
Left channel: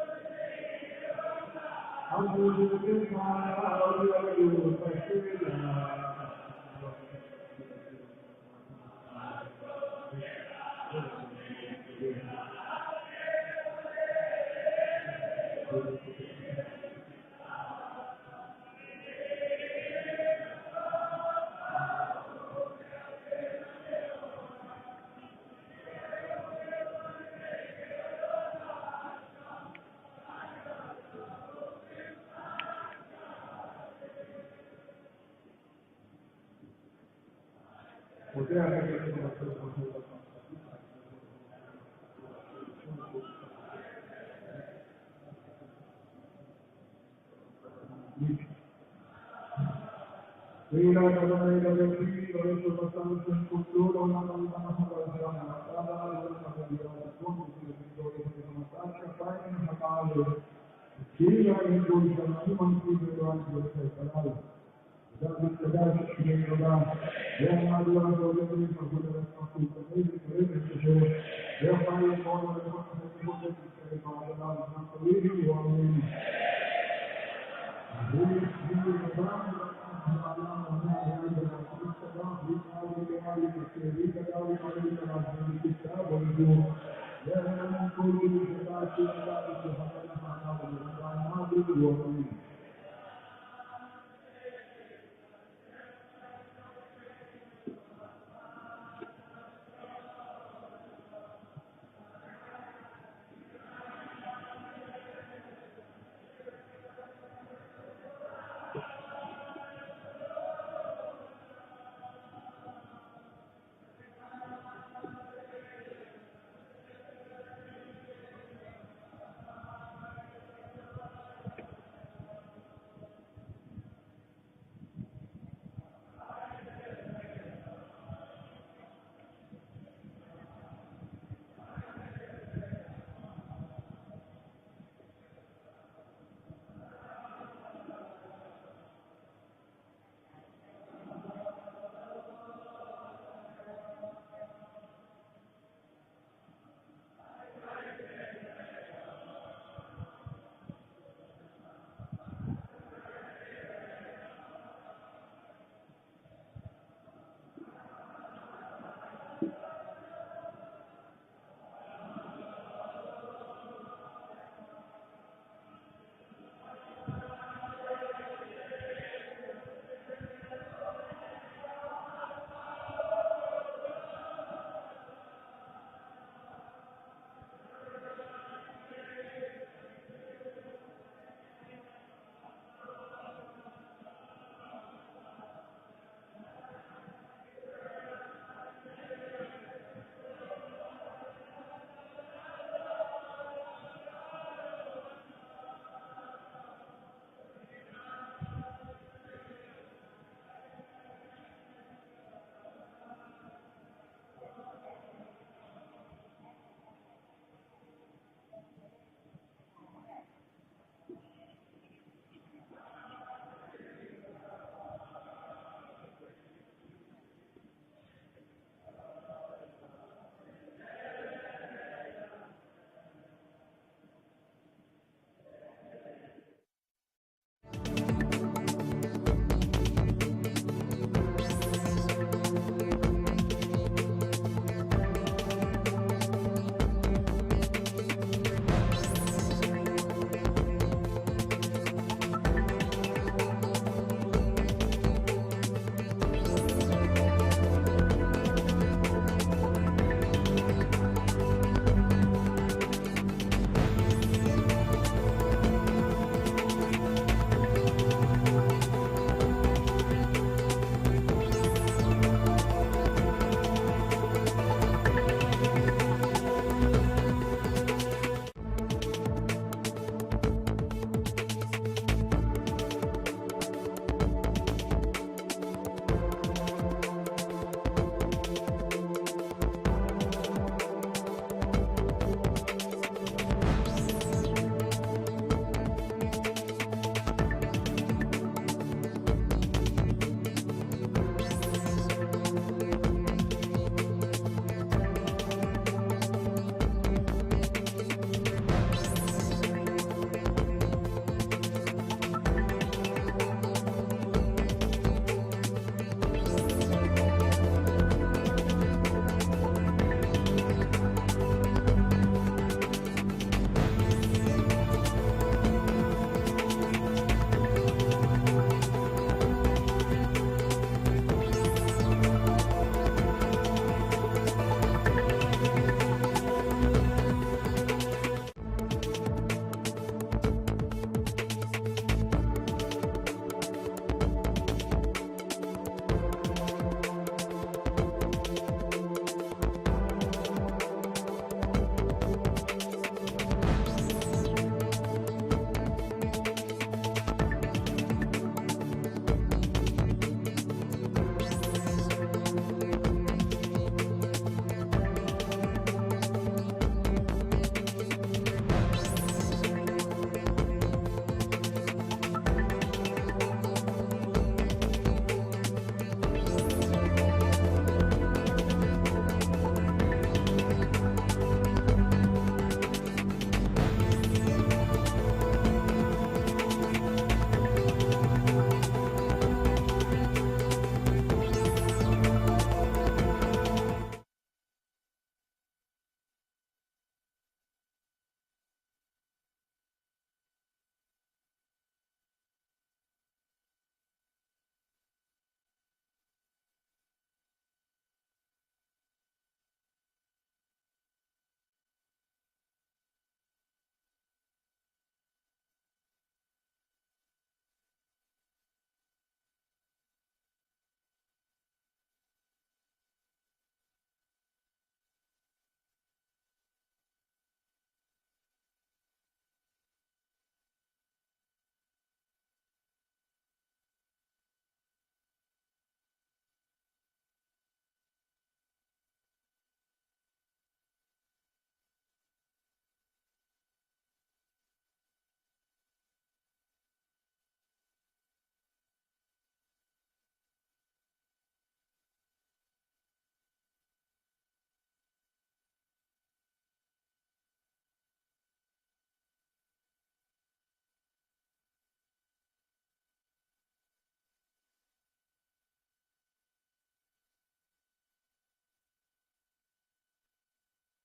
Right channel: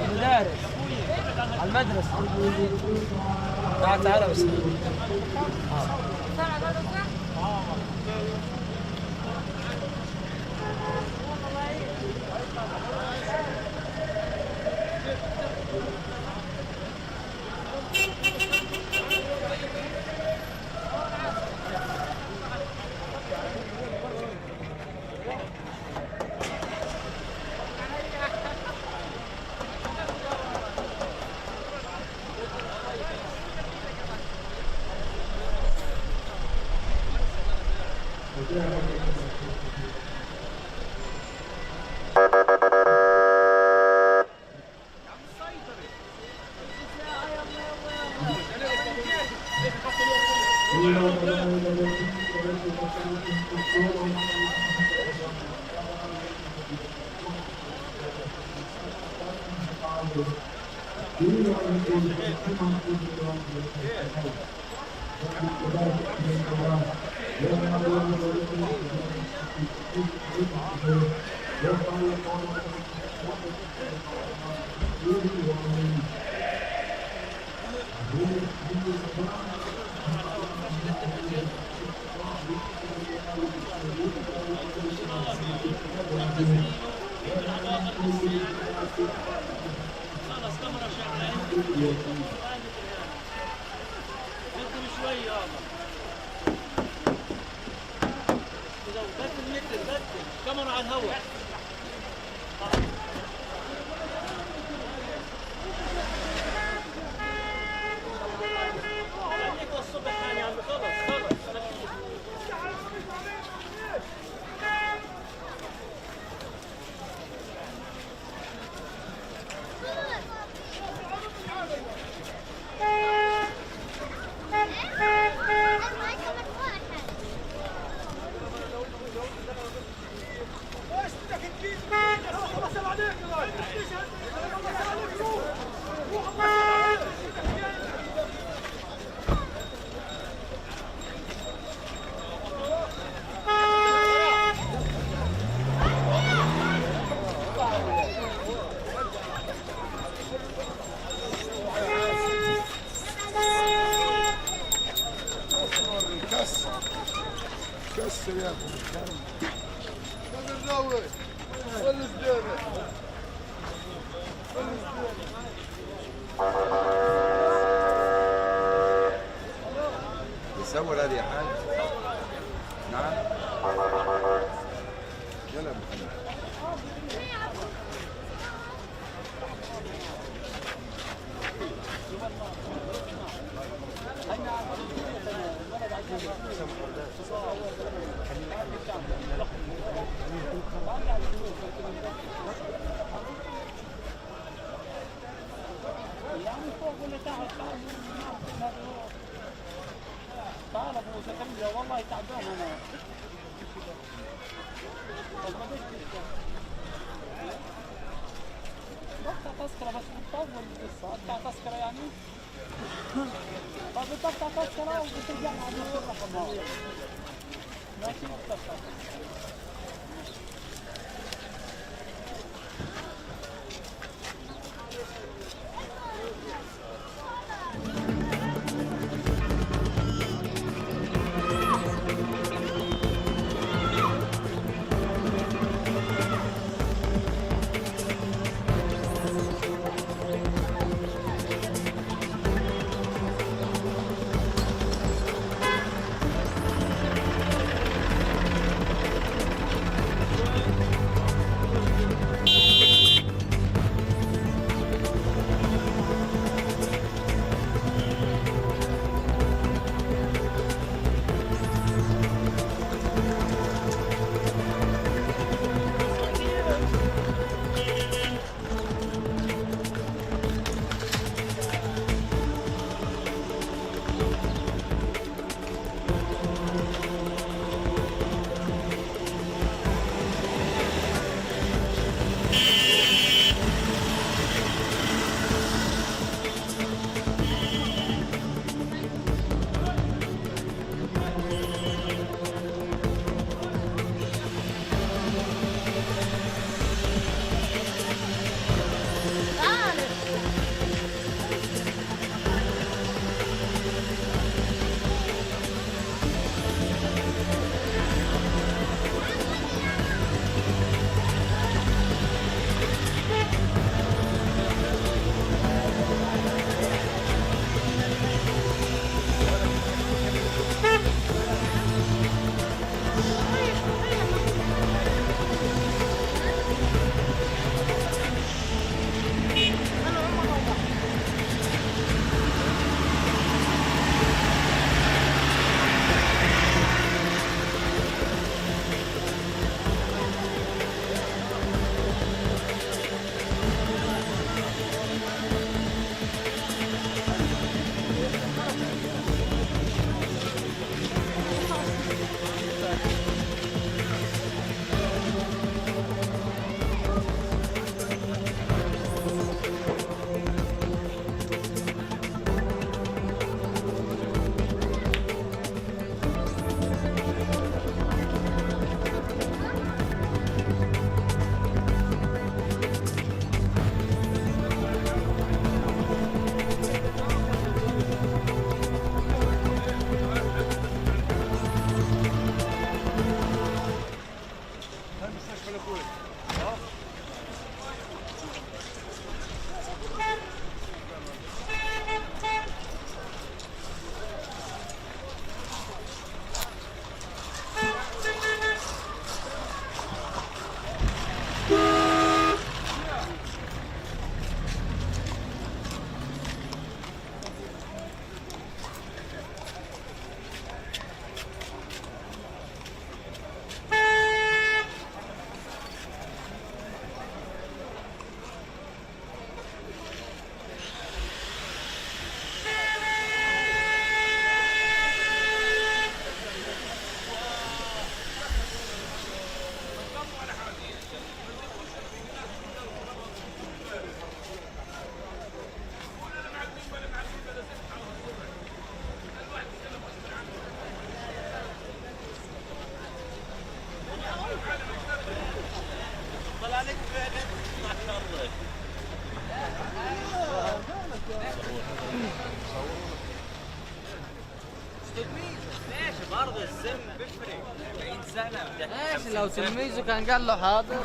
المدارس على المدرسة. تعال بس. ماشي، لو تلميذه كان قال له حاضر.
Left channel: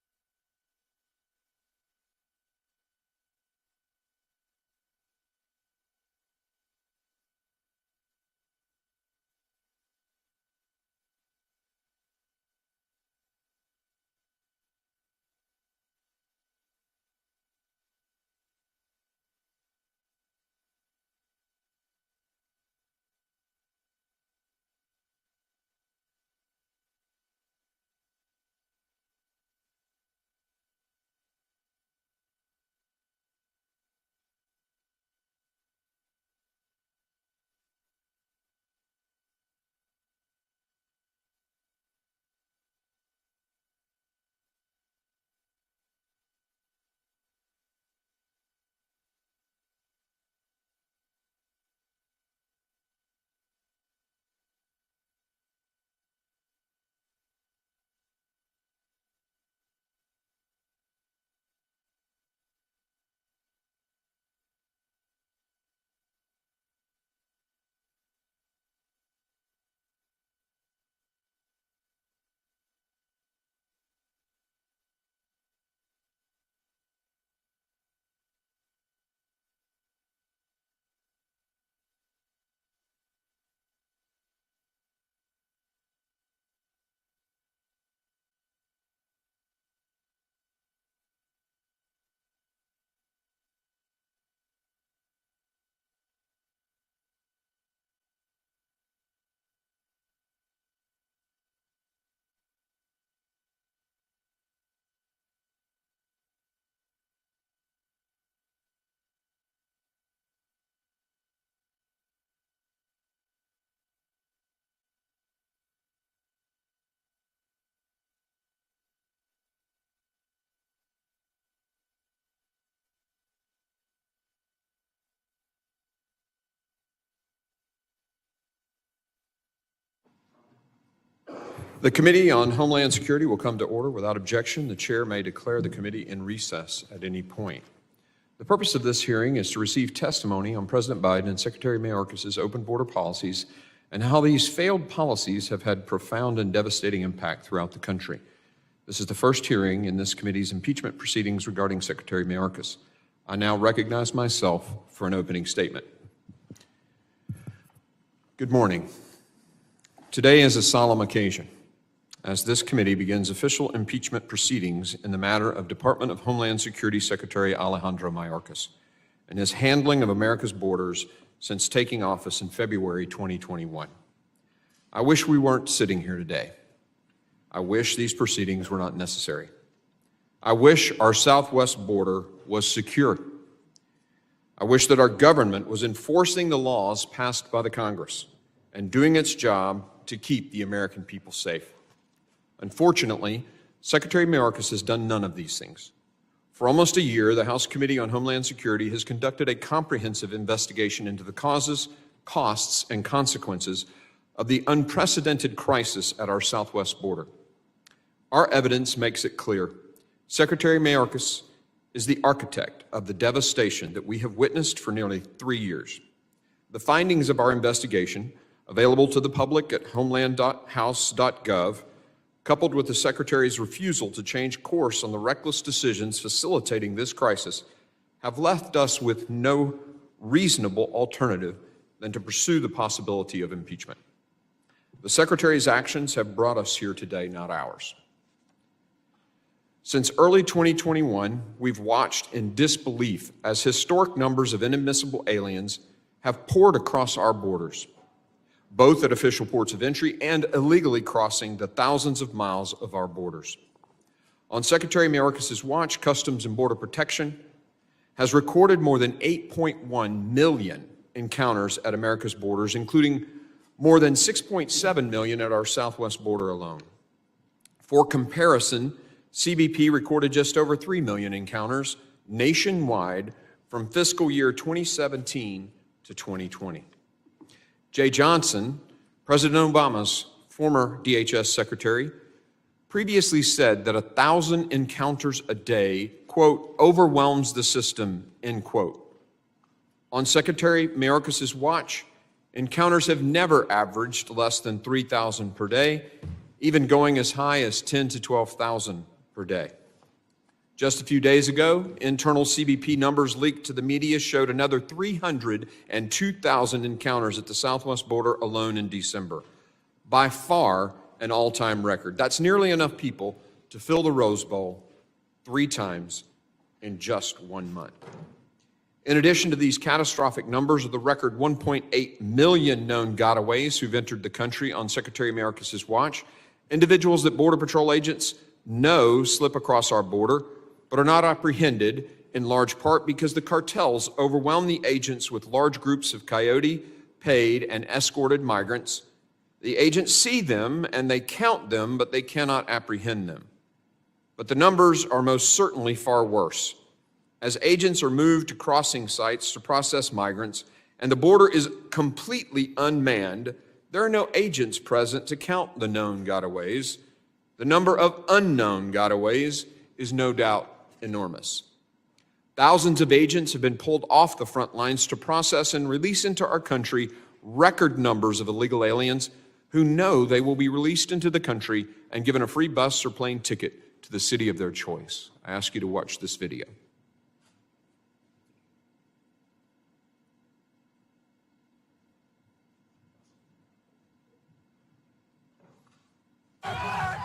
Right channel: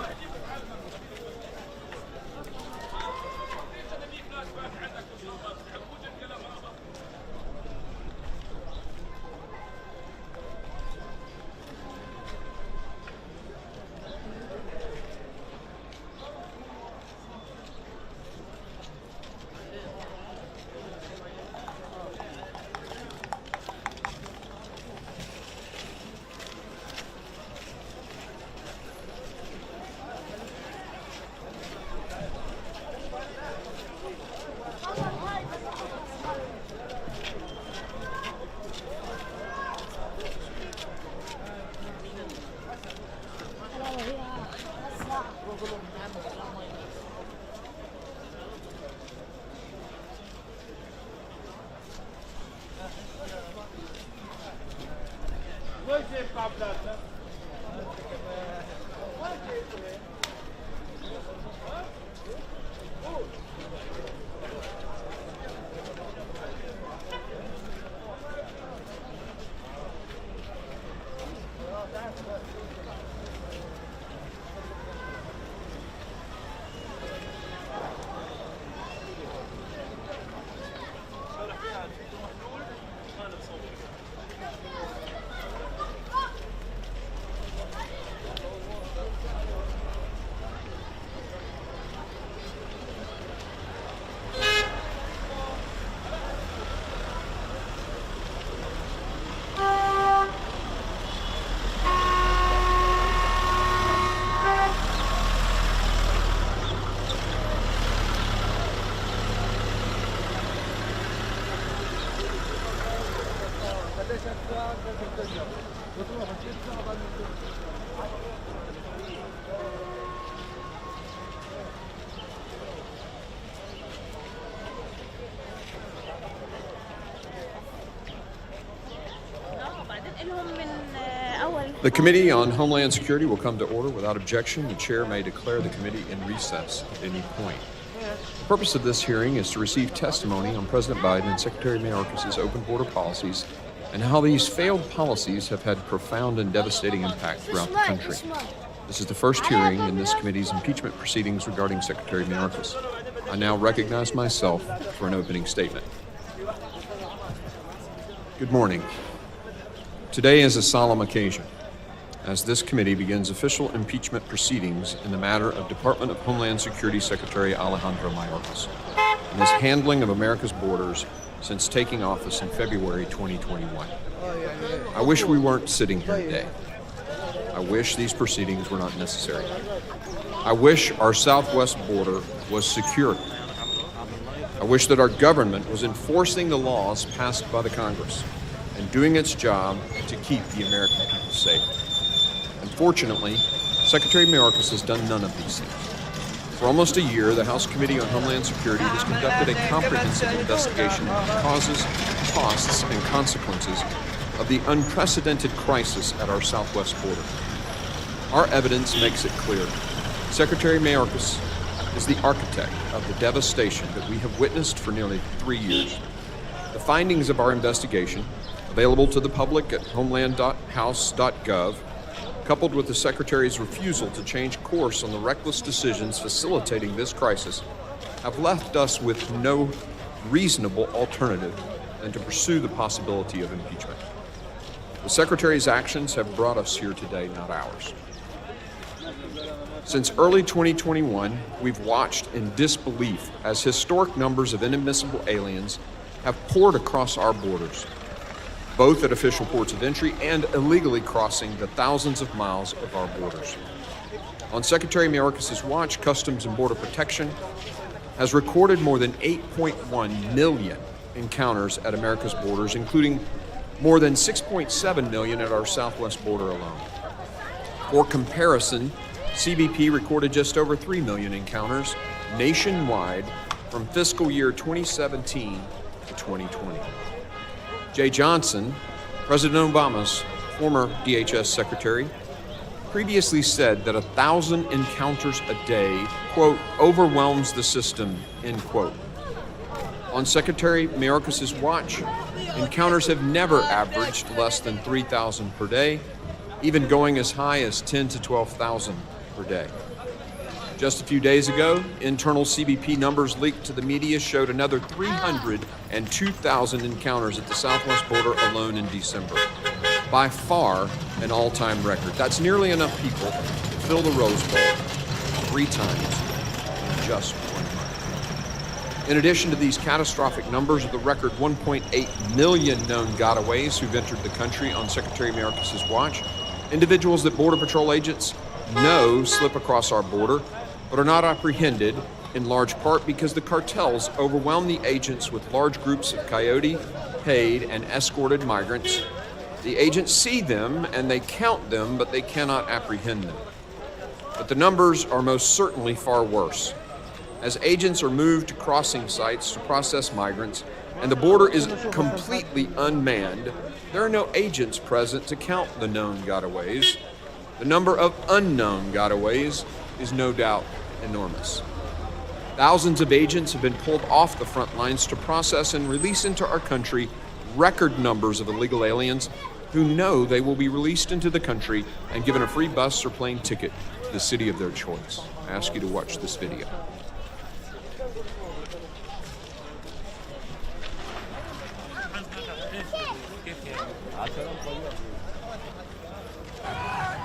The Committee on Homeland Security will come to order without objection. The chair may declare the committee in recess at any point. The purpose of this hearing is to receive testimony on President Biden and Secretary Mayorkas's open border policies and how these failed policies have had profound and devastating impact throughout the country. This is the first hearing in this committee's impeachment proceedings regarding Secretary Mayorkas. I now recognize myself for an opening statement. Good morning. Today is a solemn occasion, as this committee begins official impeachment proceedings in the matter of Department of Homeland Security Secretary Alejandro Mayorkas and his handling of America's borders since taking office in February 2021. I wish we weren't sitting here today. I wish these proceedings were not necessary. I wish our southwest border was secure. I wish that our government was enforcing the laws passed by the Congress and doing its job to keep the American people safe. Unfortunately, Secretary Mayorkas has done none of these things. For almost a year, the House Committee on Homeland Security has conducted a comprehensive investigation into the causes, costs, and consequences of the unprecedented crisis at our southwest border. Our evidence makes it clear. Secretary Mayorkas is the architect of the devastation that we have witnessed for nearly 3 years. The findings of our investigation, available to the public at homeland.house.gov, coupled with the Secretary's refusal to change course on the reckless decisions facilitating this crisis, have left us with no reasonable alternative than to pursue the possibility of impeachment. The Secretary's actions have brought us here today, not ours. Since early 2021, we've watched in disbelief as historic numbers of inadmissible aliens have poured across our borders, both at official ports of entry and illegally crossing the thousands of miles of our borders. On Secretary Mayorkas's watch, Customs and Border Protection has recorded more than 8.1 million encounters at America's borders, including more than 6.7 million at our southwest border alone. For comparison, CBP recorded just over 3 million encounters nationwide from fiscal year 2017 to 2020. Jay Johnson, President Obama's former DHS secretary, previously said that 1,000 encounters a day, quote, overwhelms the system, end quote. On Secretary Mayorkas's watch, encounters have never averaged less than 3,000 per day, even going as high as 10 to 12,000 per day. Just a few days ago, internal CBP numbers leaked to the media showed another 302,000 encounters at the southwest border alone in December. By far an all-time record. That's nearly enough people to fill the Rose Bowl 3 times in just 1 month. In addition to these catastrophic numbers of the record 1.8 million known gotaways who've entered the country on Secretary Mayorkas's watch, individuals that Border Patrol agents know slip across our border but are not apprehended, in large part because the cartels overwhelm the agents with large groups of coyote, paid, and escorted migrants. The agents see them and they count them, but they cannot apprehend them. But the numbers are most certainly far worse. As agents are moved to crossing sites to process migrants and the border is completely unmanned, there are no agents present to count the known gotaways. The number of unknown gotaways is no doubt enormous. Thousands of agents have been pulled off the front lines to process and release into our country record numbers of illegal aliens who know they will be released into the country and given a free bus or plane ticket to the city of their choice. I ask you to watch this video.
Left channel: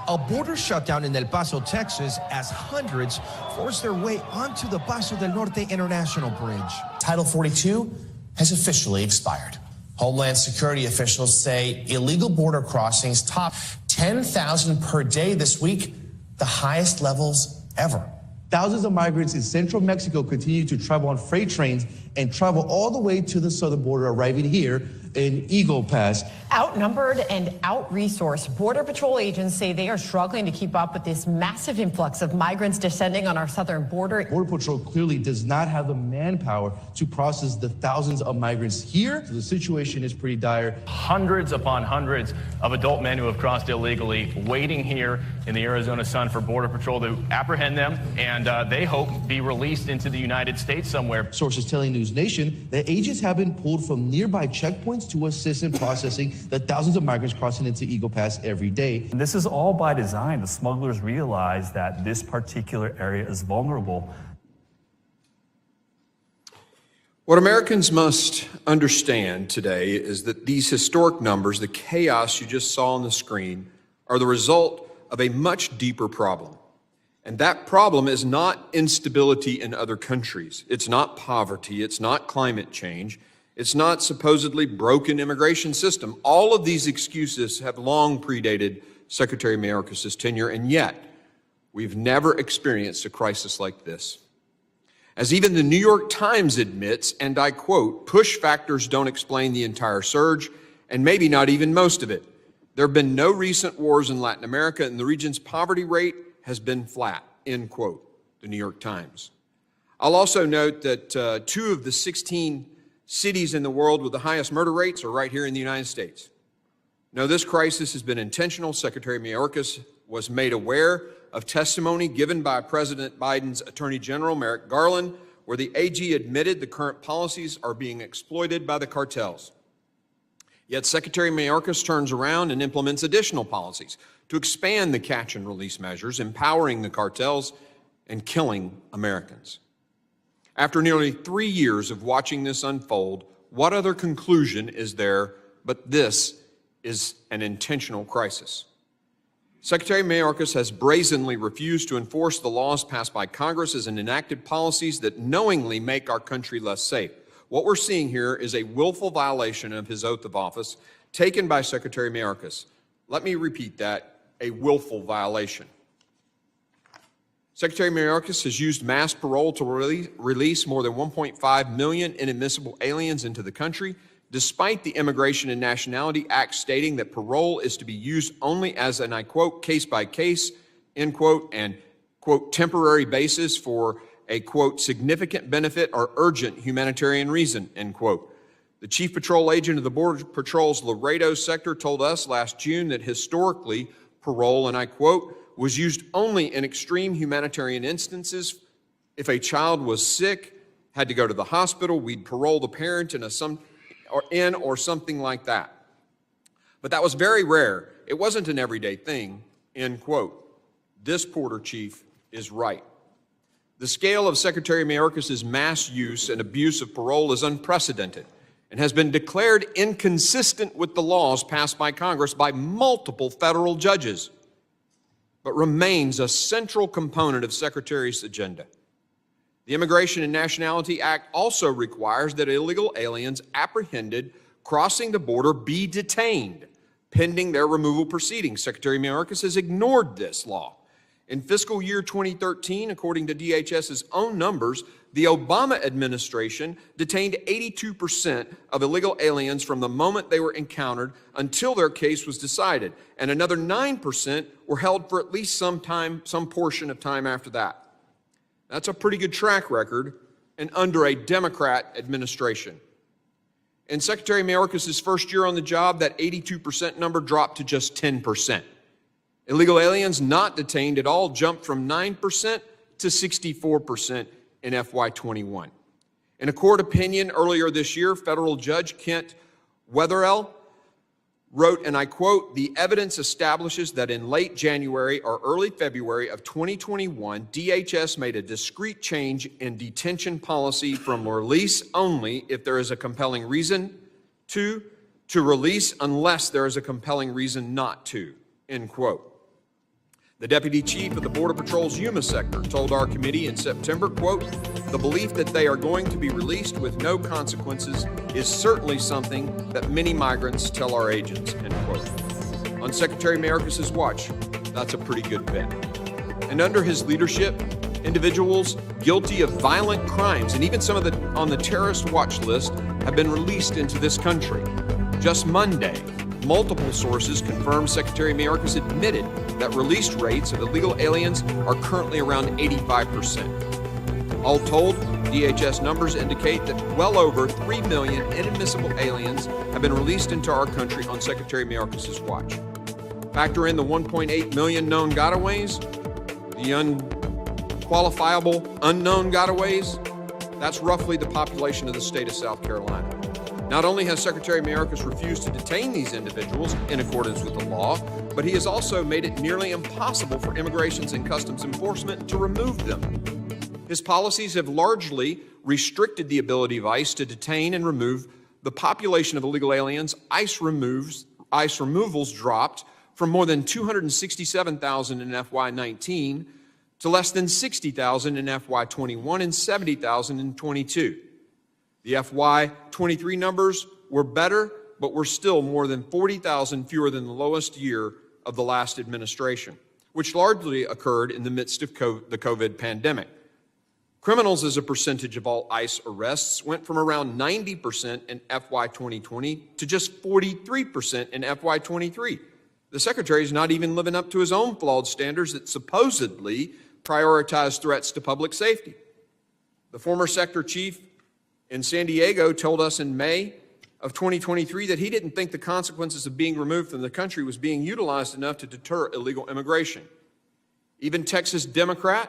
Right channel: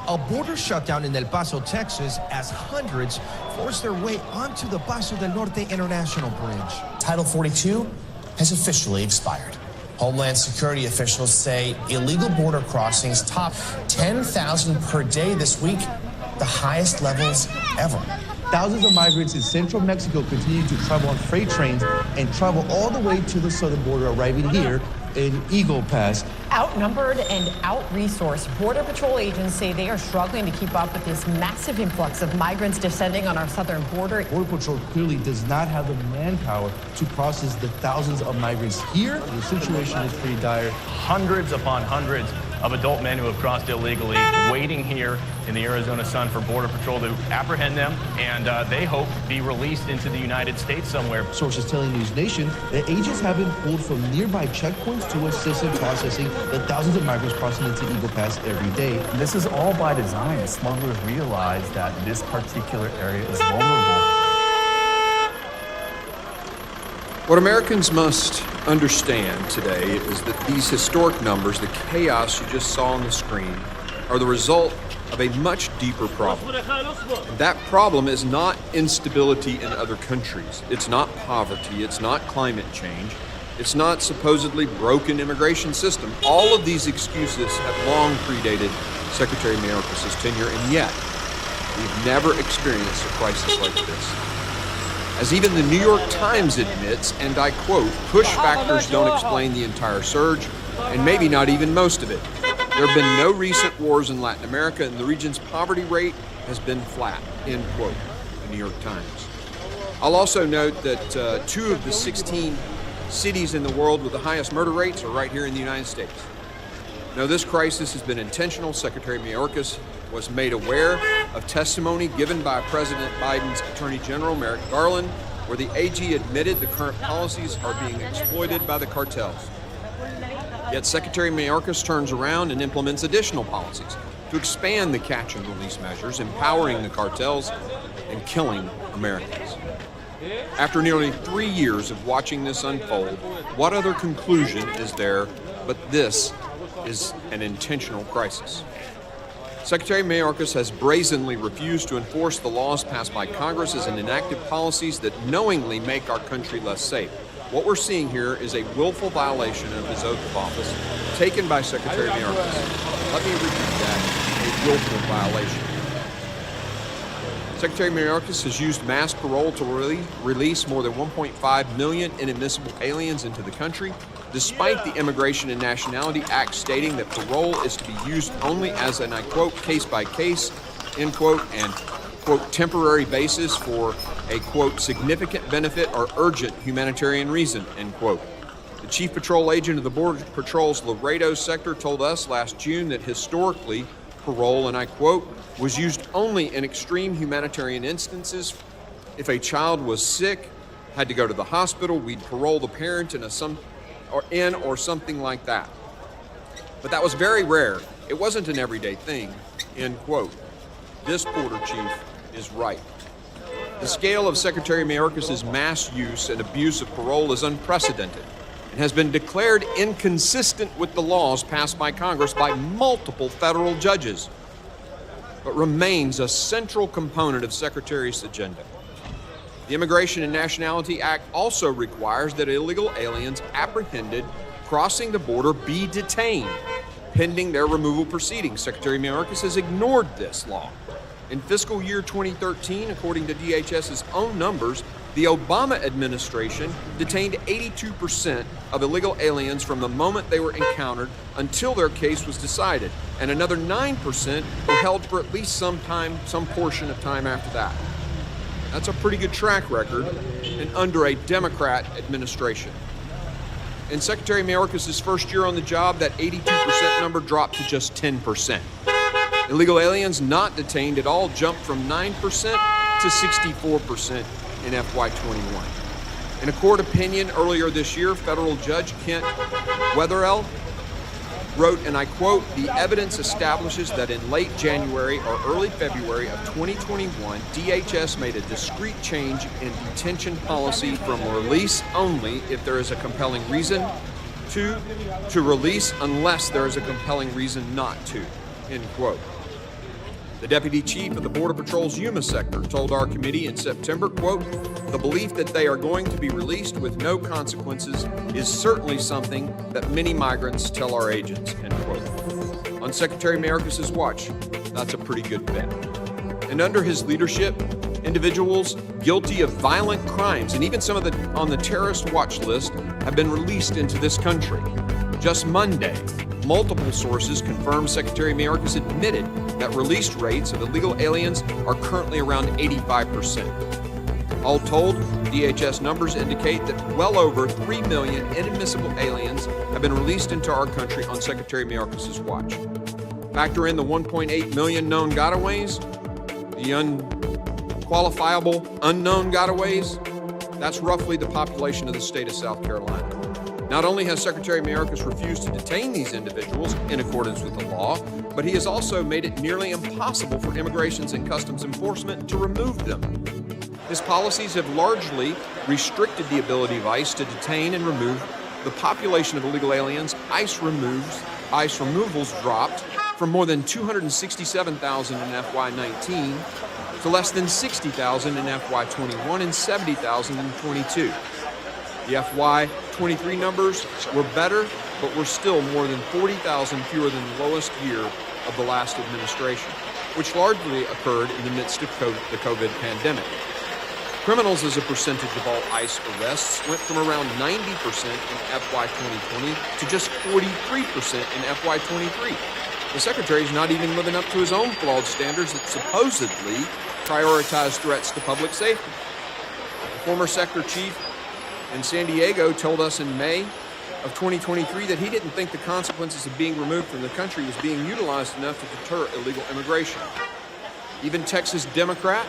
A border shutdown in El Paso, Texas, as hundreds force their way onto the Paso del Norte International Bridge. Title 42 has officially expired. Homeland Security officials say illegal border crossings top 10,000 per day this week, the highest levels ever. Thousands of migrants in central Mexico continue to travel on freight trains and travel all the way to the southern border, arriving here an Eagle Pass. Outnumbered and out-resourced, Border Patrol agents say they are struggling to keep up with this massive influx of migrants descending on our southern border. Border Patrol clearly does not have the manpower to process the thousands of migrants here. The situation is pretty dire. Hundreds upon hundreds of adult men who have crossed illegally, waiting here in the Arizona sun for Border Patrol to apprehend them, and they hope be released into the United States somewhere. Sources telling News Nation that agents have been pulled from nearby checkpoints to assist in processing the thousands of migrants crossing into Eagle Pass every day. This is all by design. The smugglers realize that this particular area is vulnerable. What Americans must understand today is that these historic numbers, the chaos you just saw on the screen, are the result of a much deeper problem. And that problem is not instability in other countries. It's not poverty. It's not climate change. It's not supposedly broken immigration system. All of these excuses have long predated Secretary Mayorkas' tenure, and yet we've never experienced a crisis like this. As even the New York Times admits, and I quote, push factors don't explain the entire surge, and maybe not even most of it. There have been no recent wars in Latin America, and the region's poverty rate has been flat, end quote, the New York Times. I'll also note that 2 of the 16 cities in the world with the highest murder rates are right here in the United States. No, this crisis has been intentional. Secretary Mayorkas was made aware of testimony given by President Biden's Attorney General Merrick Garland, where the AG admitted the current policies are being exploited by the cartels. Yet Secretary Mayorkas turns around and implements additional policies to expand the catch and release measures, empowering the cartels and killing Americans. After nearly 3 years of watching this unfold, what other conclusion is there but this is an intentional crisis? Secretary Mayorkas has brazenly refused to enforce the laws passed by Congress and enacted policies that knowingly make our country less safe. What we're seeing here is a willful violation of his oath of office taken by Secretary Mayorkas. Let me repeat that, a willful violation. Secretary Mayorkas has used mass parole to release more than 1.5 million inadmissible aliens into the country, despite the Immigration and Nationality Act stating that parole is to be used only as an, I quote, case-by-case, end quote, and, quote, temporary basis for a, quote, significant benefit or urgent humanitarian reason, end quote. The chief patrol agent of the Border Patrol's Laredo sector told us last June that historically, parole, and I quote, was used only in extreme humanitarian instances. If a child was sick, had to go to the hospital, we'd parole the parent or something like that. But that was very rare. It wasn't an everyday thing, end quote. This Border Chief is right. The scale of Secretary Mayorkas' mass use and abuse of parole is unprecedented and has been declared inconsistent with the laws passed by Congress by multiple federal judges, but remains a central component of Secretary's agenda. The Immigration and Nationality Act also requires that illegal aliens apprehended crossing the border be detained, pending their removal proceedings. Secretary Mayorkas has ignored this law. In fiscal year 2013, according to DHS's own numbers, the Obama administration detained 82% of illegal aliens from the moment they were encountered until their case was decided, and another 9% were held for at least some portion of time after that. That's a pretty good track record, and under a Democrat administration. In Secretary Mayorkas' first year on the job, that 82% number dropped to just 10%. Illegal aliens not detained at all jumped from 9% to 64% in FY21. In a court opinion earlier this year, federal judge Kent Wetherell wrote, and I quote, "The evidence establishes that in late January or early February of 2021, DHS made a discrete change in detention policy from release only if there is a compelling reason to release unless there is a compelling reason not to," end quote. The deputy chief of the Border Patrol's Yuma sector told our committee in September, quote, "The belief that they are going to be released with no consequences is certainly something that many migrants tell our agents," end quote. On Secretary Mayorkas' watch, that's a pretty good bet. And under his leadership, individuals guilty of violent crimes and even some of on the terrorist watch list have been released into this country. Just Monday, multiple sources confirmed Secretary Mayorkas admitted that release rates of illegal aliens are currently around 85%. All told, DHS numbers indicate that well over 3 million inadmissible aliens have been released into our country on Secretary Mayorkas' watch. Factor in the 1.8 million known gotaways, the unqualifiable unknown gotaways, that's roughly the population of the state of South Carolina. Not only has Secretary Mayorkas refused to detain these individuals in accordance with the law, but he has also made it nearly impossible for Immigration and Customs Enforcement to remove them. His policies have largely restricted the ability of ICE to detain and remove the population of illegal aliens. ICE removals dropped from more than 267,000 in FY19 to less than 60,000 in FY21 and 70,000 in 22. The FY23 numbers were better, but were still more than 40,000 fewer than the lowest year of the last administration, which largely occurred in the midst of the COVID pandemic. Criminals as a percentage of all ICE arrests went from around 90% in FY 2020 to just 43% in FY 23. The Secretary is not even living up to his own flawed standards that supposedly prioritize threats to public safety. The former sector chief in San Diego told us in May of 2023 that he didn't think the consequences of being removed from the country was being utilized enough to deter illegal immigration. Even Texas Democrat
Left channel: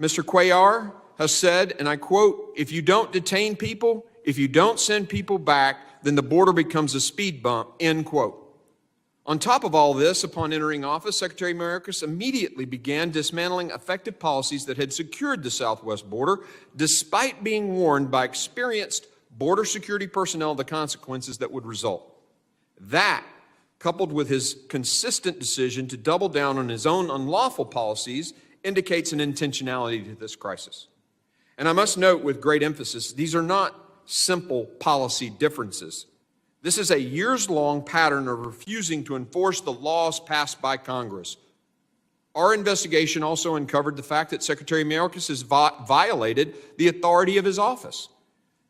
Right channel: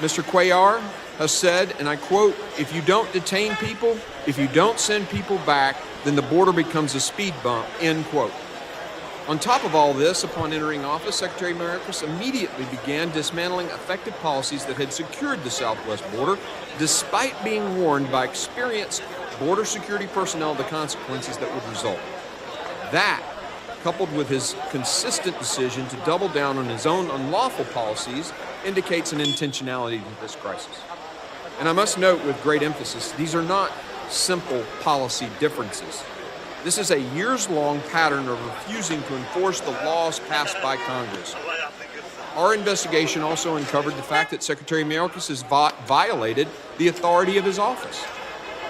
Mr. Cuellar has said, and I quote, "If you don't detain people, if you don't send people back, then the border becomes a speed bump," end quote. On top of all this, upon entering office, Secretary Mayorkas immediately began dismantling effective policies that had secured the southwest border, despite being warned by experienced border security personnel of the consequences that would result. That, coupled with his consistent decision to double down on his own unlawful policies, indicates an intentionality to this crisis. And I must note with great emphasis, these are not simple policy differences. This is a years-long pattern of refusing to enforce the laws passed by Congress. Our investigation also uncovered the fact that Secretary Mayorkas has violated the authority of his office.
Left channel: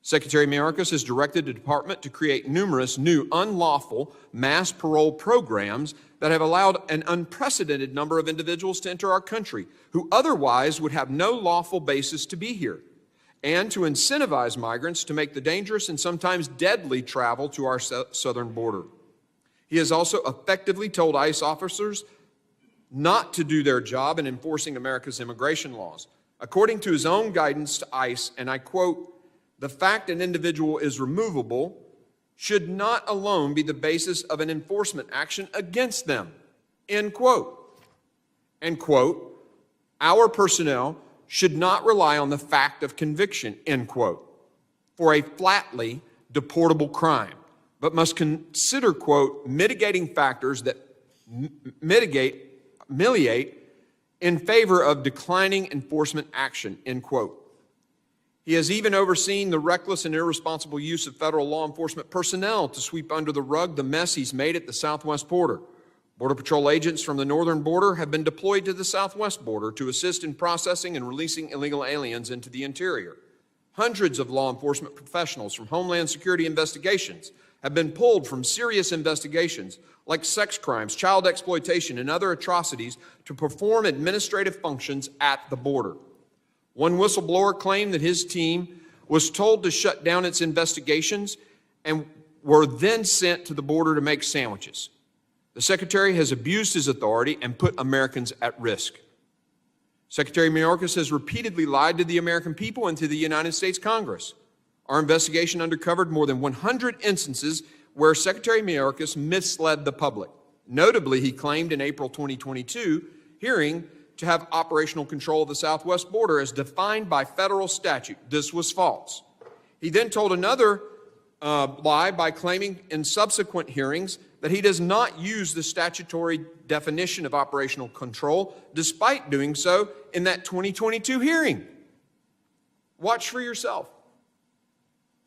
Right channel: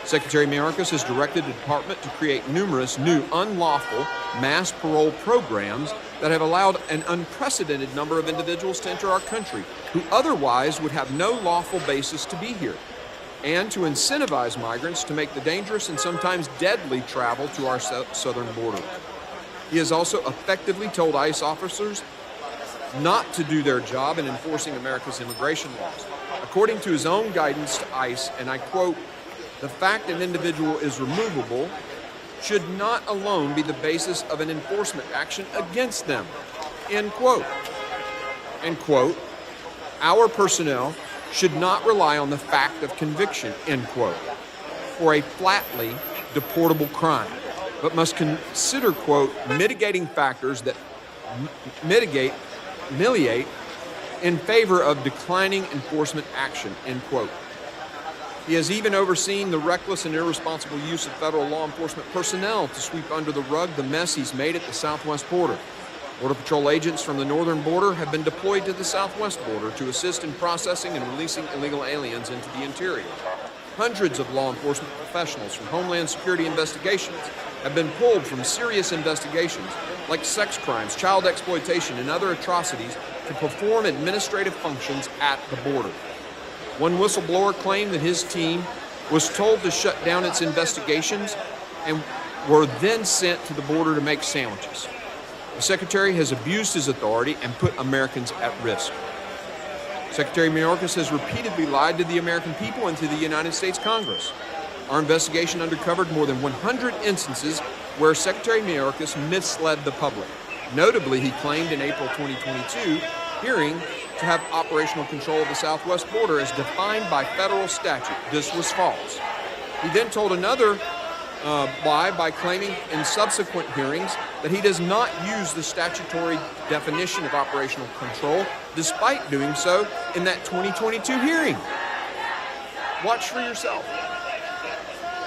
Secretary Mayorkas has directed the department to create numerous new unlawful mass parole programs that have allowed an unprecedented number of individuals to enter our country who otherwise would have no lawful basis to be here, and to incentivize migrants to make the dangerous and sometimes deadly travel to our southern border. He has also effectively told ICE officers not to do their job in enforcing America's immigration laws. According to his own guidance to ICE, and I quote, "The fact an individual is removable should not alone be the basis of an enforcement action against them," end quote. And quote, "Our personnel should not rely on the fact of conviction," end quote, "for a flatly deportable crime, but must consider," quote, "mitigating factors that mitigate in favor of declining enforcement action," end quote. He has even overseen the reckless and irresponsible use of federal law enforcement personnel to sweep under the rug the mess he's made at the southwest border. Border Patrol agents from the northern border have been deployed to the southwest border to assist in processing and releasing illegal aliens into the interior. Hundreds of law enforcement professionals from Homeland Security investigations have been pulled from serious investigations like sex crimes, child exploitation, and other atrocities to perform administrative functions at the border. One whistleblower claimed that his team was told to shut down its investigations and were then sent to the border to make sandwiches. The Secretary has abused his authority and put Americans at risk. Secretary Mayorkas has repeatedly lied to the American people and to the United States Congress. Our investigation uncovered more than 100 instances where Secretary Mayorkas misled the public. Notably, he claimed in April 2022 hearing to have operational control of the southwest border as defined by federal statute. This was false. He then told another lie by claiming in subsequent hearings that he does not use the statutory definition of operational control, despite doing so in that 2022 hearing. Watch for yourself.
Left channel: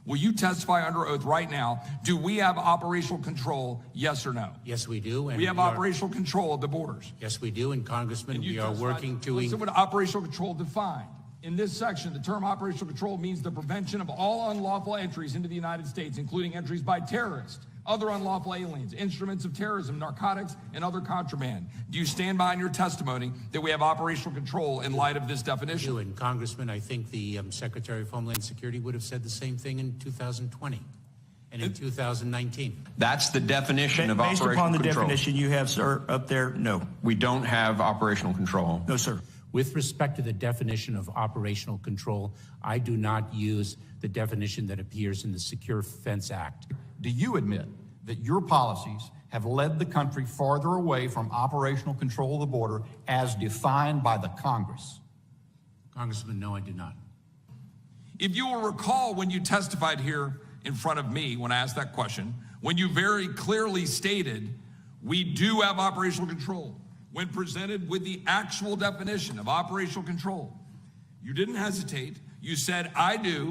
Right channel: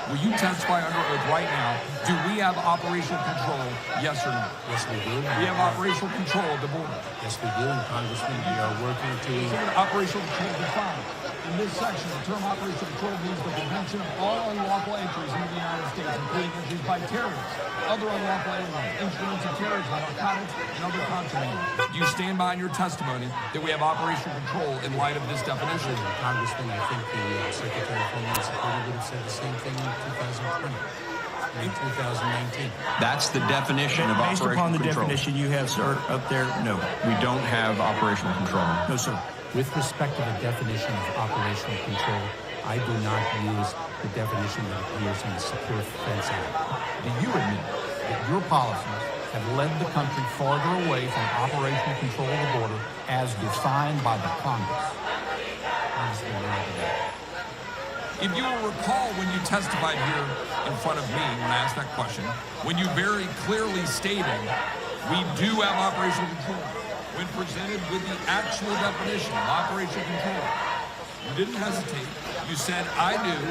Will you testify under oath right now? Do we have operational control, yes or no? Yes, we do. We have operational control of the borders. Yes, we do, and Congressman, we are working to... So what operational control define? in this section, the term operational control means the prevention of all unlawful entries into the United States, including entries by terrorists, other unlawful aliens, instruments of terrorism, narcotics, and other contraband. Do you stand by in your testimony that we have operational control in light of this definition? Congressman, I think the Secretary of Homeland Security would have said the same thing in 2020 and in 2019. That's the definition of Based operational upon the control. definition you have, sir, up there, no. We don't have operational control. No, sir. With respect to the definition of operational control, I do not use the definition that appears in the Secure Fence Act. Do you admit that your policies have led the country farther away from operational control of the border as defined by the Congress? Congressman, no, I do not. If you will recall when you testified here in front of me when I asked that question, when you very clearly stated we do have operational control, when presented with the actual definition of operational control, you didn't hesitate. You said, I do.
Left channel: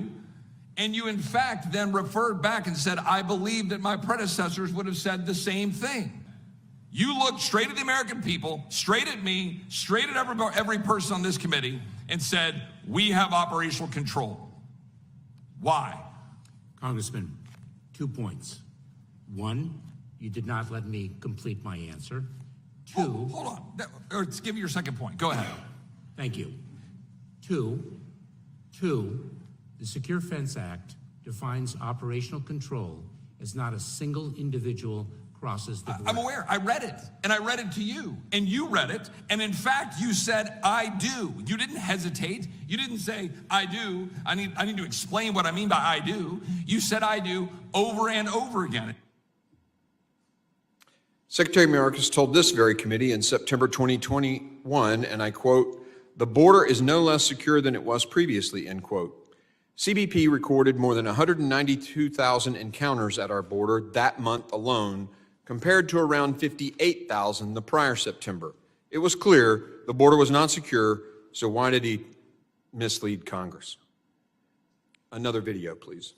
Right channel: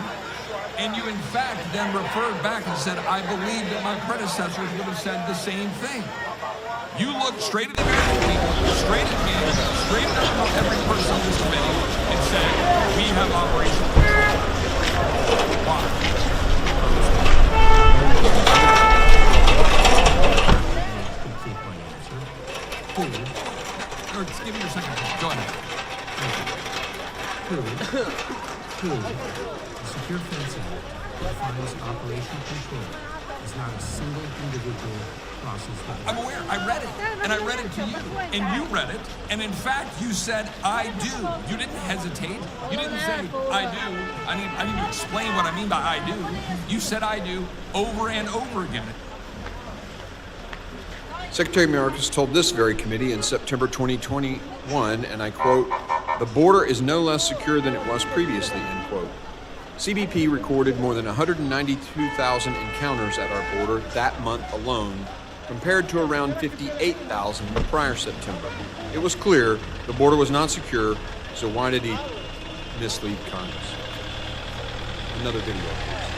And you, in fact, then referred back and said, I believe that my predecessors would have said the same thing. You looked straight at the American people, straight at me, straight at every person on this committee, and said, we have operational control. Why? Complete my answer. Or give me your second point. Go ahead. Thank you. Two, the Secure Fence Act defines operational control as not a single individual crosses the border. I'm aware. I read it, and I read it to you, and you read it, and in fact, you said, I do. You didn't hesitate. You didn't say, I do. I need to explain what I mean by I do. You said I do over and over again. Secretary Mayorkas told this very committee in September 2021, and I quote, "The border is no less secure than it was previously," end quote. CBP recorded more than 192,000 encounters at our border that month alone, compared to around 58,000 the prior September. It was clear the border was not secure, so why did he mislead Congress? Another video, please.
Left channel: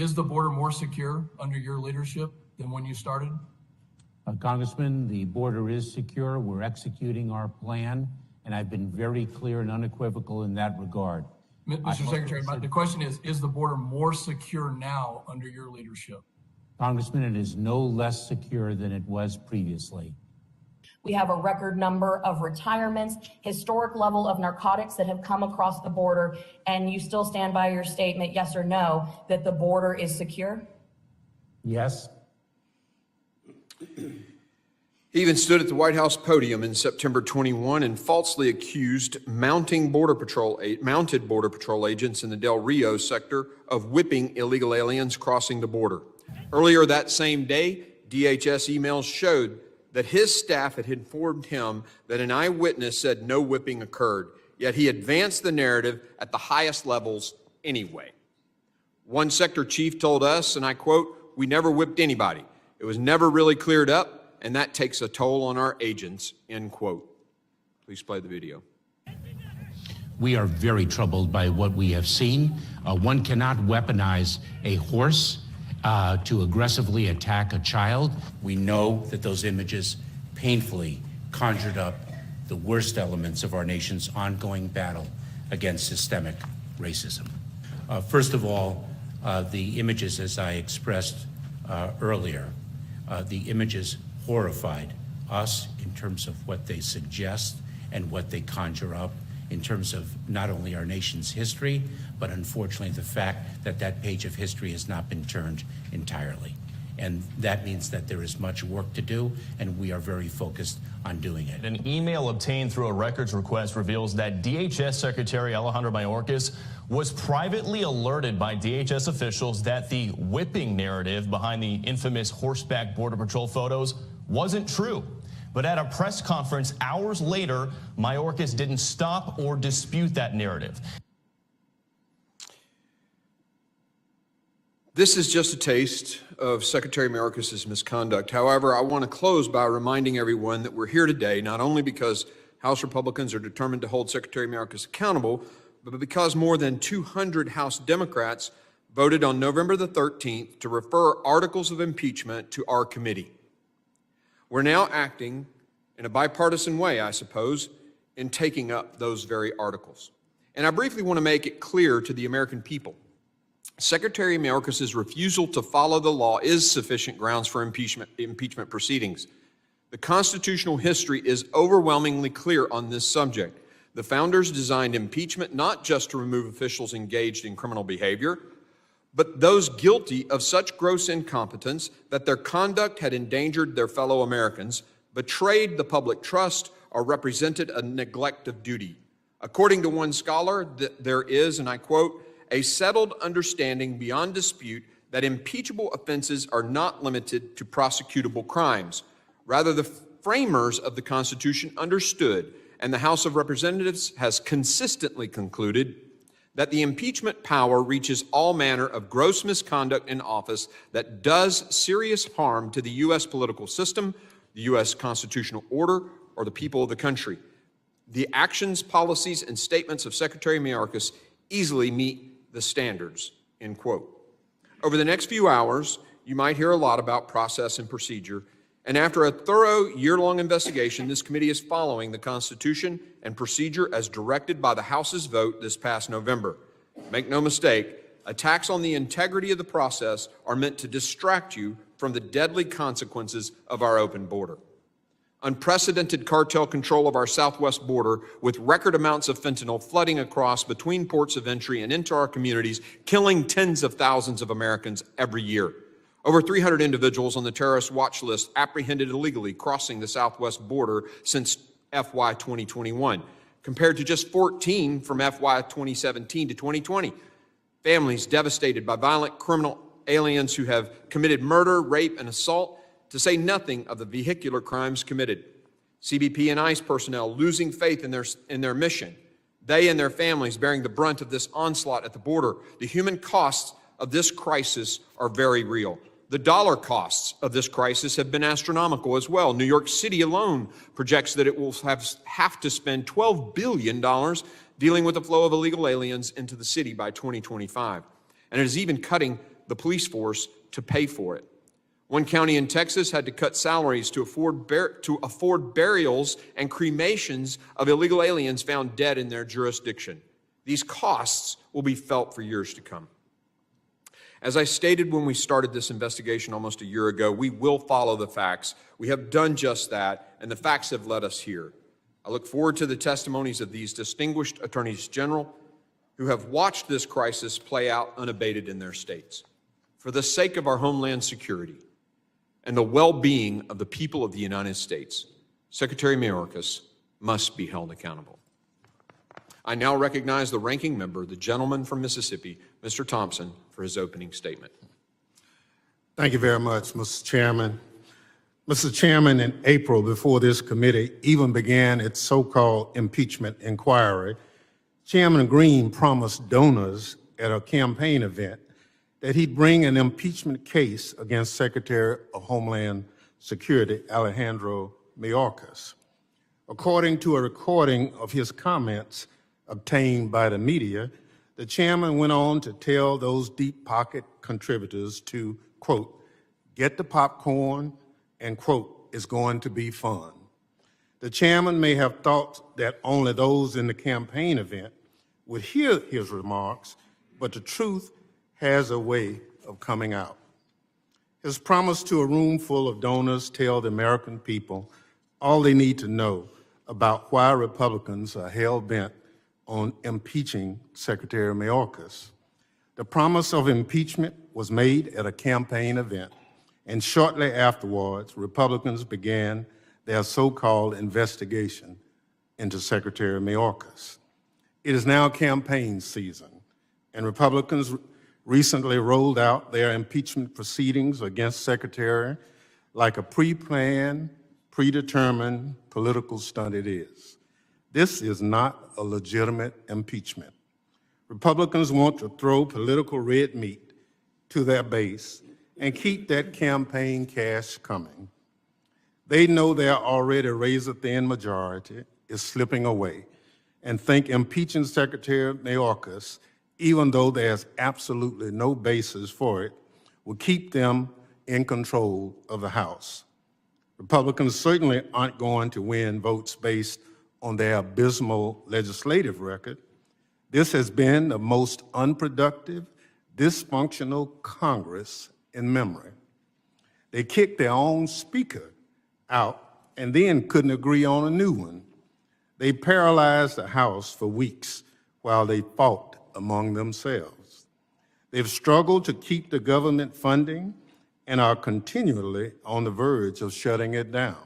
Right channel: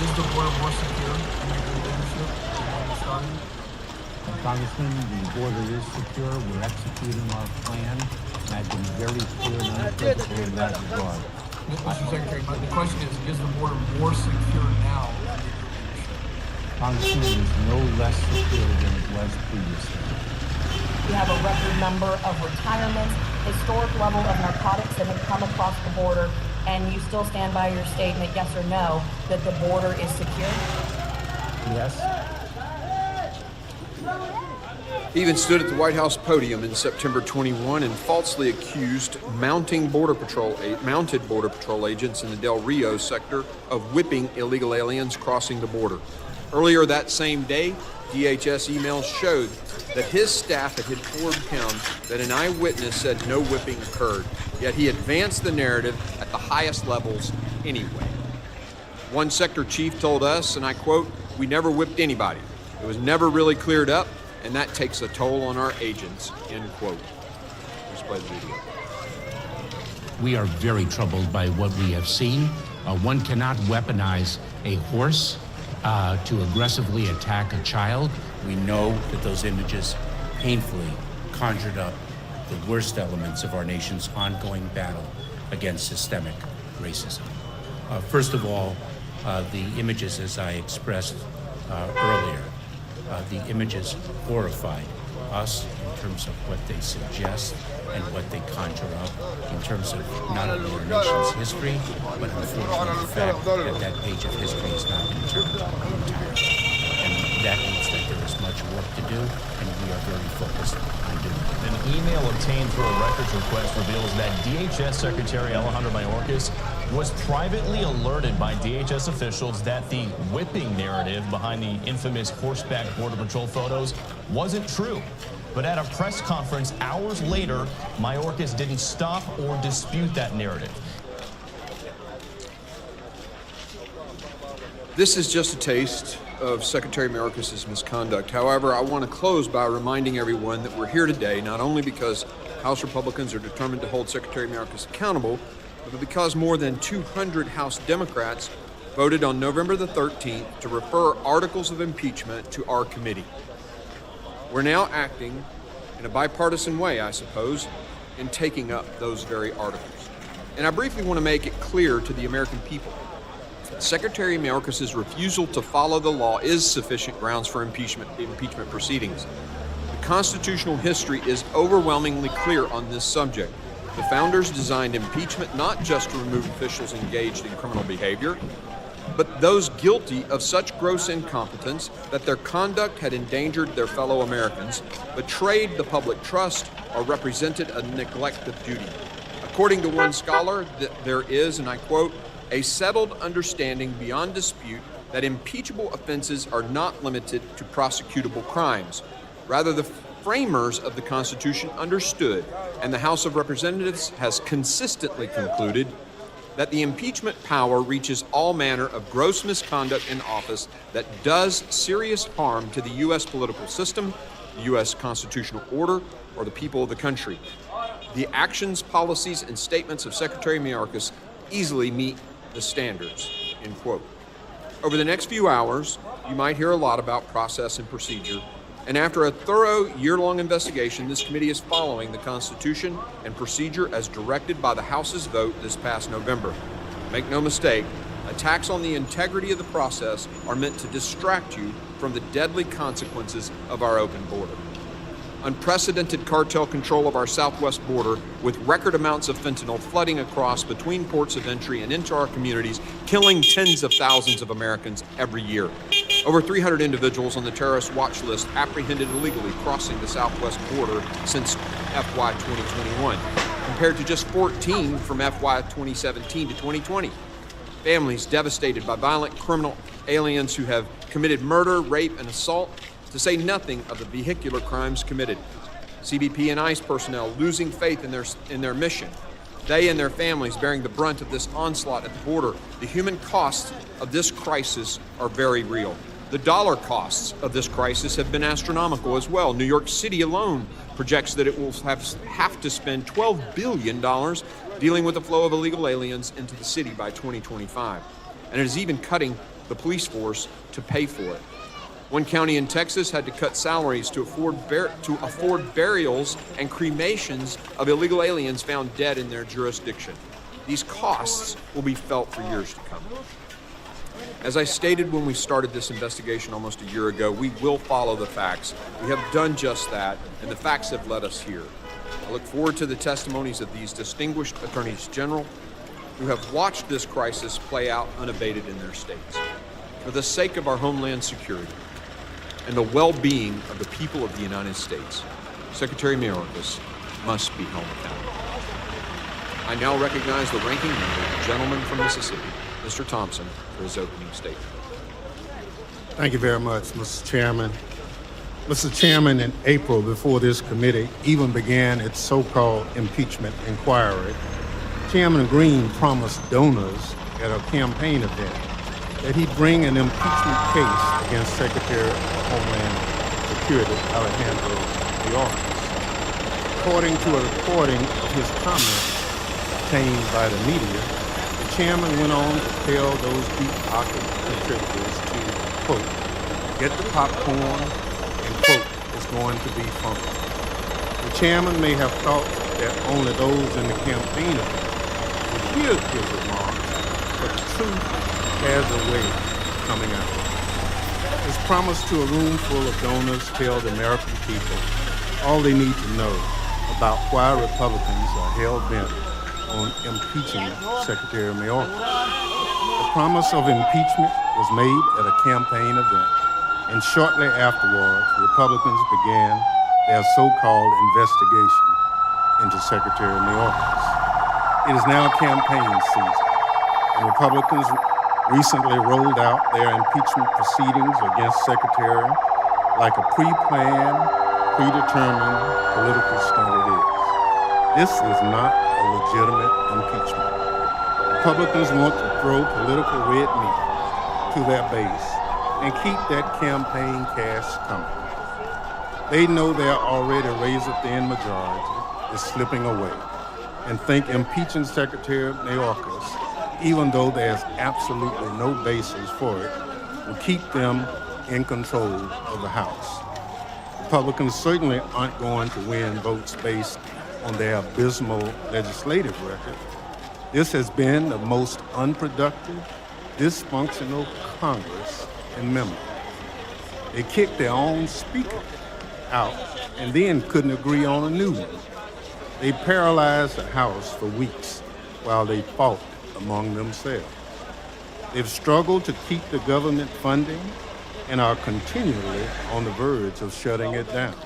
Is the border more secure under your leadership than when you started? Congressman, the border is secure. We're executing our plan, and I've been very clear and unequivocal in that regard. Mr. Secretary, the question is the border more secure now under your leadership? Congressman, it is no less secure than it was previously. We have a record number of retirements, historic level of narcotics that have come across the border, and you still stand by your statement, yes or no, that the border is secure? Yes. He even stood at the White House podium in September 21 and falsely accused mounted Border Patrol agents in the Del Rio sector of whipping illegal aliens crossing the border. Earlier that same day, DHS emails showed that his staff had informed him that an eyewitness said no whipping occurred, yet he advanced the narrative at the highest levels anyway. One sector chief told us, and I quote, "We never whipped anybody. It was never really cleared up, and that takes a toll on our agents," end quote. Please play the video. We are very troubled by what we have seen. One cannot weaponize a horse to aggressively attack a child. We know that those images painfully conjured up the worst elements of our nation's ongoing battle against systemic racism. First of all, the images, as I expressed earlier, the images horrified us in terms of what they suggest and what they conjure up in terms of not only our nation's history, but unfortunately the fact that that page of history has not been turned entirely. And that means that there is much work to do, and we are very focused on doing it. An email obtained through a records request reveals that DHS Secretary Alejandro Mayorkas was privately alerted by DHS officials that the whipping narrative behind the infamous horseback Border Patrol photos wasn't true. But at a press conference hours later, Mayorkas didn't stop or dispute that narrative. This is just a taste of Secretary Mayorkas' misconduct. However, I want to close by reminding everyone that we're here today not only because House Republicans are determined to hold Secretary Mayorkas accountable, but because more than 200 House Democrats voted on November the 13th to refer articles of impeachment to our committee. We're now acting in a bipartisan way, I suppose, in taking up those very articles. And I briefly want to make it clear to the American people. Secretary Mayorkas's refusal to follow the law is sufficient grounds for impeachment proceedings. The constitutional history is overwhelmingly clear on this subject. The founders designed impeachment not just to remove officials engaged in criminal behavior, but those guilty of such gross incompetence that their conduct had endangered their fellow Americans, betrayed the public trust, or represented a neglect of duty. According to one scholar, there is, and I quote, a settled understanding beyond dispute that impeachable offenses are not limited to prosecutable crimes. Rather, the framers of the Constitution understood, and the House of Representatives has consistently concluded, that the impeachment power reaches all manner of gross misconduct in office that does serious harm to the U.S. political system, the U.S. constitutional order, or the people of the country. The actions, policies, and statements of Secretary Mayorkas easily meet the standards, end quote. Over the next few hours, you might hear a lot about process and procedure, and after a thorough year-long investigation, this committee is following the Constitution and procedure as directed by the House's vote this past November. Make no mistake, attacks on the integrity of the process are meant to distract you from the deadly consequences of our open border. Unprecedented cartel control of our southwest border, with record amounts of fentanyl flooding across between ports of entry and into our communities, killing tens of thousands of Americans every year. Over 300 individuals on the terrorist watch list apprehended illegally crossing the southwest border since FY 2021, compared to just 14 from FY 2017 to 2020. Families devastated by violent criminal aliens who have committed murder, rape, and assault, to say nothing of the vehicular crimes committed. CBP and ICE personnel losing faith in their mission. They and their families bearing the brunt of this onslaught at the border. The human costs of this crisis are very real. The dollar costs of this crisis have been astronomical as well. New York City alone projects that it will have to spend $12 billion dealing with the flow of illegal aliens into the city by 2025. And it is even cutting the police force to pay for it. One county in Texas had to cut salaries to afford burials and cremations of illegal aliens found dead in their jurisdiction. These costs will be felt for years to come. As I stated when we started this investigation almost a year ago, we will follow the facts. We have done just that, and the facts have led us here. I look forward to the testimonies of these distinguished attorneys general who have watched this crisis play out unabated in their states. For the sake of our homeland security and the well-being of the people of the United States, Secretary Mayorkas must be held accountable. I now recognize the ranking member, the gentleman from Mississippi, Mr. Thompson, for his opening statement. Thank you very much, Mr. Chairman. Mr. Chairman, in April, before this committee even began its so-called impeachment inquiry, Chairman Green promised donors at a campaign event that he'd bring an impeachment case against Secretary of Homeland Security Alejandro Mayorkas. According to a recording of his comments obtained by the media, the chairman went on to tell those deep-pocket contributors to, quote, get the popcorn and, quote, it's going to be fun. The chairman may have thought that only those in the campaign event would hear his remarks, but the truth has a way of coming out. His promise to a room full of donors tells the American people all they need to know about why Republicans are hell-bent on impeaching Secretary Mayorkas. The promise of impeachment was made at a campaign event, and shortly afterwards, Republicans began their so-called investigation into Secretary Mayorkas. It is now campaign season, and Republicans recently rolled out their impeachment proceedings against Secretary like a pre-planned, predetermined political stunt it is. This is not a legitimate impeachment. Republicans want to throw political red meat to their base and keep that campaign cash coming. They know their already razor-thin majority is slipping away and think impeaching Secretary Mayorkas even though there's absolutely no basis for it, will keep them in control of the House. Republicans certainly aren't going to win votes based on their abysmal legislative record. This has been the most unproductive, dysfunctional Congress in memory. They kicked their own speaker out and then couldn't agree on a new one. They paralyzed the House for weeks while they fought among themselves. They've struggled to keep the government funding and are continually on the verge of shutting it down.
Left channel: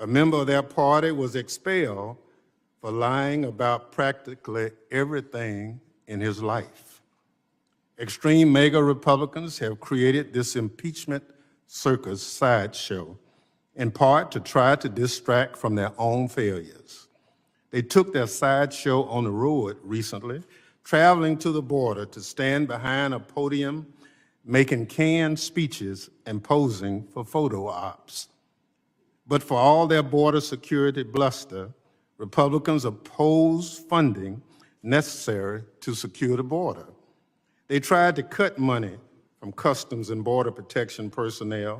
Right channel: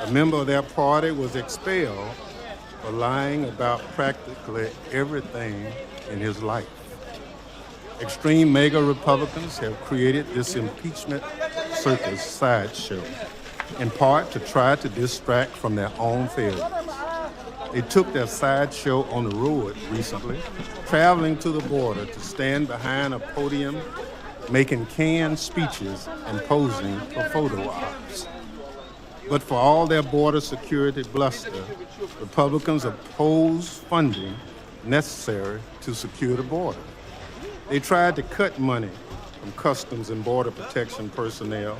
A member of their party was expelled for lying about practically everything in his life. Extreme MAGA Republicans have created this impeachment circus sideshow, in part to try to distract from their own failures. They took their sideshow on the road recently, traveling to the border to stand behind a podium, making canned speeches and posing for photo ops. But for all their border security bluster, Republicans oppose funding necessary to secure the border. They tried to cut money from Customs and Border Protection personnel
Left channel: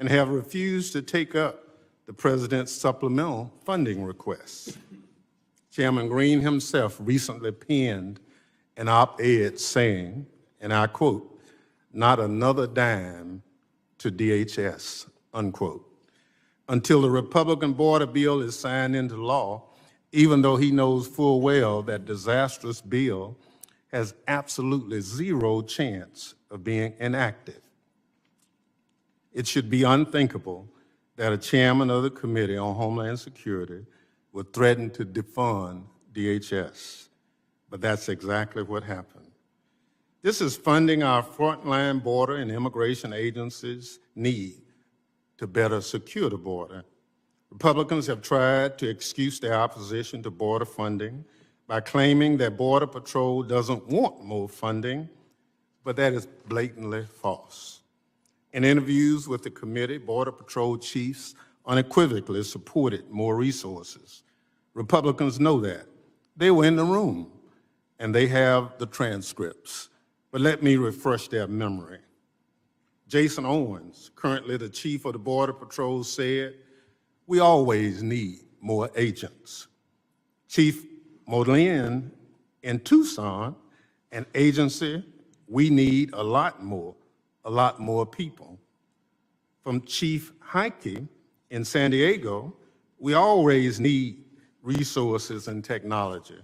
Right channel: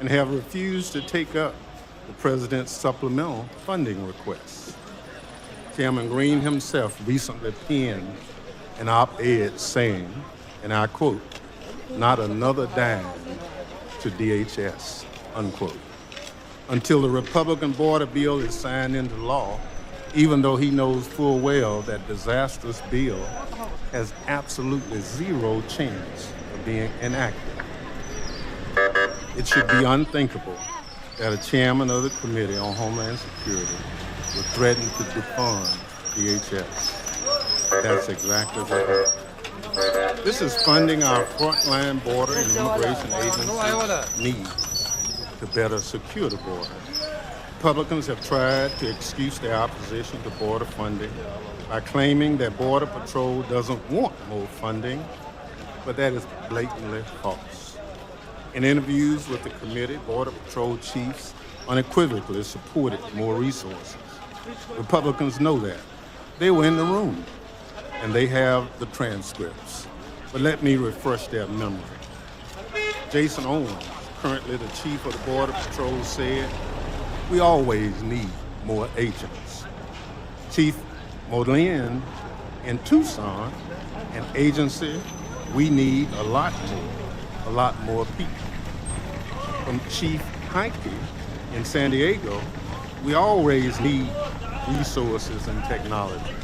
and have refused to take up the president's supplemental funding requests. Chairman Green himself recently penned an op-ed saying, and I quote, "Not another dime to DHS," unquote. Until the Republican border bill is signed into law, even though he knows full well that disastrous bill has absolutely zero chance of being enacted. It should be unthinkable that a chairman of the Committee on Homeland Security would threaten to defund DHS. But that's exactly what happened. This is funding our frontline border and immigration agencies' need to better secure the border. Republicans have tried to excuse their opposition to border funding by claiming that Border Patrol doesn't want more funding, but that is blatantly false. In interviews with the committee, Border Patrol chiefs unequivocally supported more resources. Republicans know that. They were in the room, and they have the transcripts. But let me refresh their memory. Jason Owens, currently the chief of the Border Patrol, said, "We always need more agents." Chief Modlin in Tucson, an agency, "We need a lot more people." From Chief Heike in San Diego, "We always need resources and technology."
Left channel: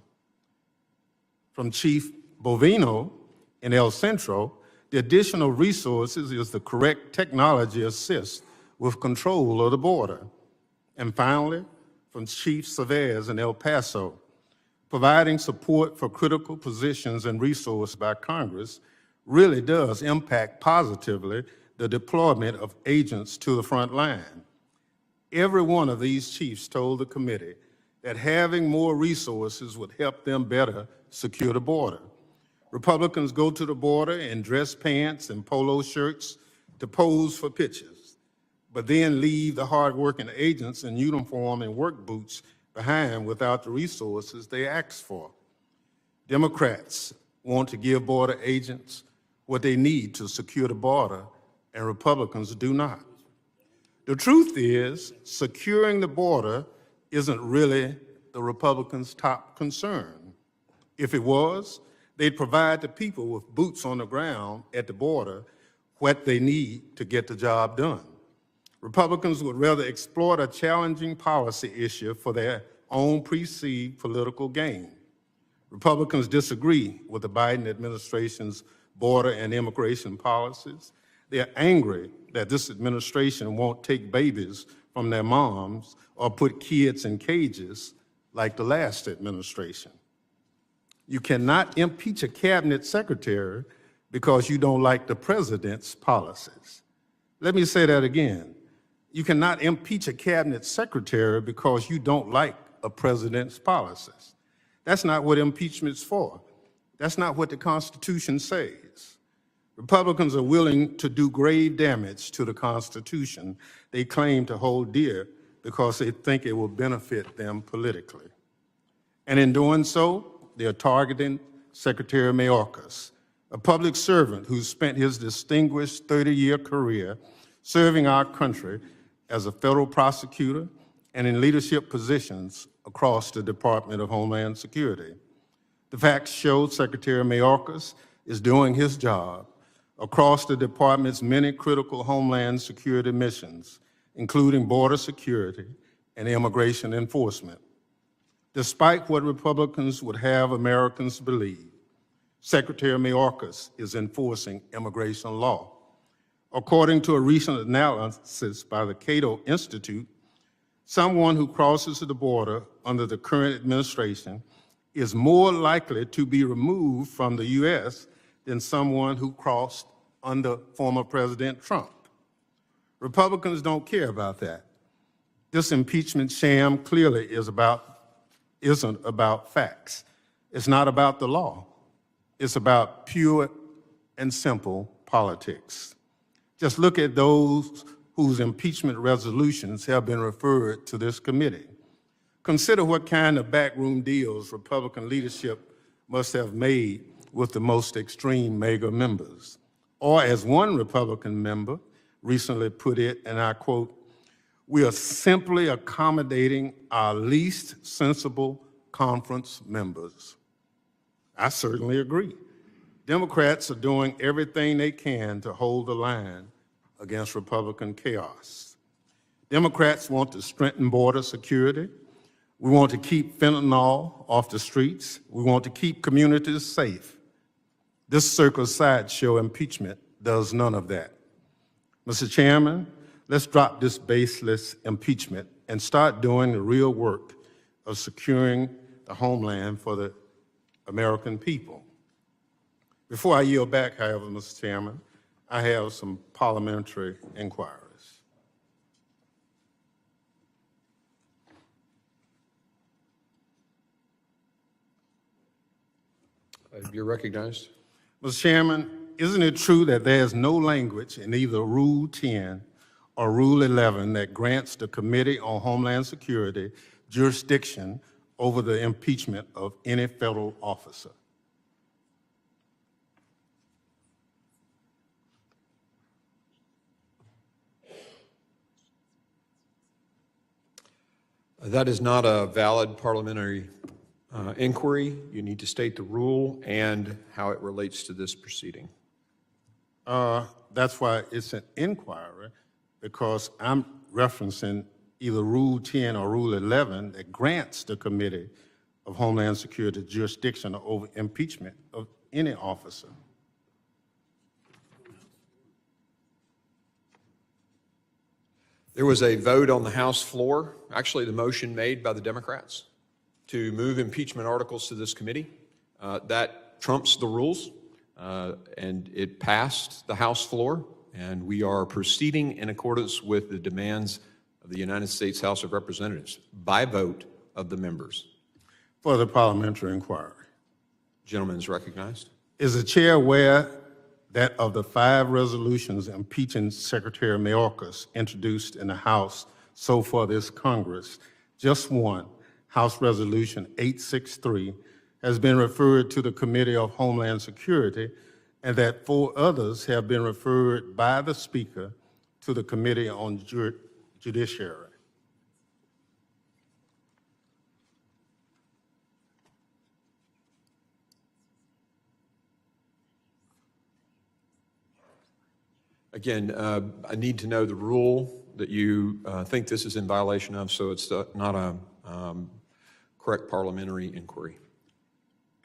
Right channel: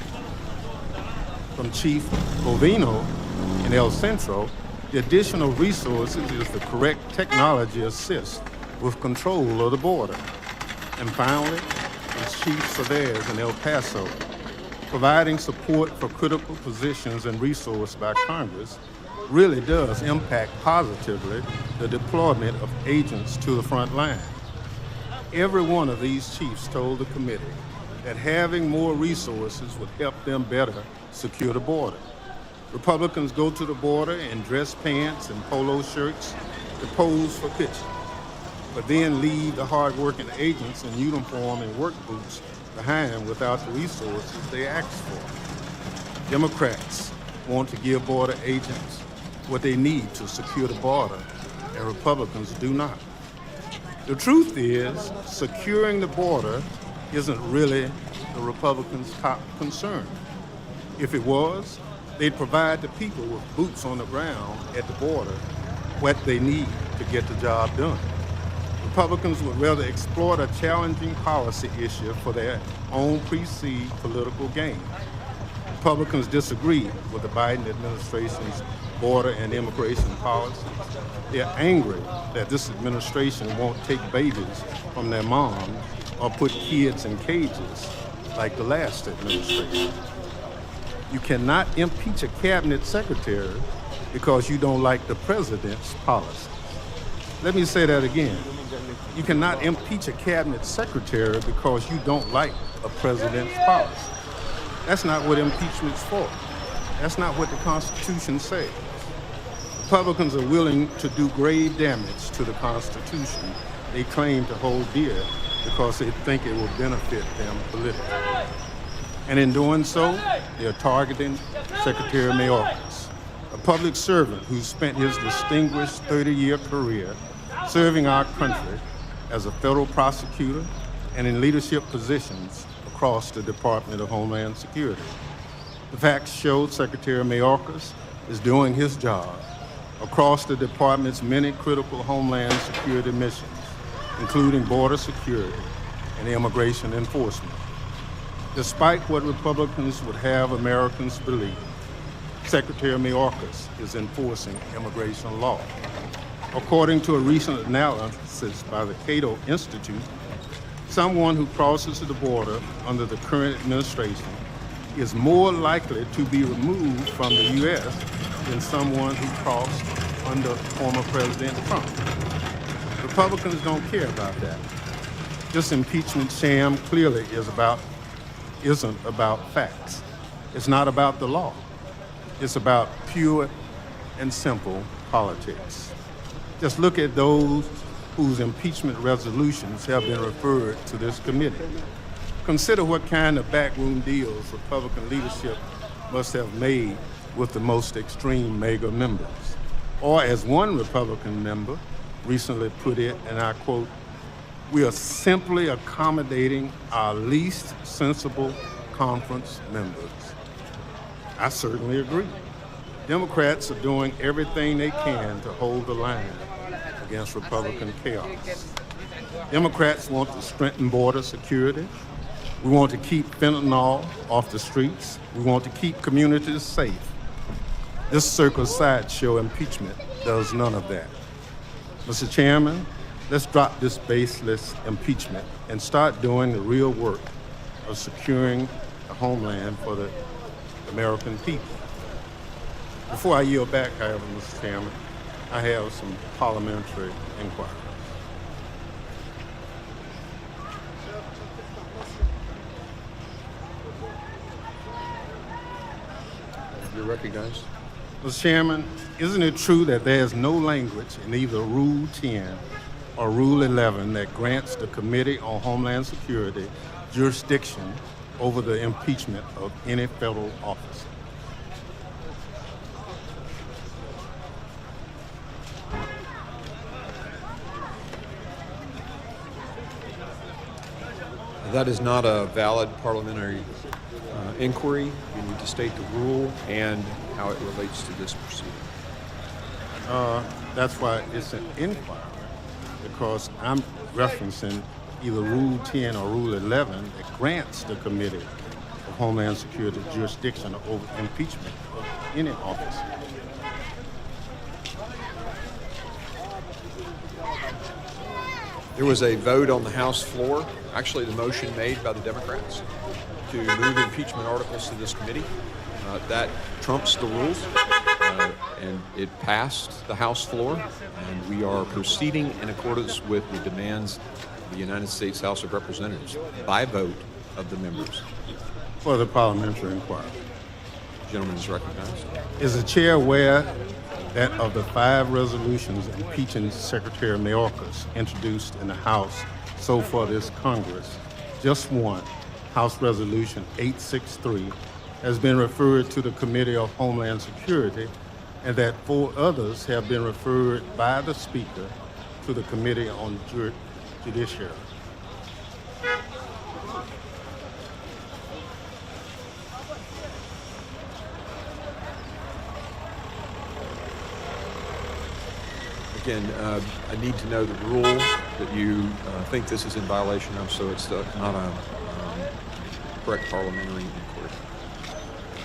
From Chief Bovino in El Centro, "The additional resources is the correct technology assist with control of the border." And finally, from Chief Chavez in El Paso, "Providing support for critical positions and resource by Congress really does impact positively the deployment of agents to the front line." Every one of these chiefs told the committee that having more resources would help them better secure the border. Republicans go to the border in dress pants and polo shirts to pose for pictures, but then leave the hard-working agents in uniform and work boots behind without the resources they asked for. Democrats want to give border agents what they need to secure the border, and Republicans do not. The truth is, securing the border isn't really the Republicans' top concern. If it was, they'd provide the people with boots on the ground at the border what they need to get the job done. Republicans would rather exploit a challenging policy issue for their own perceived political gain. Republicans disagree with the Biden administration's border and immigration policies. They're angry that this administration won't take babies from their moms or put kids in cages like the last administration. You cannot impeach a cabinet secretary because you don't like the president's policies. Let me say that again. You cannot impeach a cabinet secretary because you don't like a president's policies. That's not what impeachment's for. That's not what the Constitution says. Republicans are willing to do grave damage to the Constitution they claim to hold dear because they think it will benefit them politically. And in doing so, they're targeting Secretary Mayorkas, a public servant who spent his distinguished 30-year career serving our country as a federal prosecutor and in leadership positions across the Department of Homeland Security. The facts show Secretary Mayorkas is doing his job across the department's many critical Homeland Security missions, including border security and immigration enforcement. Despite what Republicans would have Americans believe, Secretary Mayorkas is enforcing immigration law. According to a recent analysis by the Cato Institute, someone who crosses the border under the current administration is more likely to be removed from the U.S. than someone who crossed under former President Trump. Republicans don't care about that. This impeachment sham clearly isn't about facts. It's not about the law. It's about pure and simple politics. Just look at those whose impeachment resolutions have been referred to this committee. Consider what kind of backroom deals Republican leadership must have made with the most extreme MAGA members. Or as one Republican member recently put it, and I quote, "We are simply accommodating our least sensible conference members." I certainly agree. Democrats are doing everything they can to hold the line against Republican chaos. Democrats want to strengthen border security. We want to keep fentanyl off the streets. We want to keep communities safe. This circus sideshow impeachment does none of that. Mr. Chairman, let's drop this baseless impeachment and start doing the real work of securing the homeland for the American people. Before I yield back, however, Mr. Chairman, I have some parliamentary inquiries. You're recognized. Mr. Chairman, isn't it true that there's no language in either Rule 10 or Rule 11 that grants the Committee on Homeland Security jurisdiction over the impeachment of any federal officer? That is not a valid parliamentary inquiry. You need to state the rule and how it relates to this proceeding. That's why it's an inquiry, because I'm referencing either Rule 10 or Rule 11 that grants the Committee of Homeland Security jurisdiction over impeachment of any officer. There was a vote on the House floor, actually the motion made by the Democrats to move impeachment articles to this committee. That trumps the rules, and it passed the House floor, and we are proceeding in accordance with the demands of the United States House of Representatives by vote of the members. For the parliamentary inquiry. The gentleman is recognized. Is the chair aware that of the 5 resolutions impeaching Secretary Mayorkas introduced in the House so far this Congress, just one, House Resolution 863, has been referred to the Committee of Homeland Security, and that 4 others have been referred by the Speaker to the Committee on Judiciary? Again, I need to know the rule that you think this is in violation of, so it's not a correct parliamentary inquiry.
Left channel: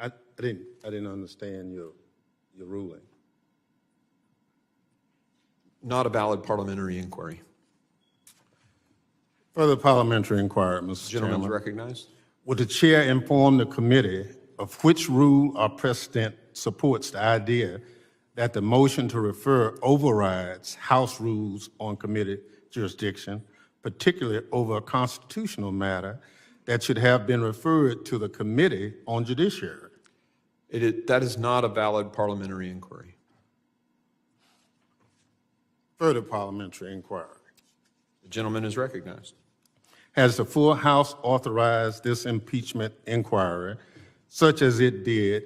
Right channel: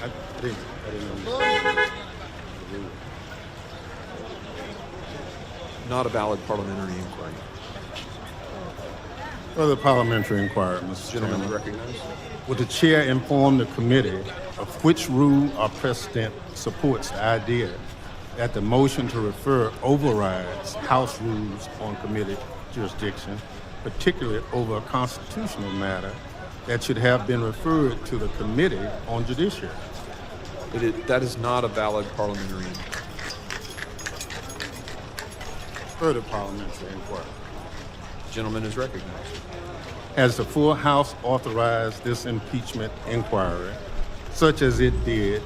I didn't understand the rule. Not a valid parliamentary inquiry. Further parliamentary inquiry, Mr. Gentleman Chairman. recognized. Would the chair inform the committee of which rule or precedent supports the idea that the motion to refer overrides House rules on committee jurisdiction, particularly over a constitutional matter that should have been referred to the Committee on Judiciary? That is not a valid parliamentary inquiry. Further parliamentary inquiry. Gentleman is recognized. Has the full House authorized this impeachment inquiry, such as it did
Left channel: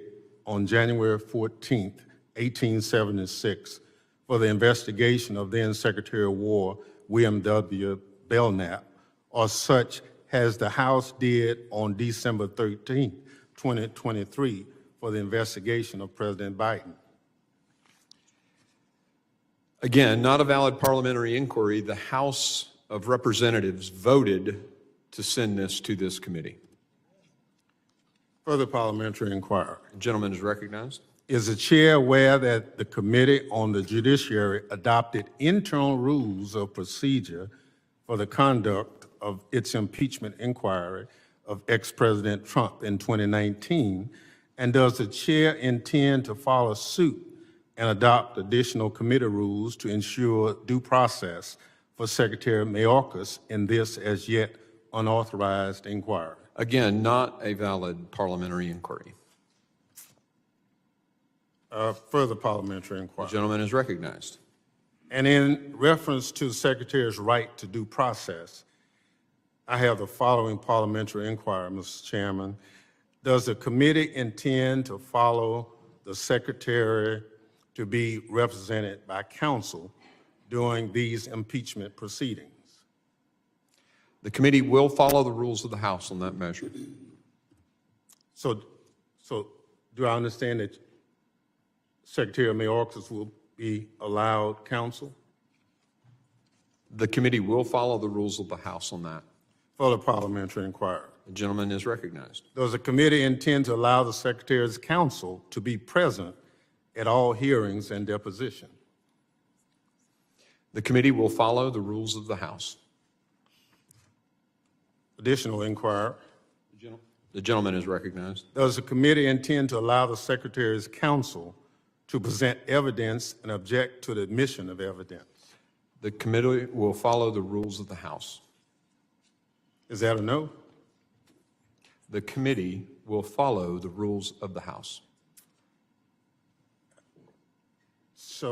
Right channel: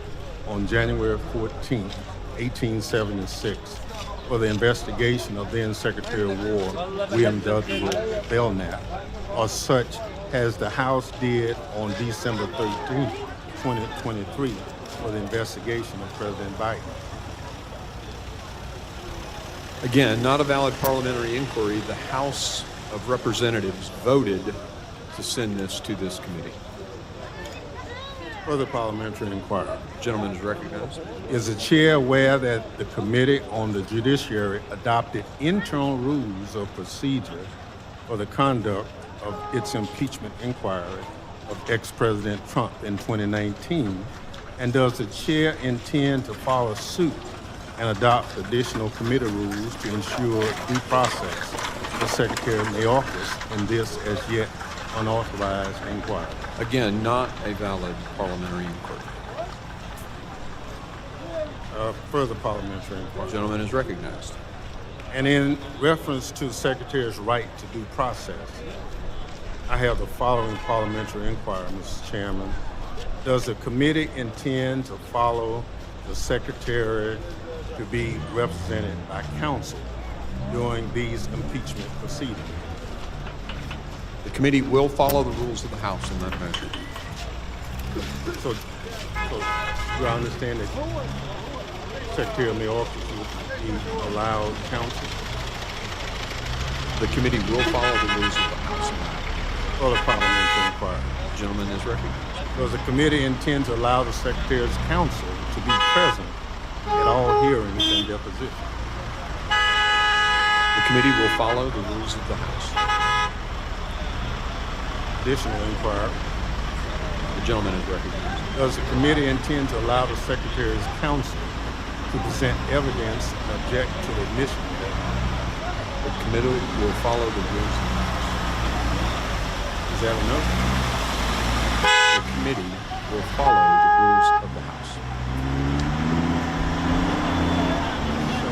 on January 14, 1876, for the investigation of then Secretary of War William W. Belknap, or such as the House did on December 13, 2023, for the investigation of President Biden. Again, not a valid parliamentary inquiry. The House of Representatives voted to send this to this committee. Further parliamentary inquiry. The gentleman is recognized. Is the chair aware that the Committee on the Judiciary adopted internal rules of procedure for the conduct of its impeachment inquiry of ex-President Trump in 2019? And does the chair intend to follow suit and adopt additional committee rules to ensure due process for Secretary Mayorkas in this as yet unauthorized inquiry? Again, not a valid parliamentary inquiry. Further parliamentary inquiry. The gentleman is recognized. And in reference to the Secretary's right to due process, I have the following parliamentary inquiry, Mr. Chairman. Does the committee intend to follow the Secretary to be represented by counsel during these impeachment proceedings? The committee will follow the rules of the House on that measure. So do I understand that Secretary Mayorkas will be allowed counsel? The committee will follow the rules of the House on that. Further parliamentary inquiry. The gentleman is recognized. Does the committee intend to allow the Secretary's counsel to be present at all hearings and depositions? The committee will follow the rules of the House. Additional inquiry. The gentleman is recognized. Does the committee intend to allow the Secretary's counsel to present evidence and object to the admission of evidence? The committee will follow the rules of the House. Is that a no? The committee will follow the rules of the House. So,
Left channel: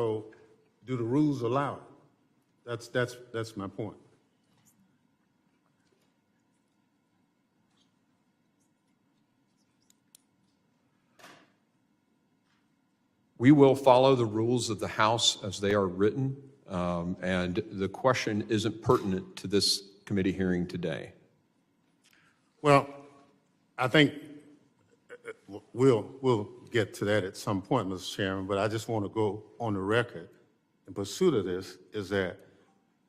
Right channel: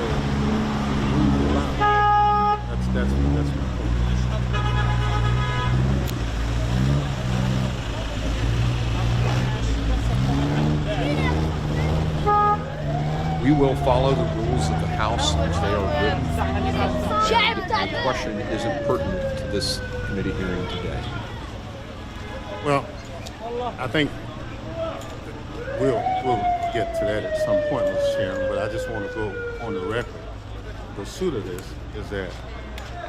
do the rules allow it? That's my point. We will follow the rules of the House as they are written, and the question isn't pertinent to this committee hearing today. Well, I think we'll get to that at some point, Mr. Chairman, but I just want to go on the record. The pursuit of this is that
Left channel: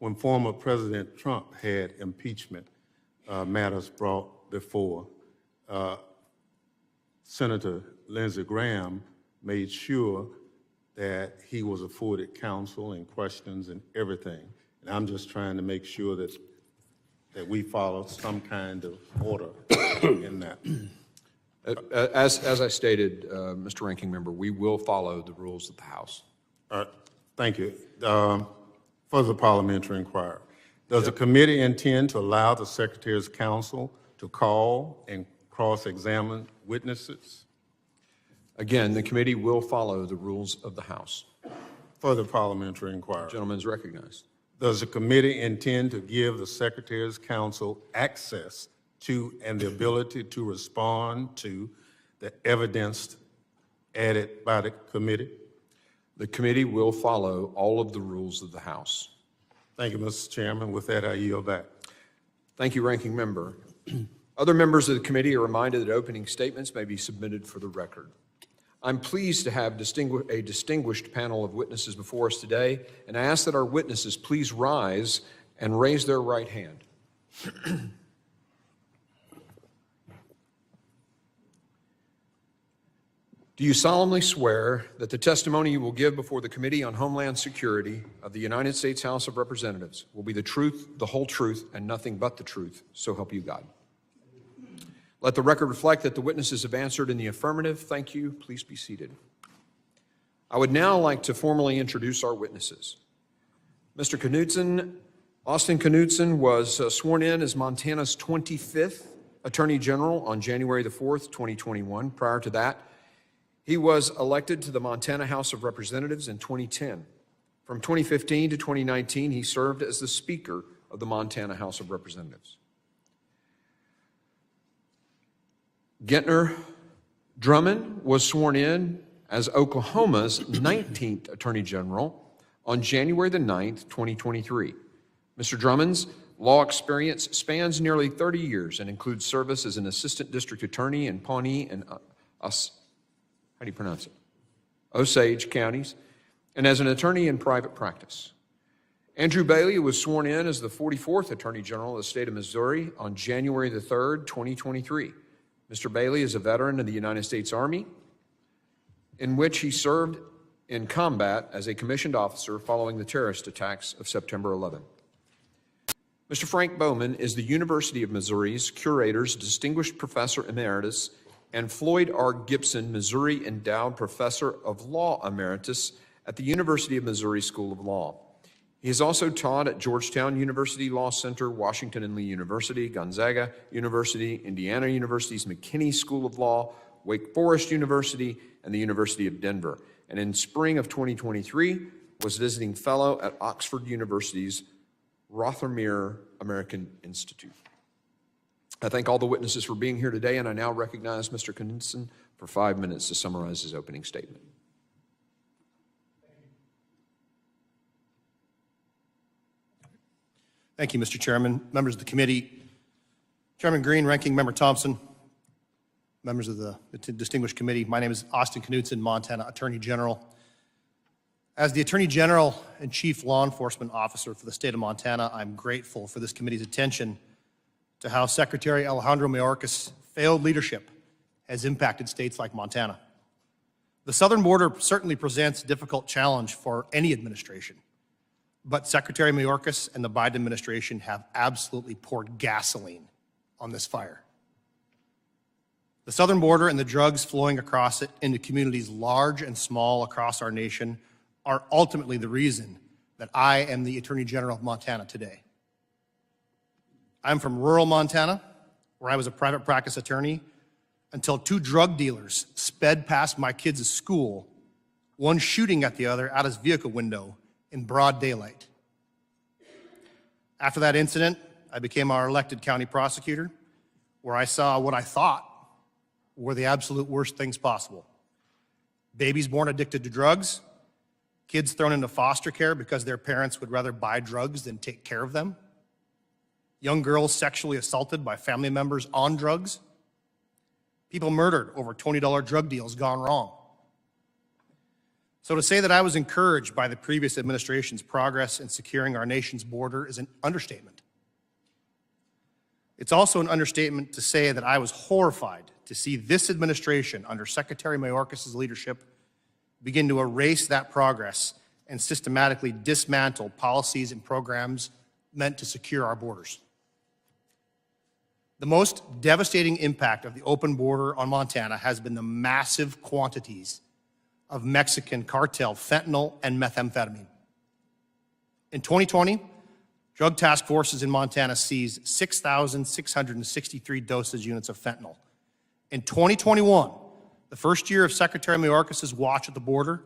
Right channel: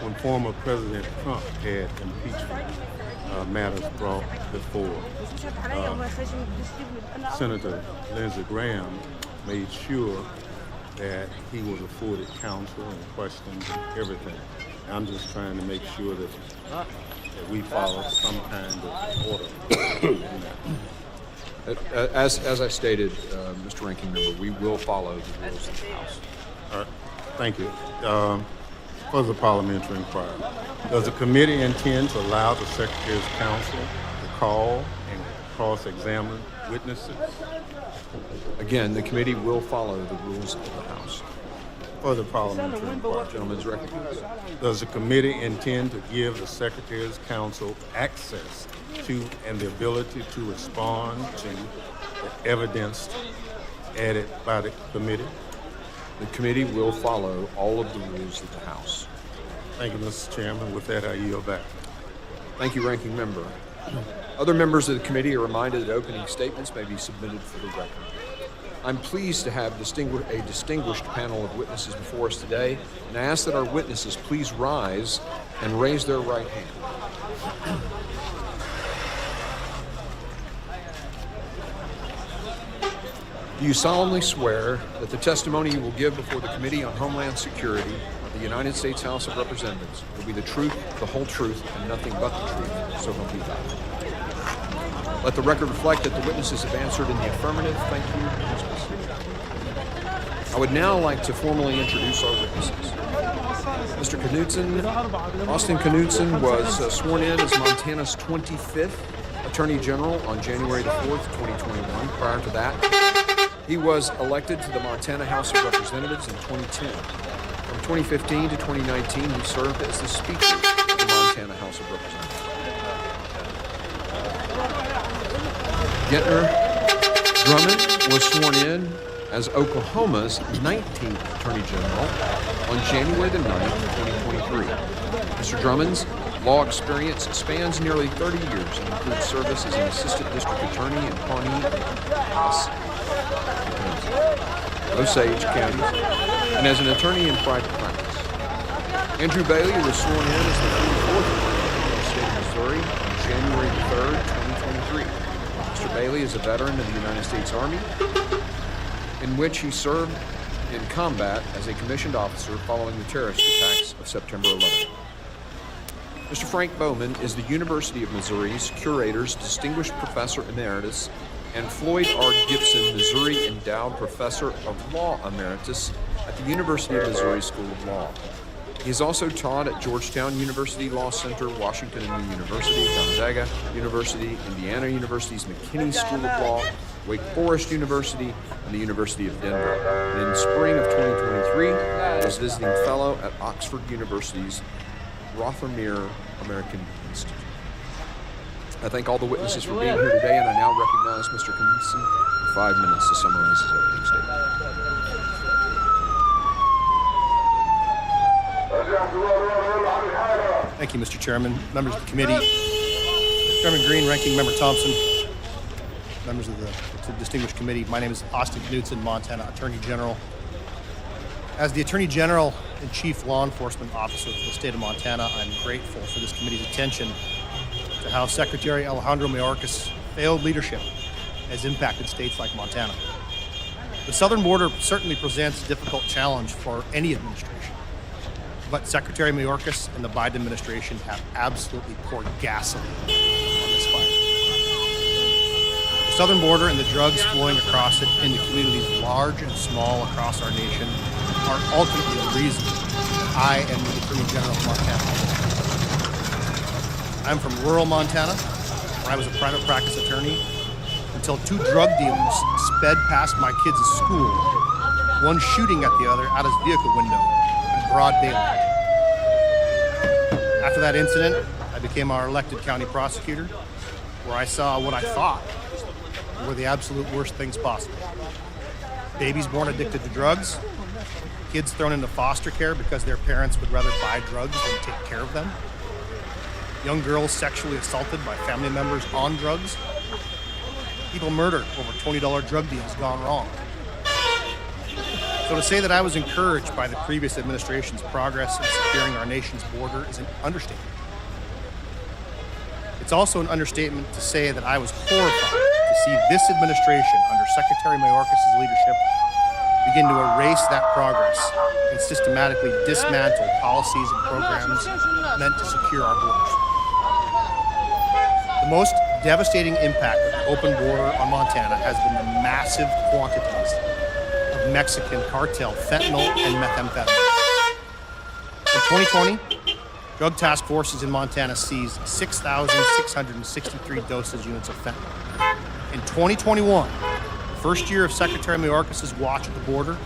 when former President Trump had impeachment matters brought before, Senator Lindsey Graham made sure that he was afforded counsel and questions and everything. I'm just trying to make sure that we follow some kind of order in that. As I stated, Mr. Ranking Member, we will follow the rules of the House. All right, thank you. Further parliamentary inquiry. Does the committee intend to allow the Secretary's counsel to call and cross-examine witnesses? Again, the committee will follow the rules of the House. Further parliamentary inquiry. The gentleman is recognized. Does the committee intend to give the Secretary's counsel access to and the ability to respond to the evidence added by the committee? The committee will follow all of the rules of the House. Thank you, Mr. Chairman. With that, I yield back. Thank you, Ranking Member. Other members of the committee are reminded that opening statements may be submitted for the record. I'm pleased to have a distinguished panel of witnesses before us today, and I ask that our witnesses please rise and raise their right hand. Do you solemnly swear that the testimony you will give before the Committee on Homeland Security of the United States House of Representatives will be the truth, the whole truth, and nothing but the truth, so help you God? Let the record reflect that the witnesses have answered in the affirmative. Thank you. Please be seated. I would now like to formally introduce our witnesses. Mr. Knudsen, Austin Knudsen was sworn in as Montana's 25th Attorney General on January the 4th, 2021. Prior to that, he was elected to the Montana House of Representatives in 2010. From 2015 to 2019, he served as the Speaker of the Montana House of Representatives. Drummond was sworn in as Oklahoma's 19th Attorney General on January the 9th, 2023. Mr. Drummond's law experience spans nearly 30 years and includes service as an assistant district attorney in Pawnee and Osage counties, and as an attorney in private practice. Andrew Bailey was sworn in as the 44th Attorney General of the state of Missouri on January the 3rd, 2023. Mr. Bailey is a veteran of the United States Army, in which he served in combat as a commissioned officer following the terrorist attacks of September 11th. Mr. Frank Bowman is the University of Missouri's Curator's Distinguished Professor Emeritus and Floyd R. Gibson Missouri Endowed Professor of Law Emeritus at the University of Missouri School of Law. He has also taught at Georgetown University Law Center, Washington and Lee University, Gonzaga University, Indiana University's McKinney School of Law, Wake Forest University, and the University of Denver. And in spring of 2023, was visiting fellow at Oxford University's Rothermere American Institute. I thank all the witnesses for being here today, and I now recognize Mr. Knudsen for 5 minutes to summarize his opening statement. Thank you, Mr. Chairman, members of the committee, Chairman Green, Ranking Member Thompson, members of the distinguished committee. My name is Austin Knudsen, Montana Attorney General. As the Attorney General and Chief Law Enforcement Officer for the state of Montana, I'm grateful for this committee's attention to how Secretary Alejandro Mayorkas' failed leadership has impacted states like Montana. The southern border certainly presents a difficult challenge for any administration, but Secretary Mayorkas and the Biden administration have absolutely poured gasoline on this fire. The southern border and the drugs flowing across it into communities large and small across our nation are ultimately the reason that I am the Attorney General of Montana today. I'm from rural Montana, where I was a private practice attorney until two drug dealers sped past my kids' school, one shooting at the other out his vehicle window in broad daylight. After that incident, I became our elected county prosecutor, where I saw what I thought were the absolute worst things possible. Babies born addicted to drugs, kids thrown into foster care because their parents would rather buy drugs than take care of them, young girls sexually assaulted by family members on drugs, people murdered over $20 drug deals gone wrong. So to say that I was encouraged by the previous administration's progress in securing our nation's border is an understatement. It's also an understatement to say that I was horrified to see this administration under Secretary Mayorkas' leadership begin to erase that progress and systematically dismantle policies and programs meant to secure our borders. The most devastating impact of the open border on Montana has been the massive quantities of Mexican cartel fentanyl and methamphetamine. In 2020, drug task forces in Montana seized 6,663 dosage units of fentanyl. In 2021, the first year of Secretary Mayorkas' watch at the border,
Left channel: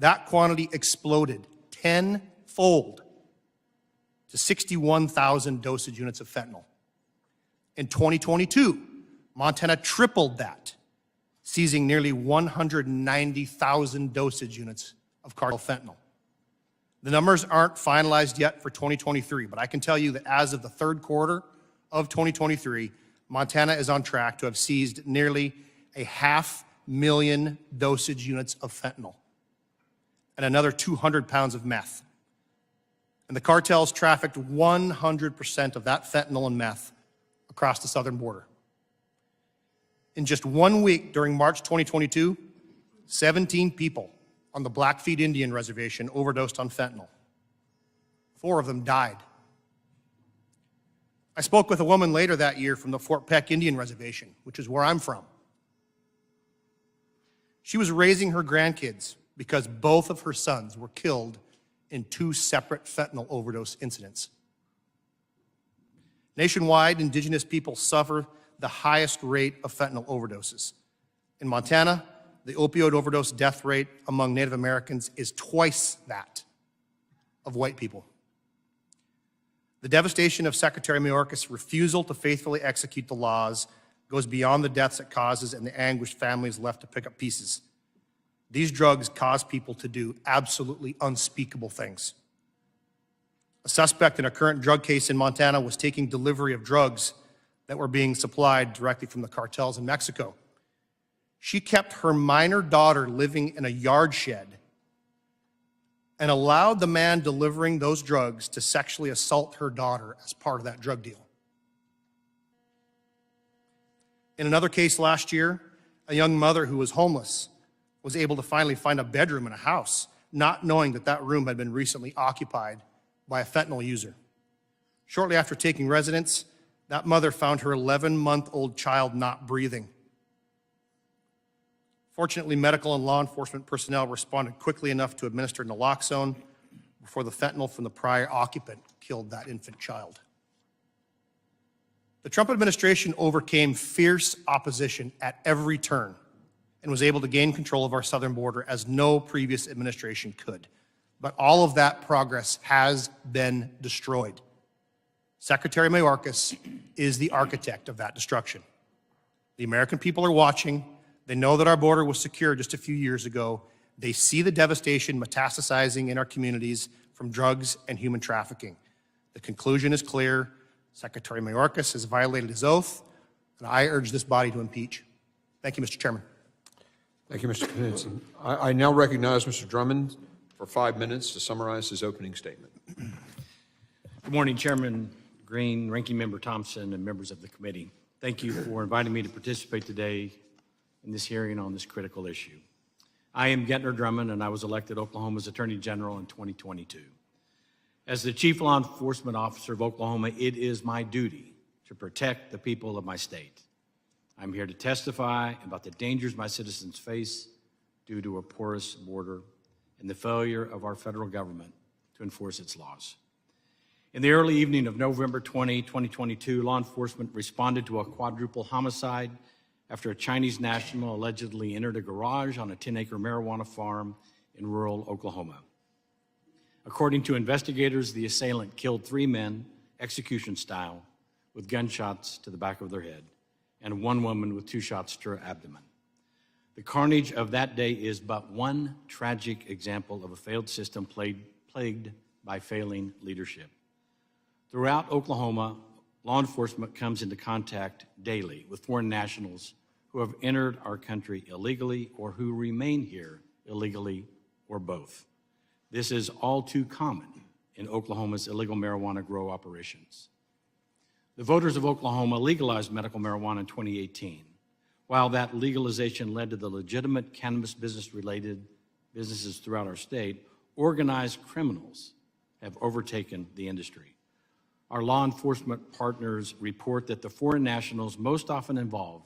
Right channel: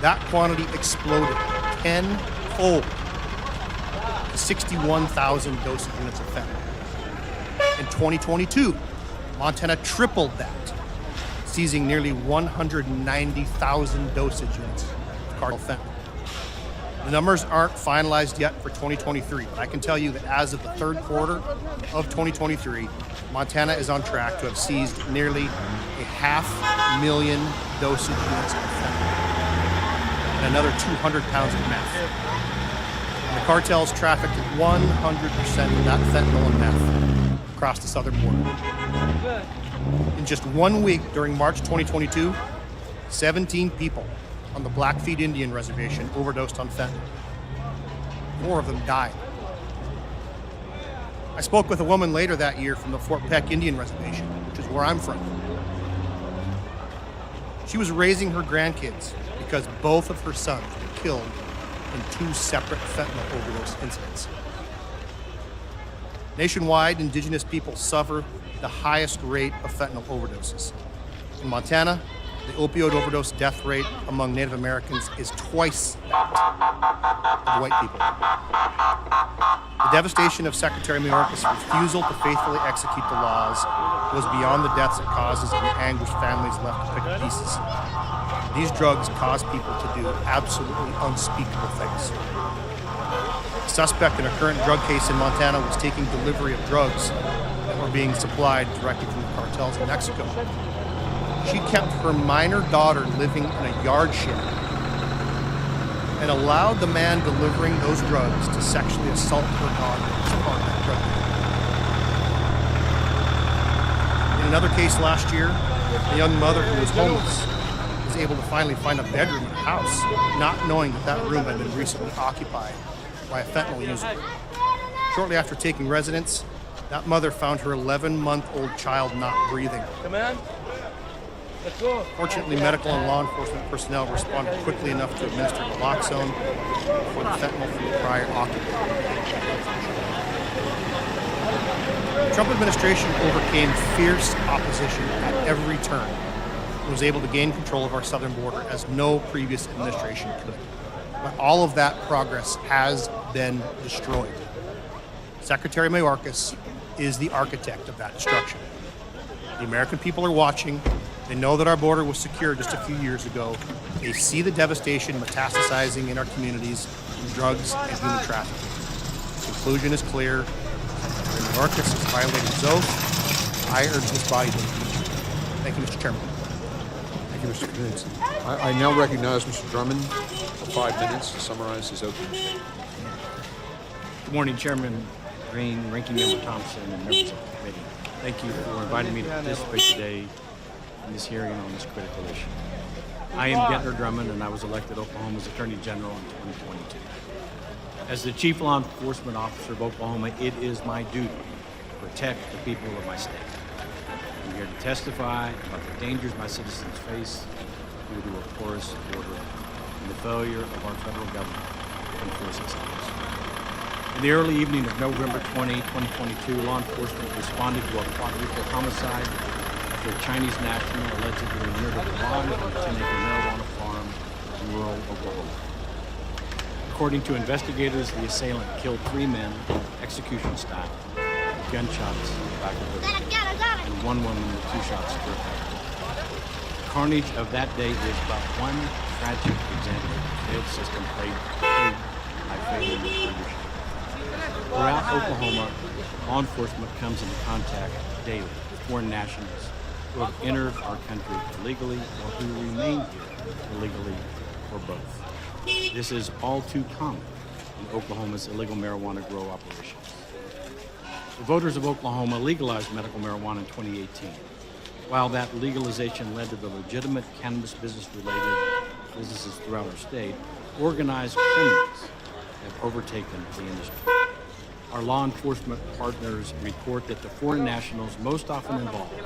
that quantity exploded tenfold to 61,000 dosage units of fentanyl. In 2022, Montana tripled that, seizing nearly 190,000 dosage units of cartel fentanyl. The numbers aren't finalized yet for 2023, but I can tell you that as of the third quarter of 2023, Montana is on track to have seized nearly 500,000 dosage units of fentanyl and another 200 pounds of meth. And the cartels trafficked 100% of that fentanyl and meth across the southern border. In just 1 week during March 2022, 17 people on the Blackfeet Indian Reservation overdosed on fentanyl. 4 of them died. I spoke with a woman later that year from the Fort Peck Indian Reservation, which is where I'm from. She was raising her grandkids because both of her sons were killed in 2 separate fentanyl overdose incidents. Nationwide, Indigenous people suffer the highest rate of fentanyl overdoses. In Montana, the opioid overdose death rate among Native Americans is twice that of white people. The devastation of Secretary Mayorkas' refusal to faithfully execute the laws goes beyond the deaths it causes and the anguish families left to pick up pieces. These drugs cause people to do absolutely unspeakable things. The suspect in a current drug case in Montana was taking delivery of drugs that were being supplied directly from the cartels in Mexico. She kept her minor daughter living in a yard shed and allowed the man delivering those drugs to sexually assault her daughter as part of that drug deal. In another case last year, a young mother who was homeless was able to finally find a bedroom in a house, not knowing that that room had been recently occupied by a fentanyl user. Shortly after taking residence, that mother found her 11-month-old child not breathing. Come on. Let's go. Fortunately, medical and law enforcement personnel responded quickly enough to administer naloxone before the fentanyl from the prior occupant killed that infant child. The Trump administration overcame fierce opposition at every turn and was able to gain control of our southern border as no previous administration could. But all of that progress has been destroyed. Secretary Mayorkas is the architect of that destruction. The American people are watching. They know that our border was secure just a few years ago. They see the devastation metastasizing in our communities from drugs and human trafficking. The conclusion is clear. Secretary Mayorkas has violated his oath. I urge this body to impeach him. Thank you, Mr. Chairman. Thank you, Mr. Knudsen. I now recognize Mr. Drummond for 5 minutes to summarize his opening statement. Good morning, Chairman Green, Ranking Member Thompson, and members of the committee. Thank you for inviting me to participate today in this hearing on this critical issue. I am Gettner Drummond, and I was elected Oklahoma's Attorney General in 2022. As the Chief Law Enforcement Officer of Oklahoma, it is my duty to protect the people of my state. I'm here to testify about the dangers my citizens face due to a porous border and the failure of our federal government to enforce its laws. In the early evening of November 20, 2022, law enforcement responded to a quadruple homicide after a Chinese national allegedly entered a garage on a 10-acre marijuana farm in rural Oklahoma. According to investigators, the assailant killed 3 men, execution style, with gunshots to the back of their head, and 1 woman with 2 shots to her abdomen. The carnage of that day is but one tragic example of a failed system plagued by failing leadership. Throughout Oklahoma, law enforcement comes into contact daily with foreign nationals who have entered our country illegally or who remain here illegally or both. This is all too common in Oklahoma's illegal marijuana grow operations. The voters of Oklahoma legalized medical marijuana in 2018. While that legalization led to the legitimate cannabis business-related businesses throughout our state, organized criminals have overtaken the industry. Our law enforcement partners report that the foreign nationals most often involved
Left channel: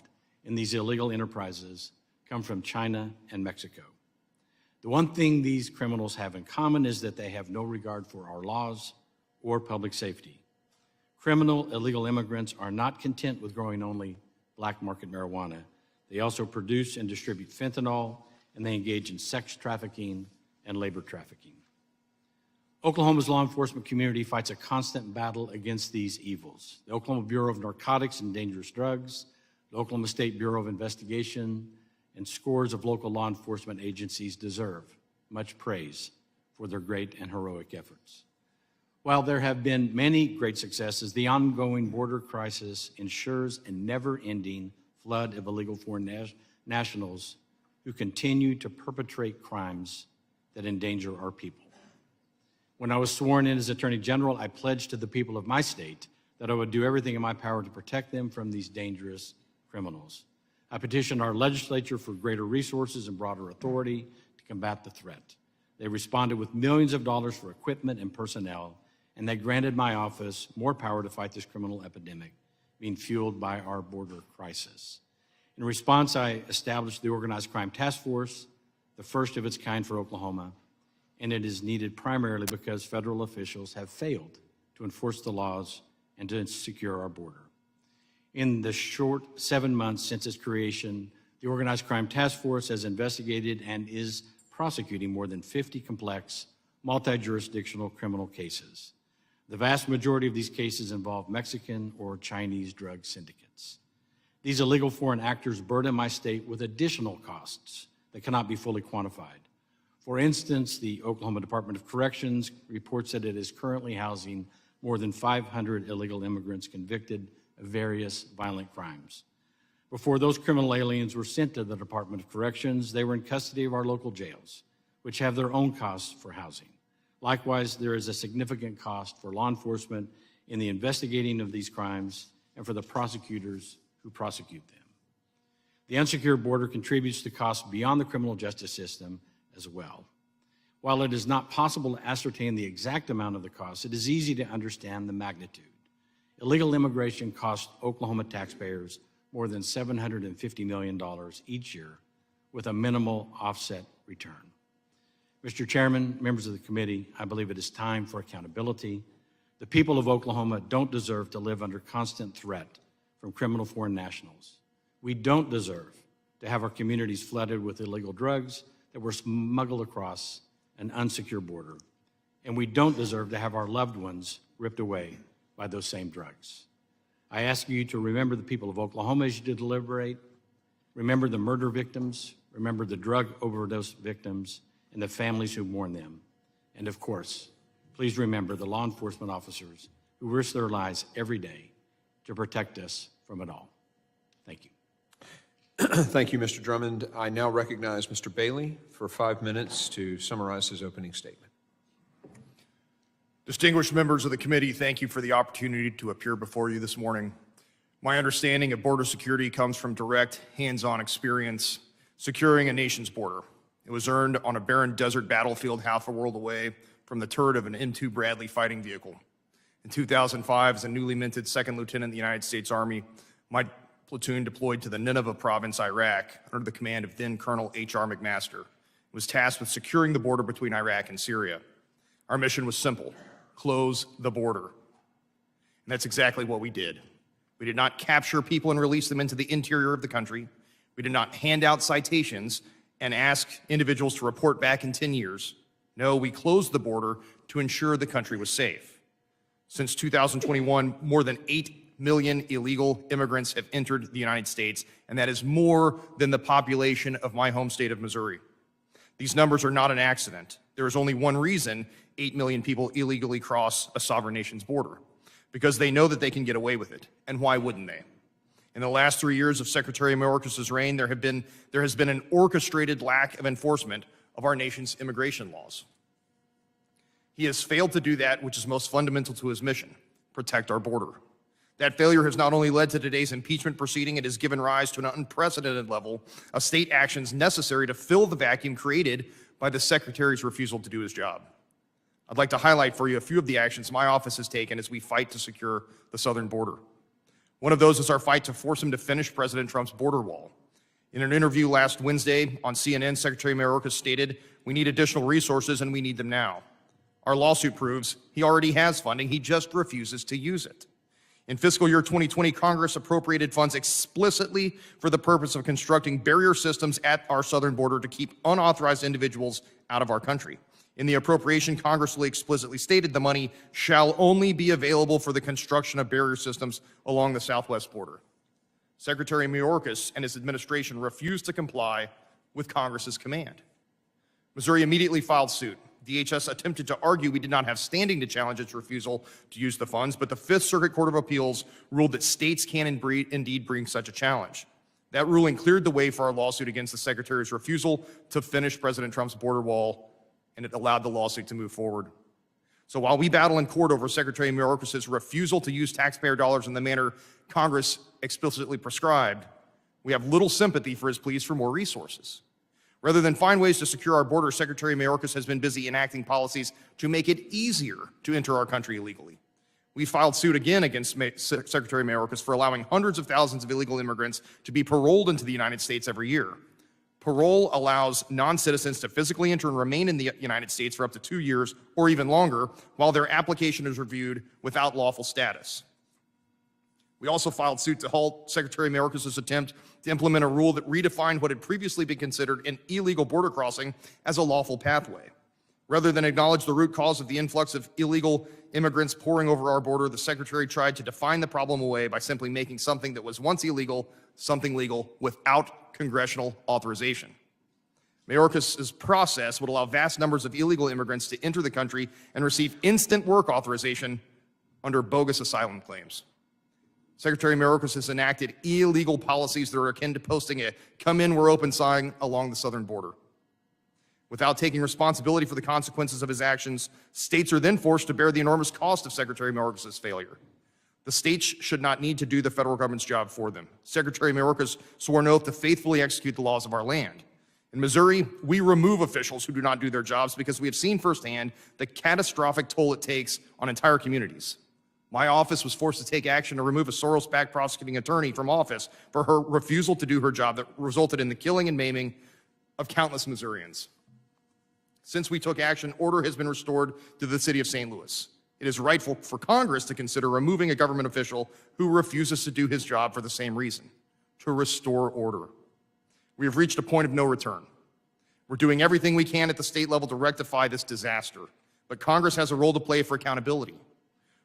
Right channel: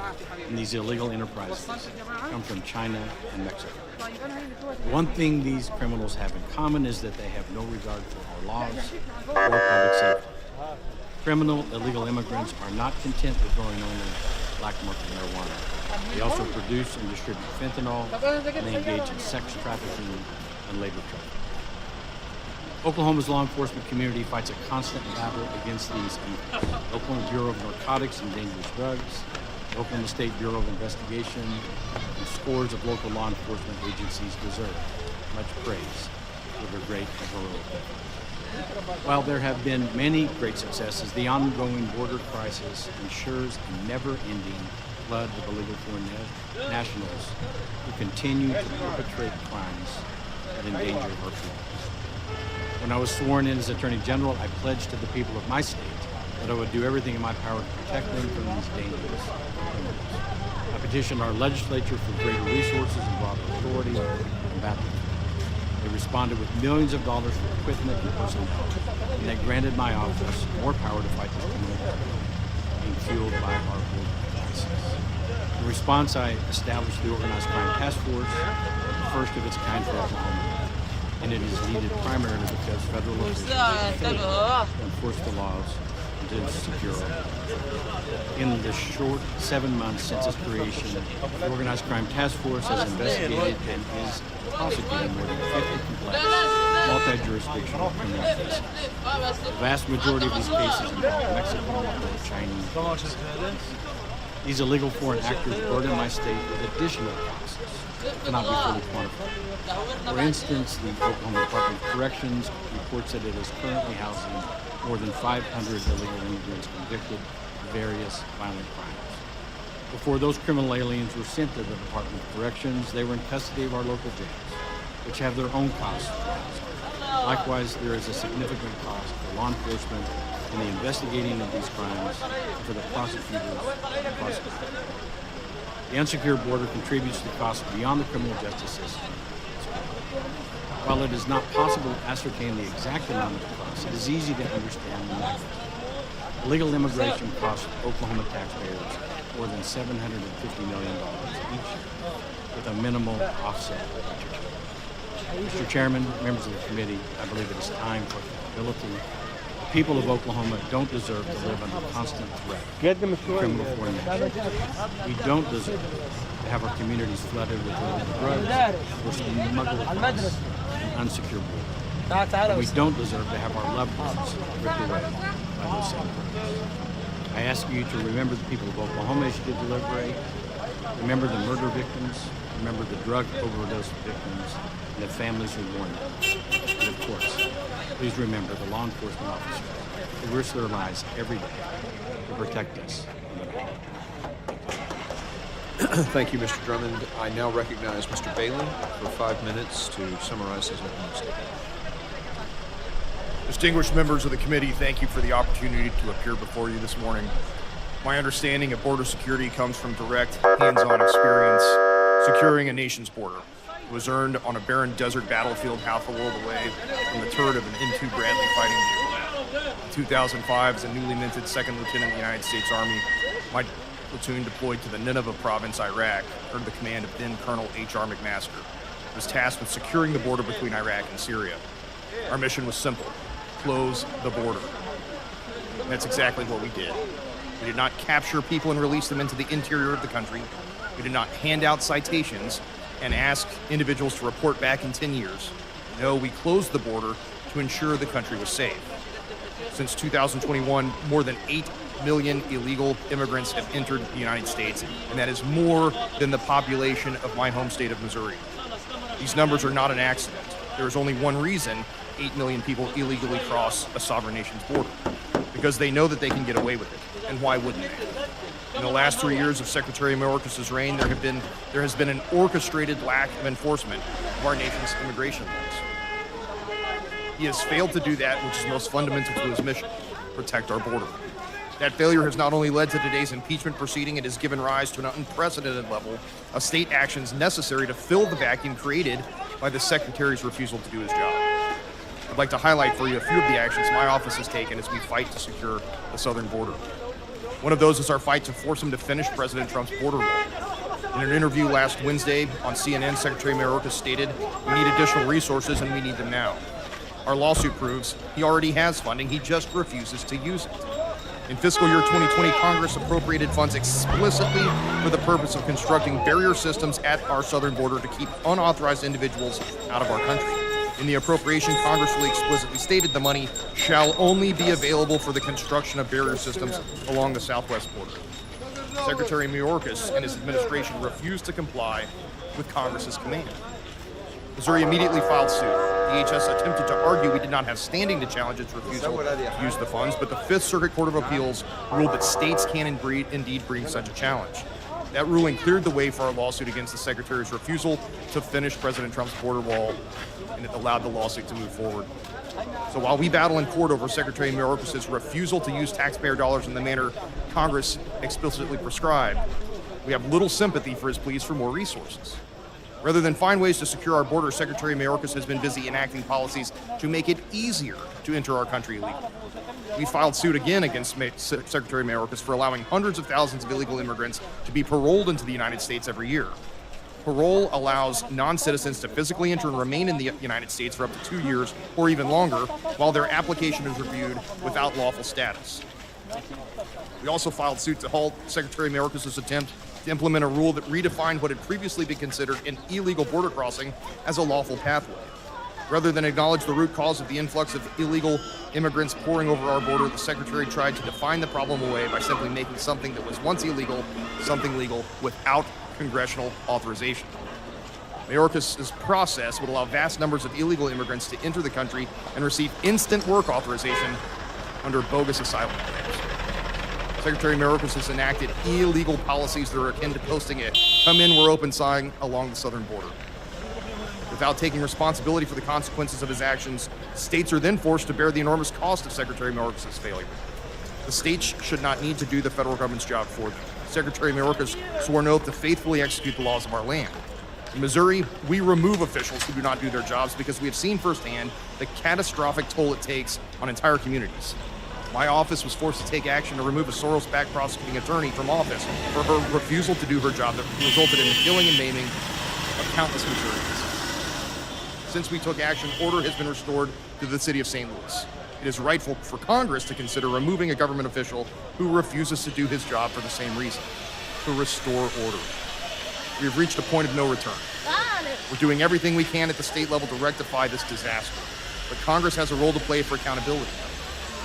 in these illegal enterprises come from China and Mexico. The one thing these criminals have in common is that they have no regard for our laws or public safety. Criminal illegal immigrants are not content with growing only black market marijuana. They also produce and distribute fentanyl, and they engage in sex trafficking and labor trafficking. Oklahoma's law enforcement community fights a constant battle against these evils. The Oklahoma Bureau of Narcotics and Dangerous Drugs, the Oklahoma State Bureau of Investigation, and scores of local law enforcement agencies deserve much praise for their great and heroic efforts. While there have been many great successes, the ongoing border crisis ensures a never-ending flood of illegal foreign nationals who continue to perpetrate crimes that endanger our people. When I was sworn in as Attorney General, I pledged to the people of my state that I would do everything in my power to protect them from these dangerous criminals. I petitioned our legislature for greater resources and broader authority to combat the threat. They responded with millions of dollars for equipment and personnel, and they granted my office more power to fight this criminal epidemic being fueled by our border crisis. In response, I established the Organized Crime Task Force, the first of its kind for Oklahoma, and it is needed primarily because federal officials have failed to enforce the laws and to secure our border. In the short 7 months since its creation, the Organized Crime Task Force has investigated and is prosecuting more than 50 complex, multi-jurisdictional criminal cases. The vast majority of these cases involve Mexican or Chinese drug citizens. These illegal foreign actors burden my state with additional costs that cannot be fully quantified. For instance, the Oklahoma Department of Corrections reports that it is currently housing more than 500 illegal immigrants convicted of various violent crimes. Before those criminal aliens were sent to the Department of Corrections, they were in custody of our local jails, which have their own costs for housing. Likewise, there is a significant cost for law enforcement in the investigating of these crimes and for the prosecutors to prosecute. The unsecured border contributes to costs beyond the criminal justice system as well. While it is not possible to ascertain the exact amount of the cost, it is easy to understand the magnitude. Illegal immigration costs Oklahoma taxpayers more than $750 million each year, with a minimal offset return. Mr. Chairman, members of the committee, I believe it is time for accountability. The people of Oklahoma don't deserve to live under constant threat from criminal foreign nationals. We don't deserve to have our communities flooded with illegal drugs that were smuggled across an unsecured border. And we don't deserve to have our loved ones ripped away by those same drugs. I ask you to remember the people of Oklahoma as you deliberate. Remember the murder victims. Remember the drug overdose victims and the families who mourn them. And of course, please remember the law enforcement officers who risk their lives every day to protect us from it all. Thank you, Mr. Drummond. I now recognize Mr. Bailey for 5 minutes to summarize his opening statement. Distinguished members of the committee, thank you for the opportunity to appear before you this morning. My understanding of border security comes from direct, hands-on experience securing a nation's border. It was earned on a barren desert battlefield half a world away from the turret of an M2 Bradley fighting vehicle. In 2005, as a newly minted second lieutenant in the United States Army, my platoon deployed to the Nineveh province, Iraq, under the command of then Colonel H.R. McMaster. It was tasked with securing the border between Iraq and Syria. Our mission was simple: close the border. And that's exactly what we did. We did not capture people and release them into the interior of the country. We did not hand out citations and ask individuals to report back in 10 years. No, we closed the border to ensure the country was safe. Since 2021, more than 8 million illegal immigrants have entered the United States, and that is more than the population of my home state of Missouri. These numbers are not an accident. There is only one reason 8 million people illegally cross a sovereign nation's border: because they know that they can get away with it. And why wouldn't they? In the last 3 years of Secretary Mayorkas' reign, there has been an orchestrated lack of enforcement of our nation's immigration laws. He has failed to do that which is most fundamental to his mission: protect our border. That failure has not only led to today's impeachment proceeding, it has given rise to an unprecedented level of state actions necessary to fill the vacuum created by the Secretary's refusal to do his job. I'd like to highlight for you a few of the actions my office has taken as we fight to secure the southern border. One of those is our fight to force him to finish President Trump's border wall. In an interview last Wednesday on CNN, Secretary Mayorkas stated, "We need additional resources and we need them now." Our lawsuit proves he already has funding, he just refuses to use it. In fiscal year 2020, Congress appropriated funds explicitly for the purpose of constructing barrier systems at our southern border to keep unauthorized individuals out of our country. In the appropriation, Congress really explicitly stated the money shall only be available for the construction of barrier systems along the southwest border. Secretary Mayorkas and his administration refused to comply with Congress's command. Missouri immediately filed suit. DHS attempted to argue we did not have standing to challenge its refusal to use the funds, but the Fifth Circuit Court of Appeals ruled that states can indeed bring such a challenge. That ruling cleared the way for our lawsuit against the Secretary's refusal to finish President Trump's border wall, and it allowed the lawsuit to move forward. So while we battle in court over Secretary Mayorkas' refusal to use taxpayer dollars in the manner Congress explicitly prescribed, we have little sympathy for his pleas for more resources. Rather than find ways to secure our border, Secretary Mayorkas has been busy enacting policies to make it easier to enter our country illegally. We filed suit again against Secretary Mayorkas for allowing hundreds of thousands of illegal immigrants to be paroled into the United States every year. Parole allows non-citizens to physically enter and remain in the United States for up to 2 years or even longer while their application is reviewed without lawful status. We also filed suit to halt Secretary Mayorkas' attempt to implement a rule that redefined what had previously been considered an illegal border crossing as a lawful pathway. Rather than acknowledge the root cause of the influx of illegal immigrants pouring over our border, the Secretary tried to define the problem away by simply making something that was once illegal something legal without congressional authorization. Mayorkas' process would allow vast numbers of illegal immigrants to enter the country and receive instant work authorization under bogus asylum claims. Secretary Mayorkas has enacted illegal policies that are akin to posting a "come in, we're open" sign along the southern border. Without taking responsibility for the consequences of his actions, states are then forced to bear the enormous cost of Secretary Mayorkas' failure. The states should not need to do the federal government's job for them. Secretary Mayorkas swore an oath to faithfully execute the laws of our land. In Missouri, we remove officials who do not do their jobs because we have seen firsthand the catastrophic toll it takes on entire communities. My office was forced to take action to remove a Soros-backed prosecuting attorney from office for her refusal to do her job that resulted in the killing and maiming of countless Missourians. Since we took action, order has been restored to the city of St. Louis. It is rightful for Congress to consider removing a government official who refuses to do his job for the same reason, to restore order. We have reached a point of no return. We're doing everything we can at the state level to rectify this disaster, but Congress has a role to play for accountability.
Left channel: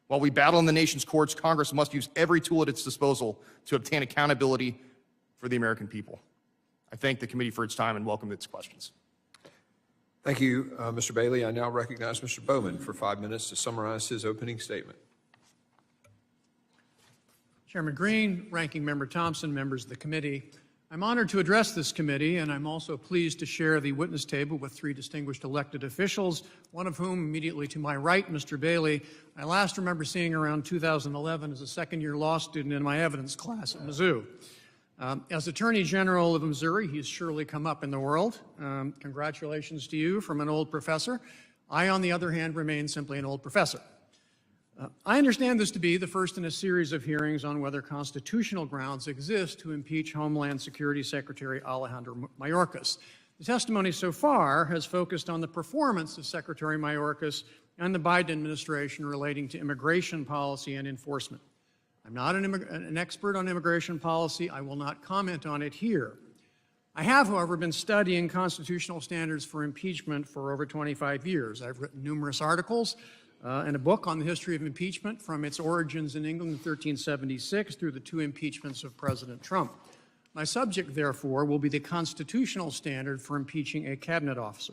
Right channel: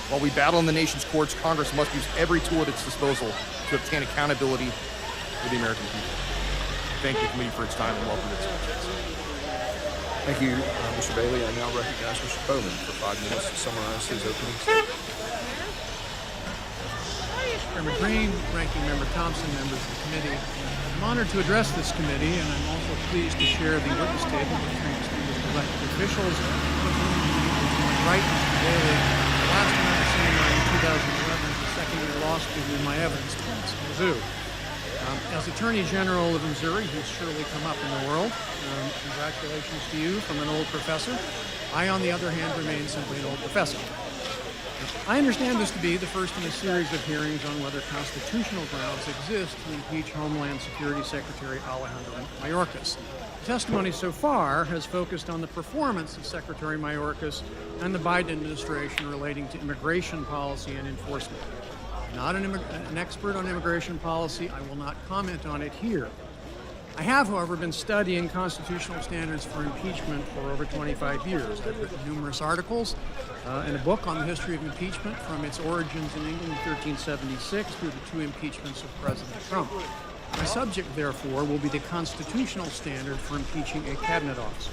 While we battle in the nation's courts, Congress must use every tool at its disposal to obtain accountability for the American people. I thank the committee for its time and welcome its questions. Thank you, Mr. Bailey. I now recognize Mr. Bowman for 5 minutes to summarize his opening statement. Chairman Green, Ranking Member Thompson, members of the committee, I'm honored to address this committee, and I'm also pleased to share the witness table with 3 distinguished elected officials, one of whom immediately to my right, Mr. Bailey. I last remember seeing her in 2011 as a second-year law student in my evidence class in Mizzou. As Attorney General of Missouri, he's surely come up in the world. Congratulations to you from an old professor. I, on the other hand, remain simply an old professor. I understand this to be the first in a series of hearings on whether constitutional grounds exist to impeach Homeland Security Secretary Alejandro Mayorkas. The testimony so far has focused on the performance of Secretary Mayorkas and the Biden administration relating to immigration policy and enforcement. I'm not an expert on immigration policy. I will not comment on it here. I have, however, been studying constitutional standards for impeachment for over 25 years. I've written numerous articles and a book on the history of impeachment from its origins in England in 1376 through the 2 impeachments of President Trump. My subject, therefore, will be the constitutional standard for impeaching a cabinet officer.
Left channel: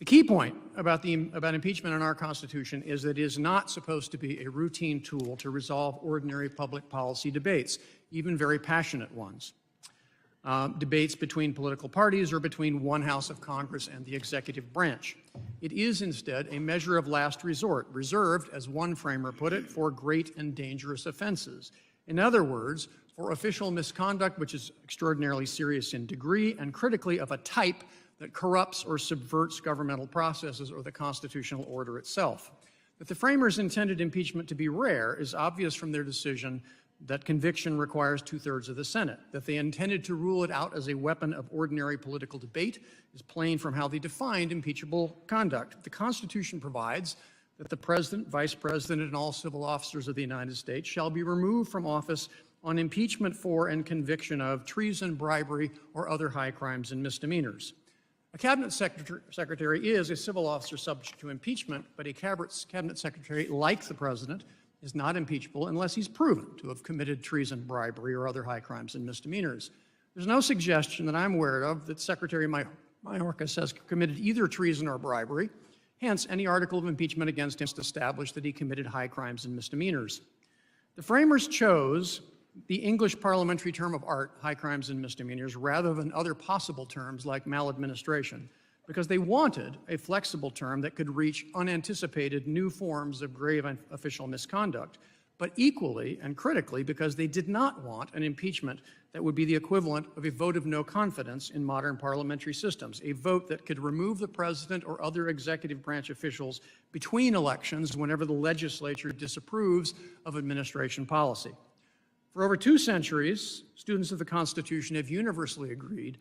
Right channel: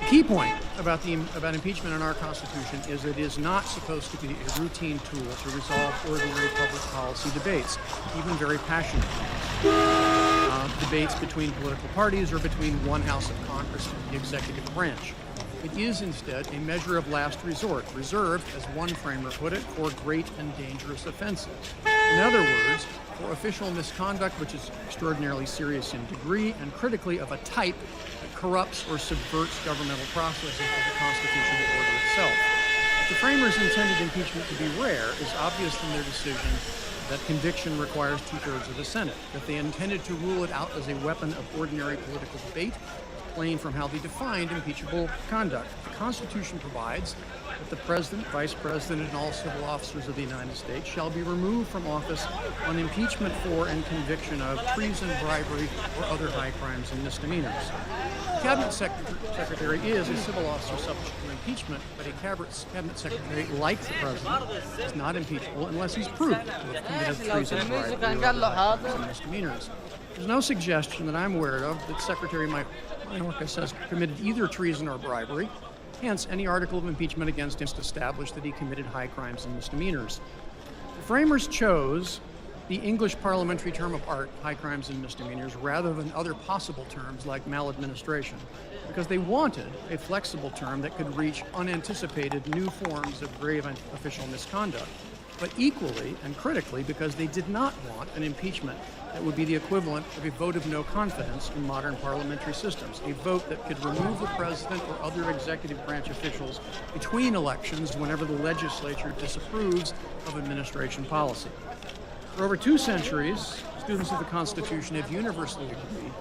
The key point about impeachment in our Constitution is that it is not supposed to be a routine tool to resolve ordinary public policy debates, even very passionate ones. Debates between political parties or between one house of Congress and the executive branch. It is instead a measure of last resort, reserved, as one framer put it, for great and dangerous offenses. In other words, for official misconduct which is extraordinarily serious in degree and critically of a type that corrupts or subverts governmental processes or the constitutional order itself. That the framers intended impeachment to be rare is obvious from their decision that conviction requires 2/3 of the Senate. That they intended to rule it out as a weapon of ordinary political debate is plain from how they defined impeachable conduct. The Constitution provides that the President, Vice President, and all civil officers of the United States shall be removed from office on impeachment for and conviction of treason, bribery, or other high crimes and misdemeanors. The Cabinet Secretary is a civil officer subject to impeachment, but a Cabinet Secretary, like the President, is not impeachable unless he's proven to have committed treason, bribery, or other high crimes and misdemeanors. There's no suggestion that I'm aware of that Secretary Mayorkas has committed either treason or bribery. Hence, any article of impeachment against him established that he committed high crimes and misdemeanors. The framers chose the English parliamentary term of art, high crimes and misdemeanors, rather than other possible terms like maladministration, because they wanted a flexible term that could reach unanticipated new forms of grave official misconduct, but equally and critically because they did not want an impeachment that would be the equivalent of a vote of no confidence in modern parliamentary systems, a vote that could remove the president or other executive branch officials between elections whenever the legislature disapproves of administration policy. For over 2 centuries, students of the Constitution have universally agreed,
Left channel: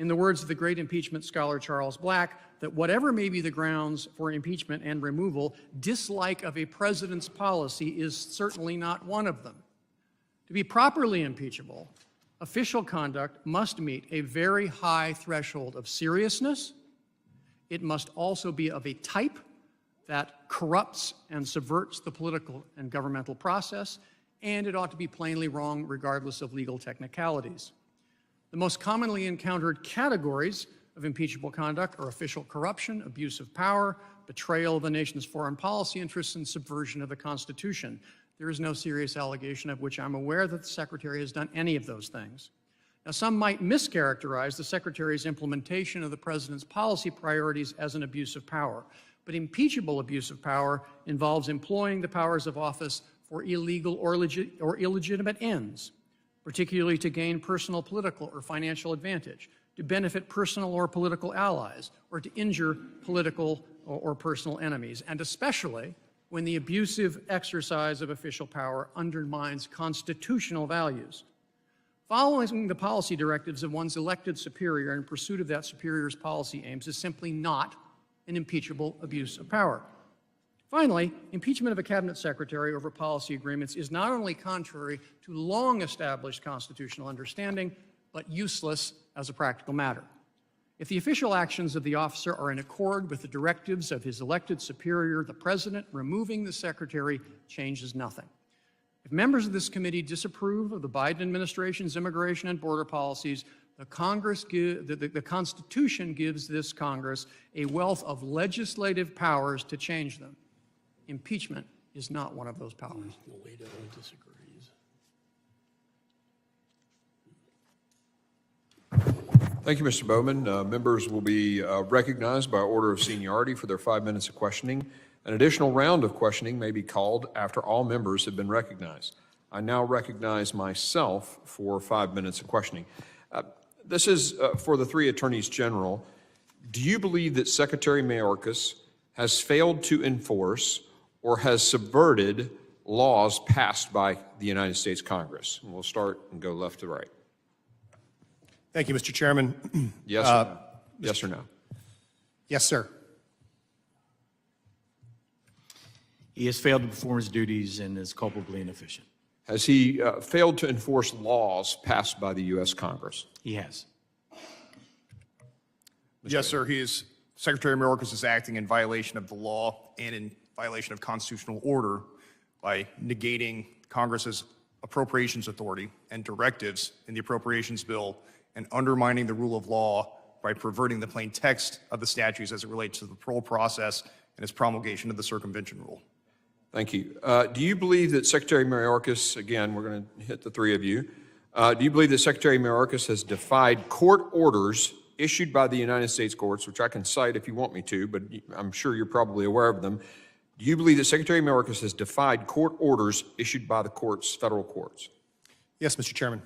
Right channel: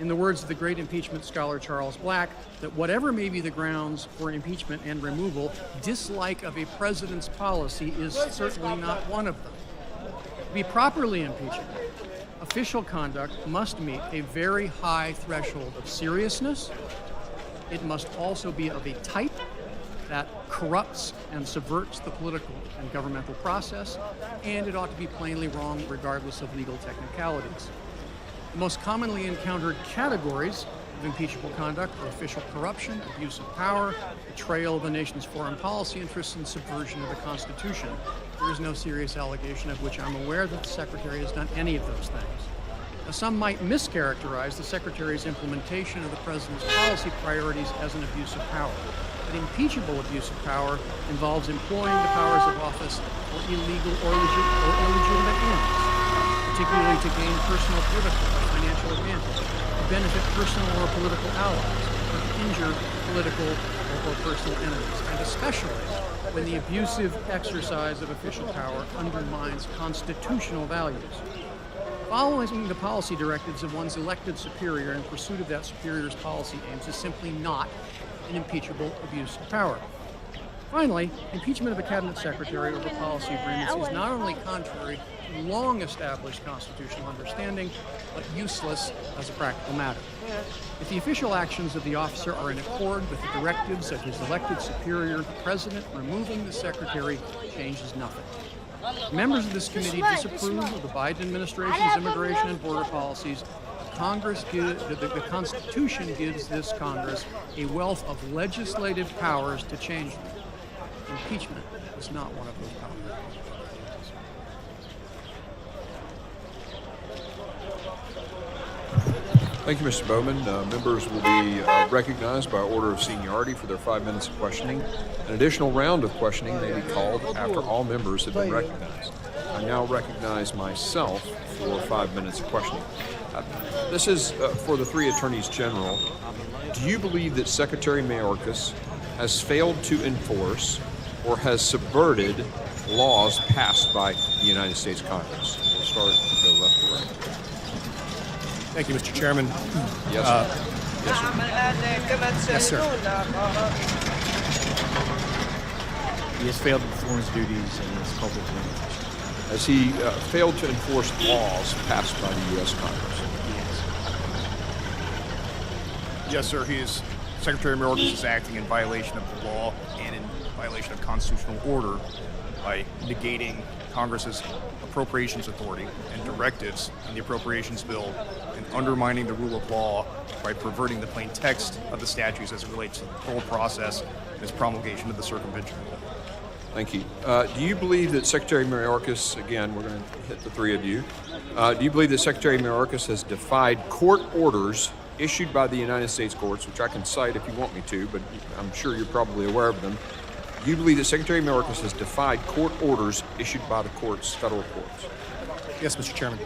in the words of the great impeachment scholar Charles Black, that whatever may be the grounds for impeachment and removal, dislike of a president's policy is certainly not one of them. To be properly impeachable, official conduct must meet a very high threshold of seriousness, It must also be of a type that corrupts and subverts the political and governmental process, and it ought to be plainly wrong regardless of legal technicalities. The most commonly encountered categories of impeachable conduct are official corruption, abuse of power, betrayal of the nation's foreign policy interests, and subversion of the Constitution. There is no serious allegation of which I'm aware that the Secretary has done any of those things. Now, some might mischaracterize the Secretary's implementation of the President's policy priorities as an abuse of power. But impeachable abuse of power involves employing the powers of office for illegal or illegitimate ends, particularly to gain personal, political, or financial advantage, to benefit personal or political allies, or to injure political or personal enemies, and especially when the abusive exercise of official power undermines constitutional values. Following the policy directives of one's elected superior in pursuit of that superior's policy aims is simply not an impeachable abuse of power. Finally, impeachment of a cabinet secretary over policy agreements is not only contrary to long-established constitutional understanding, but useless as a practical matter. If the official actions of the officer are in accord with the directives of his elected superior, the president removing the secretary changes nothing. Members of this committee disapprove of the Biden administration's immigration and border policies. The Constitution gives this Congress a wealth of legislative powers to change them. Impeachment is not one of those powers. Thank you, Mr. Bowman. Members will be recognized by order of seniority for their 5 minutes of questioning. An additional round of questioning may be called after all members have been recognized. I now recognize myself for 5 minutes of questioning. This is for the three attorneys general. Do you believe that Secretary Mayorkas has failed to enforce or has subverted laws passed by the United States Congress? We'll start and go left to right. Thank you, Mr. Chairman. Yes, sir. Yes, sir. Yes, sir. He has failed to perform his duties and is culpably inefficient. Has he failed to enforce laws passed by the U.S. Congress? He has. Yes, sir. Secretary Mayorkas is acting in violation of the law and in violation of constitutional order by negating Congress's appropriations authority and directives in the appropriations bill and undermining the rule of law by perverting the plain text of the statutes as it relates to the parole process and its promulgation of the circumvention rule. Thank you. Do you believe that Secretary Mayorkas, again, we're going to hit the three of you, do you believe that Secretary Mayorkas has defied court orders issued by the United States courts, which I can cite if you want me to, but I'm sure you're probably aware of them? Do you believe that Secretary Mayorkas has defied court orders issued by the courts, federal courts? Yes, Mr. Chairman.